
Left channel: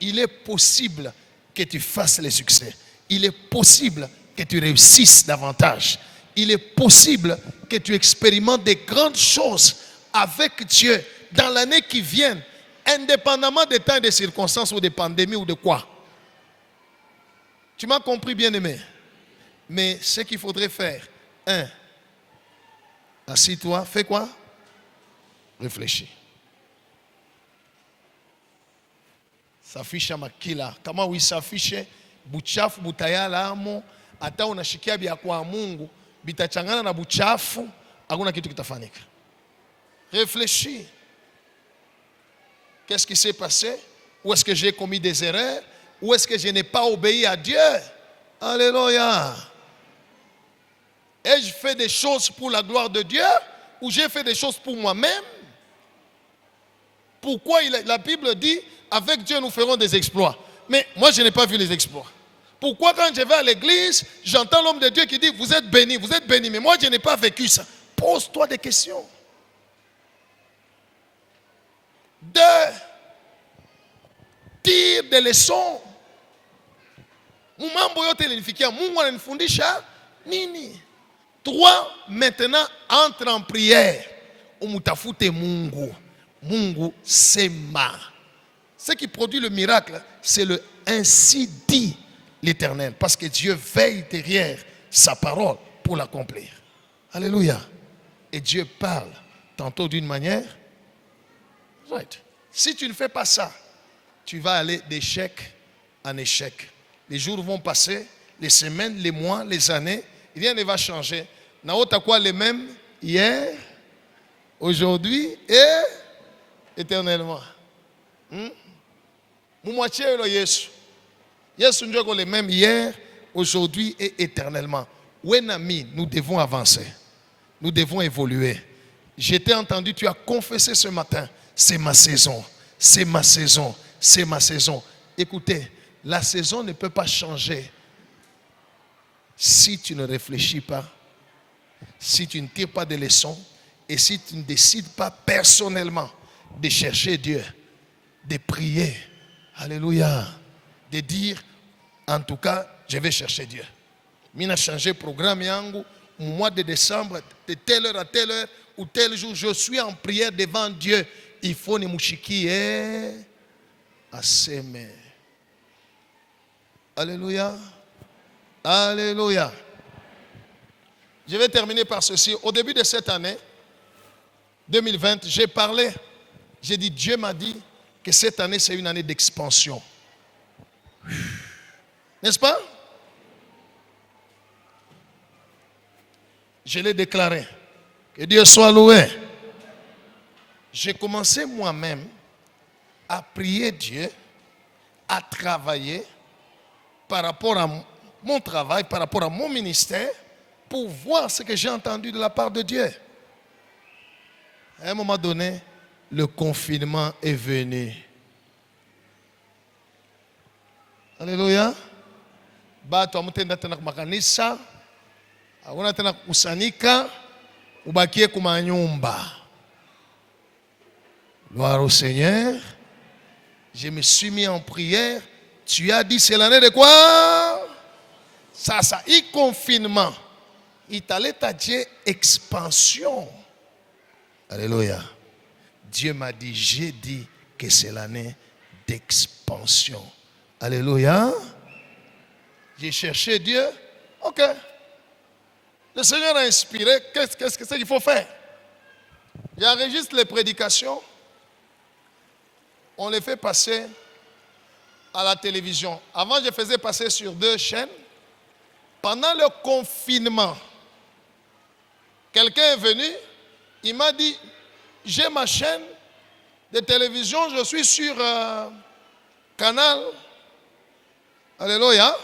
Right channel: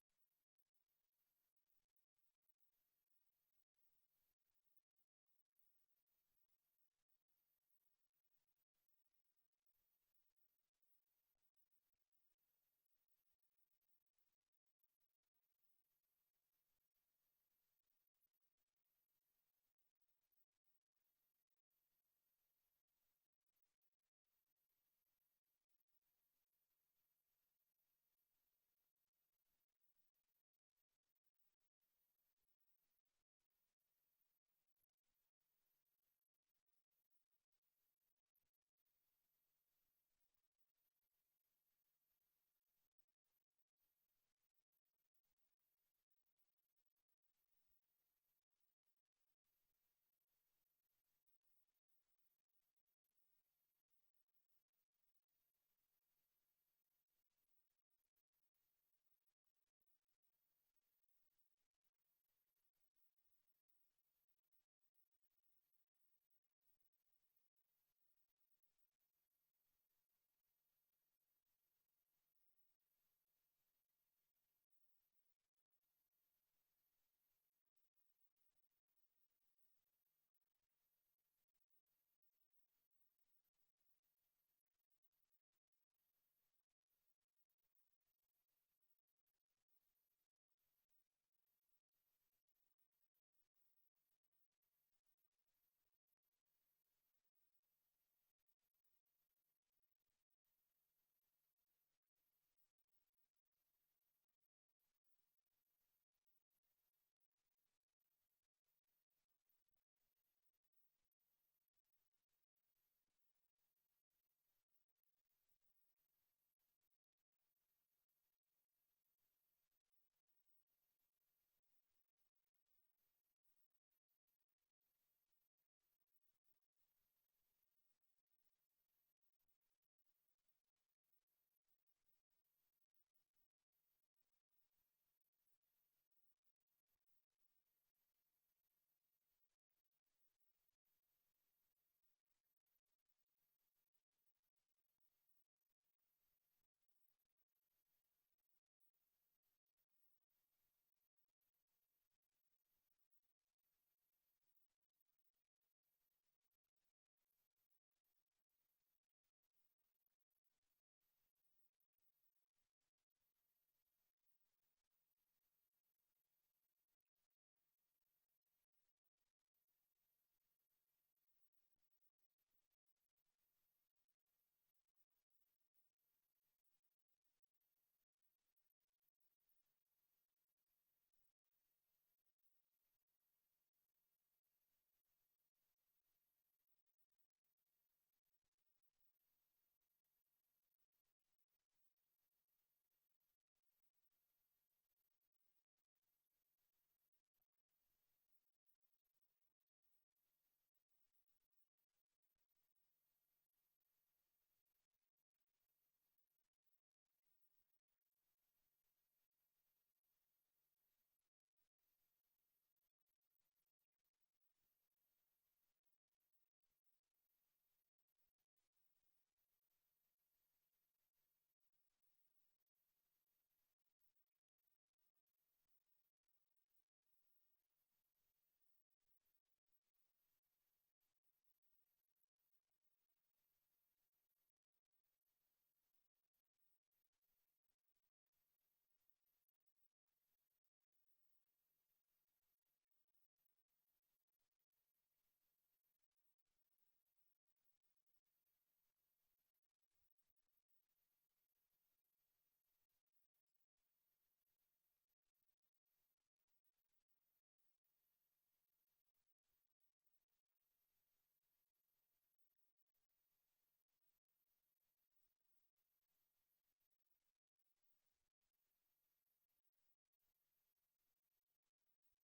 Il est possible que tu fasses le succès. Il est possible que tu réussisses davantage. Il est possible que tu expérimentes des grandes choses avec Dieu dans l'année qui vient, indépendamment des temps et des circonstances ou des pandémies ou de quoi. Tu m'as compris, bien-aimé? Mais ce qu'il faudrait faire, assis-toi, fais quoi? Réfléchis. Safisha makila. Kama uisafishe buchafu butayala amo, hata unashikia bia kwa Mungu, bitachangana na buchafu, hakuna kitu kitafanyika. Réfléchis. Qu'est-ce qui s'est passé? Où est-ce que j'ai commis des erreurs? Où est-ce que je n'ai pas obéi à Dieu? Alléluia. Ai-je fait des choses pour la gloire de Dieu ou j'ai fait des choses pour moi-même? Pourquoi la Bible dit, avec Dieu nous ferons des exploits? Mais moi je n'ai pas vu les exploits. Pourquoi quand je vais à l'église, j'entends l'homme de Dieu qui dit, vous êtes bénis, mais moi je n'ai pas vécu ça? Pose-toi des questions. 2. Tire des leçons. Mambo yote ilinifikia, Mungu ananifundisha nini? 3. Maintenant, entre en prière. Umutafute Mungu. Mungu sema. Ce qui produit le miracle, c'est le ainsi dit l'Éternel. Parce que Dieu veille derrière sa parole pour l'accomplir. Alléluia. Et Dieu parle tantôt d'une manière. Right. Si tu ne fais pas ça, tu vas aller d'échec en échec. Les jours vont passer, les semaines, les mois, les années. Rien ne va changer. Naota quoi les mêmes hier, aujourd'hui et éternellement. Moumoitié le Yesu. Yesu nous les mêmes hier, aujourd'hui et éternellement. Wenami, nous devons avancer. Nous devons évoluer. Je t'ai entendu, tu as confessé ce matin, c'est ma saison, c'est ma saison, c'est ma saison. Écoutez, la saison ne peut pas changer si tu ne réfléchis pas, si tu ne tires pas de leçons et si tu ne décides pas personnellement de chercher Dieu, de prier, alléluia, de dire, en tout cas, je vais chercher Dieu. Mina changé le programme yangu, au mois de décembre, de telle heure à telle heure, ou tel jour, je suis en prière devant Dieu. Il faut ne mouchiki à s'aimer. Alléluia. Alléluia. Je vais terminer par ceci. Au début de cette année, 2020, j'ai parlé, j'ai dit, Dieu m'a dit que cette année, c'est une année d'expansion. N'est-ce pas? Je l'ai déclaré. Que Dieu soit loué. J'ai commencé moi-même à prier Dieu, à travailler par rapport à mon travail, par rapport à mon ministère, pour voir ce que j'ai entendu de la part de Dieu. À un moment donné, le confinement est venu. Alléluia. Bato amutenda tena kumakanisa, hakuna tena kukusanyika, ubakie kumanyumba. Gloire au Seigneur. Je me suis mis en prière. Tu as dit, c'est l'année de quoi? Ça, il confinement. Il t'allait à Dieu expansion. Alléluia. Dieu m'a dit, j'ai dit que c'est l'année d'expansion. Alléluia. J'ai cherché Dieu. Ok. Le Seigneur a inspiré. Qu'est-ce qu'il faut faire? J'enregistre les prédications. On les fait passer à la télévision. Avant, je faisais passer sur 2 chaînes. Pendant le confinement, quelqu'un est venu, il m'a dit, j'ai ma chaîne de télévision, je suis sur canal, alléluia,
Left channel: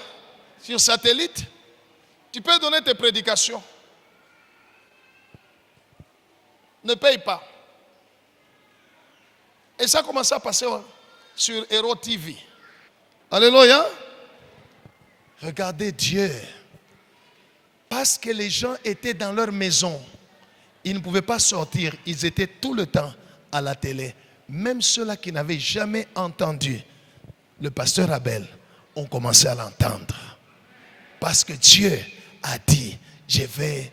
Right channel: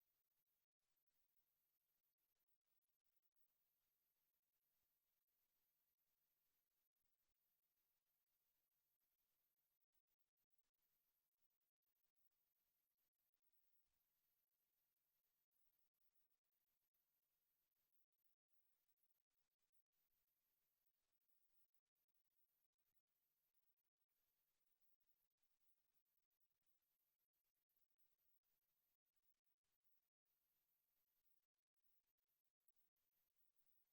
sur satellite, tu peux donner tes prédications. Ne paye pas. Et ça a commencé à passer sur Hero TV. Alléluia. Regardez Dieu. Parce que les gens étaient dans leur maison, ils ne pouvaient pas sortir, ils étaient tout le temps à la télé. Même ceux-là qui n'avaient jamais entendu le pasteur Abel ont commencé à l'entendre. Parce que Dieu a dit, je vais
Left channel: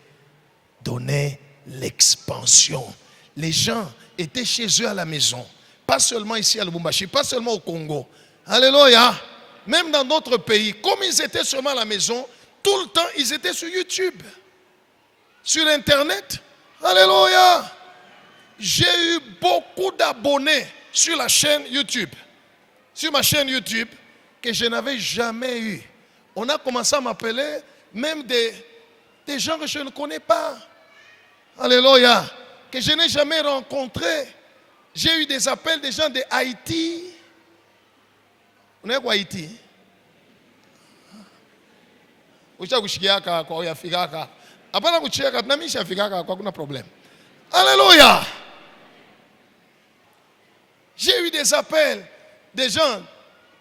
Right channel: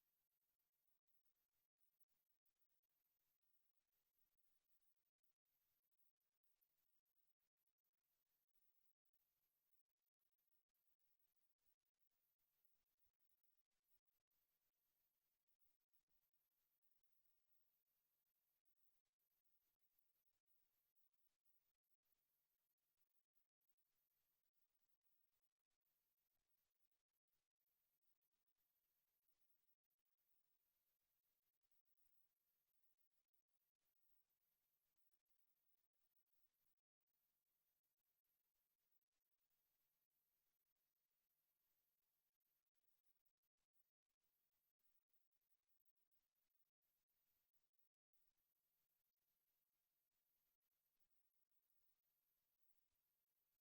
donner l'expansion. Les gens étaient chez eux à la maison, pas seulement ici à Lubumbashi, pas seulement au Congo. Alléluia. Même dans d'autres pays, comme ils étaient seulement à la maison, tout le temps, ils étaient sur YouTube, sur Internet. Alléluia. J'ai eu beaucoup d'abonnés sur la chaîne YouTube, sur ma chaîne YouTube, que je n'avais jamais eu. On a commencé à m'appeler même des gens que je ne connais pas. Alléluia. Que je n'ai jamais rencontrés. J'ai eu des appels des gens de Haïti. On est quoi Haïti? Alléluia. J'ai eu des appels des gens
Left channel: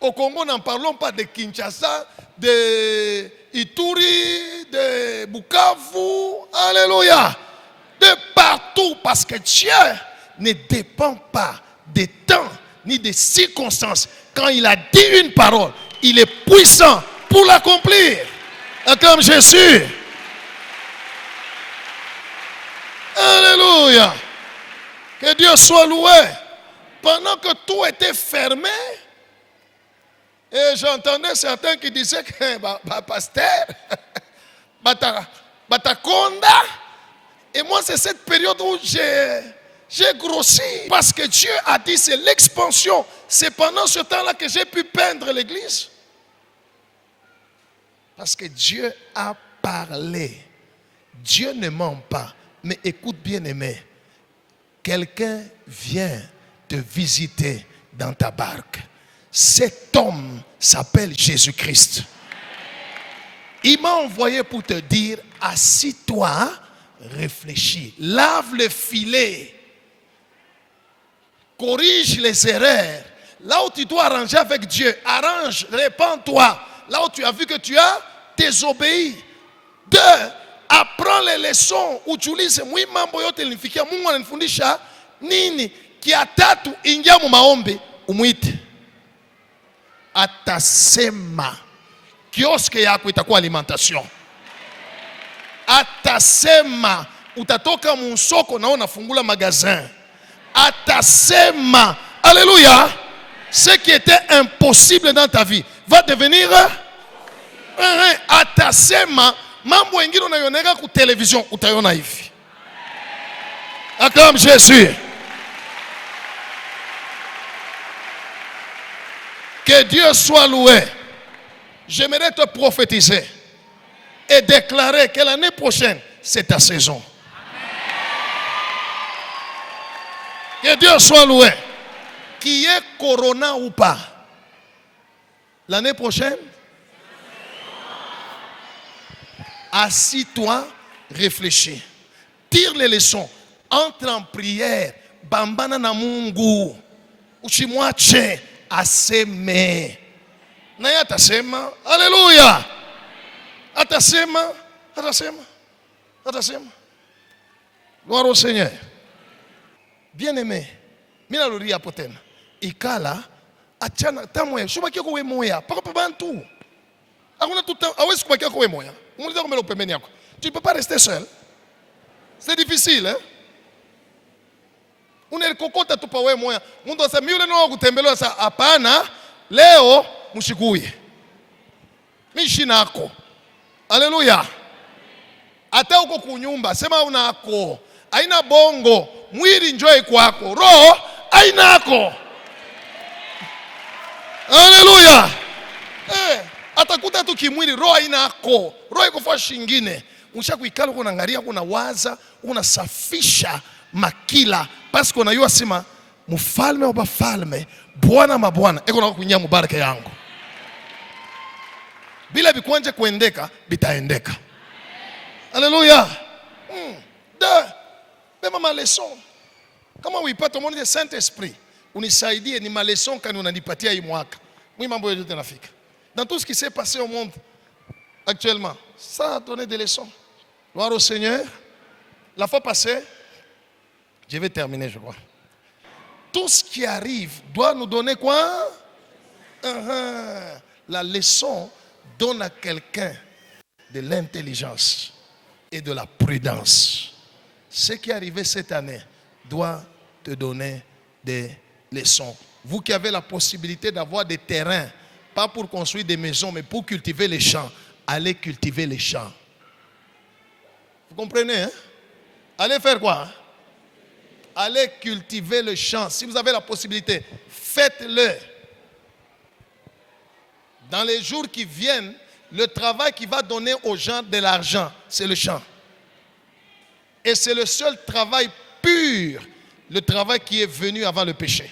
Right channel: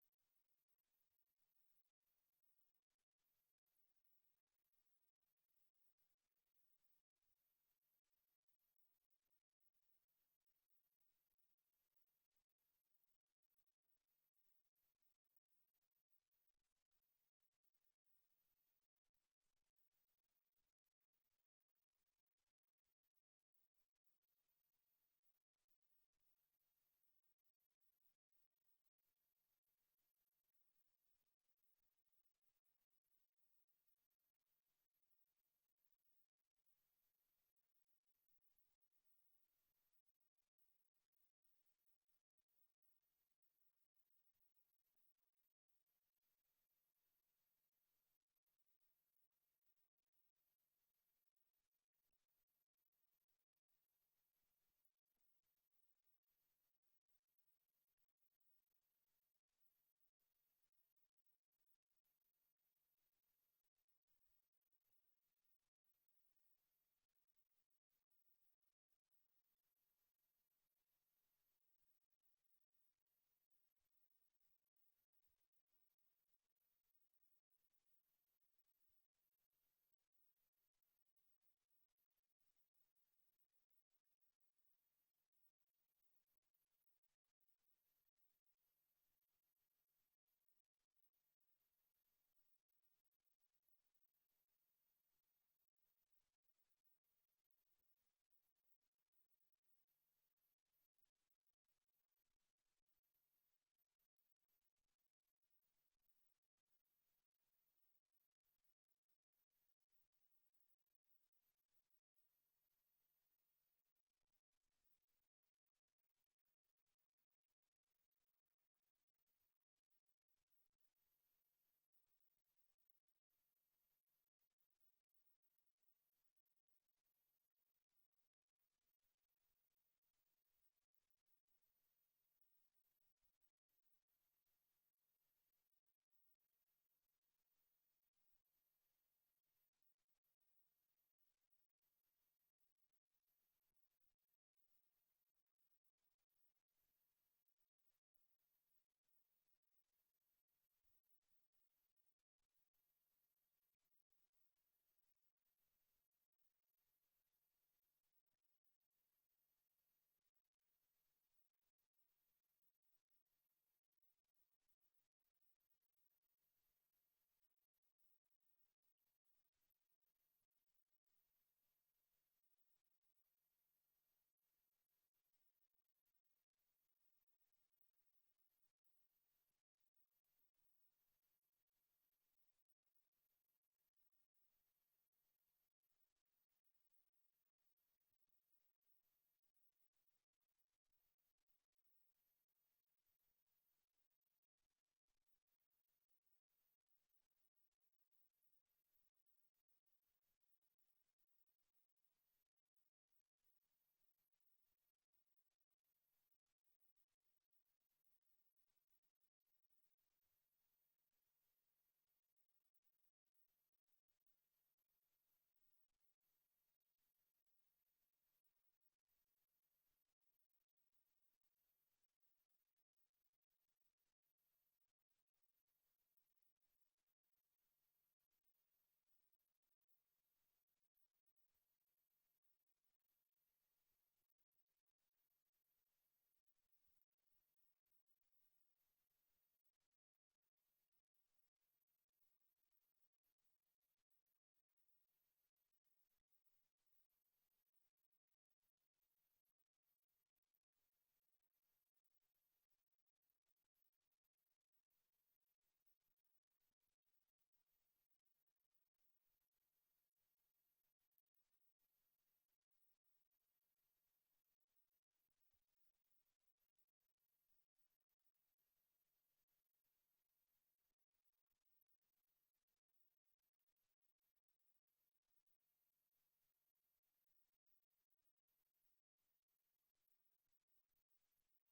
au Congo, n'en parlons pas, de Kinshasa, de Ituri, de Bukavu. Alléluia. De partout, parce que Dieu ne dépend pas des temps ni des circonstances. Quand il a dit une parole, il est puissant pour l'accomplir. Comme Jésus. Alléluia. Que Dieu soit loué. Pendant que tout était fermé, et j'entendais certains qui disaient que pasteur, Batakonda. Et moi, c'est cette période où j'ai grossi. Parce que Dieu a dit, c'est l'expansion. C'est pendant ce temps-là que j'ai pu peindre l'église. Parce que Dieu a parlé. Dieu ne ment pas. Mais écoute bien aimé. Quelqu'un vient te visiter dans ta barque. Cet homme s'appelle Jésus-Christ. Il m'a envoyé pour te dire, assis-toi, réfléchis, lave le filet, corrige les erreurs. Là où tu dois arranger avec Dieu, arrange, répands-toi. Là où tu as vu que tu as désobéi. 2, apprends les leçons. Ujiulize mwi mambo yote nilifikia Mungu ananifundisha nini? Kiatatu ingia mu maombi umwite. Atasema kioske yako itakuwa alimentation. Atasema utatoka mu soko na unafungula magasin. Atasema, alléluia, ce qui était impossible dans ta vie va devenir atasema. Mambo ingine unayoneka ku television utayona hivi. Acclame Jésus. Que Dieu soit loué. J'aimerais te prophétiser et déclarer que l'année prochaine, c'est ta saison. Que Dieu soit loué. Qu'il y ait corona ou pas, l'année prochaine, assis-toi, réfléchis. Tire les leçons. Entre en prière. Bambana na Mungu. Uchimwache aseme. Naye atasema. Alléluia. Atasema. Gloire au Seigneur. Bien-aimé. Mina lori ya potena. Ikala. Achana tamwe. Shuma kiko we moya. Paka bantu. Tu ne peux pas rester seul. C'est difficile, hein? Unalikokota tu pawe moya. Mundu asema yule no kutembelewa sasa hapana. Leo mshikuye. Mishi nako. Haleluya. Hata uko kunyumba sema unako. Haina bongo, mwili njoo kwako. Roho hainako. Haleluya. Atakuta tu kimwili roho hainako. Roho iko fa shingine. Unshakuikala uko unaangalia uko unawaza, unasafisha makila parce unajua sema mfalme wa bafalme, bwana mabwana eko na kunyia mubaraka yangu. Bila bikwanje kuendeka bitaendeka. Haleluya. Bema ma leçon. Kama uipata mwana de Saint-Esprit, unisaidie ni ma leçon kani unanipatia hii mwaka. Mimi mambo yote nafika. Dans tout ce qui s'est passé au monde actuellement, ça a donné des leçons. Gloire au Seigneur. La fois passée, je vais terminer, je crois. Tout ce qui arrive doit nous donner quoi? La leçon donne à quelqu'un de l'intelligence et de la prudence. Ce qui est arrivé cette année doit te donner des leçons. Vous qui avez la possibilité d'avoir des terrains, pas pour construire des maisons, mais pour cultiver les champs, allez cultiver les champs. Vous comprenez, hein? Allez faire quoi? Allez cultiver le champ. Si vous avez la possibilité, faites-le. Dans les jours qui viennent, le travail qui va donner aux gens de l'argent, c'est le champ. Et c'est le seul travail pur, le travail qui est venu avant le péché,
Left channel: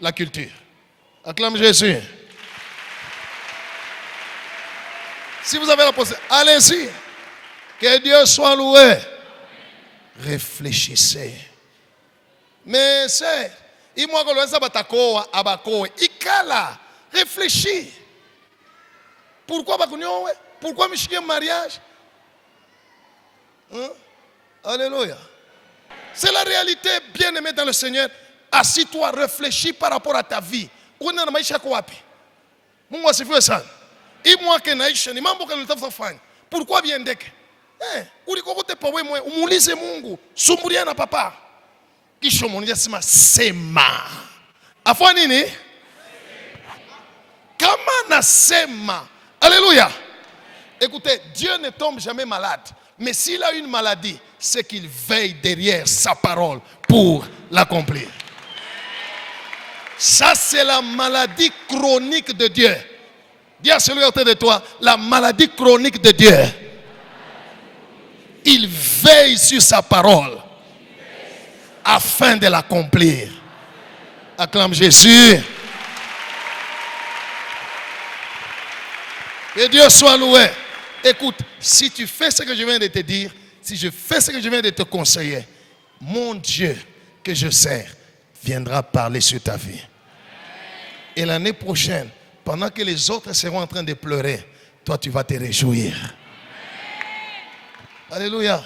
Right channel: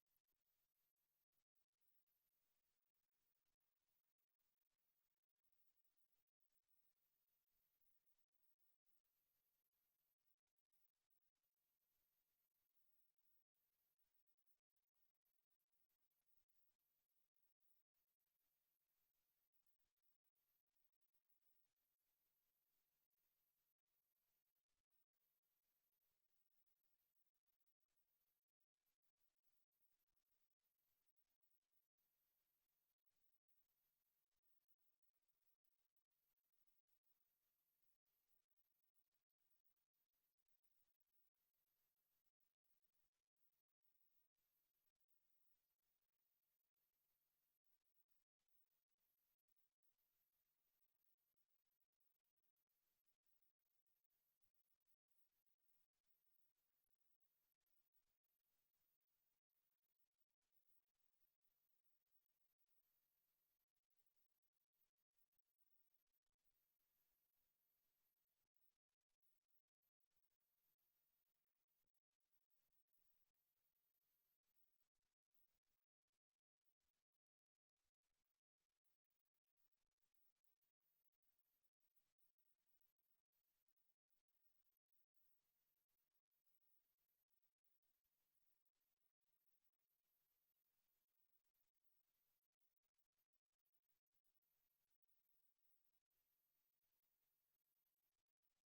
la culture. Acclame Jésus. Si vous avez la possibilité, allez-y. Que Dieu soit loué. Réfléchissez. Mais c'est, ikala, réfléchis. Pourquoi pourquoi me mariage? Hein? Alléluia. C'est la réalité, bien-aimé dans le Seigneur. Assis-toi, réfléchis par rapport à ta vie. Mungu asifiwe sana. Hii mwaka naisha ni mambo gani unatafuta kufanya? Pourquoi biendeke? Ulikokote pawe mwe umuulize Mungu, sumbulia na papa. Kisha mmoja sema sema. Afwa nini? Kama nasema. Alléluia. Écoutez, Dieu ne tombe jamais malade. Mais s'il a une maladie, c'est qu'il veille derrière sa parole pour l'accomplir. Ça, c'est la maladie chronique de Dieu. Dis à celui autour de toi, la maladie chronique de Dieu. Il veille sur sa parole afin de l'accomplir. Acclame Jésus. Que Dieu soit loué. Écoute, si tu fais ce que je viens de te dire, si je fais ce que je viens de te conseiller, mon Dieu que je sers viendra parler sur ta vie. Et l'année prochaine, pendant que les autres seront en train de pleurer, toi tu vas te réjouir. Alléluia.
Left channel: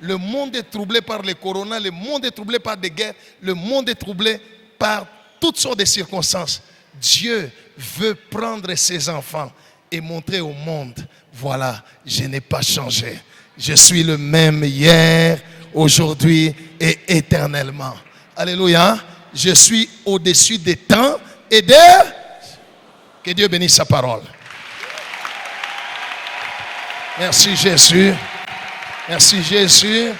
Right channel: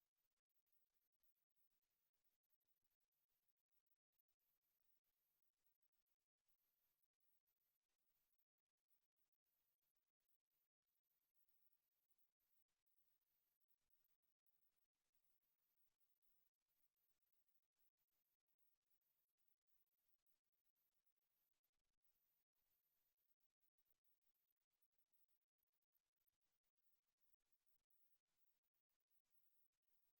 Le monde est troublé par le corona, le monde est troublé par des guerres, le monde est troublé par toutes sortes de circonstances. Dieu veut prendre ses enfants et montrer au monde, voilà, je n'ai pas changé. Je suis le même hier, aujourd'hui et éternellement. Alléluia. Je suis au-dessus des temps et de... Que Dieu bénisse sa parole. Merci Jésus. Merci Jésus.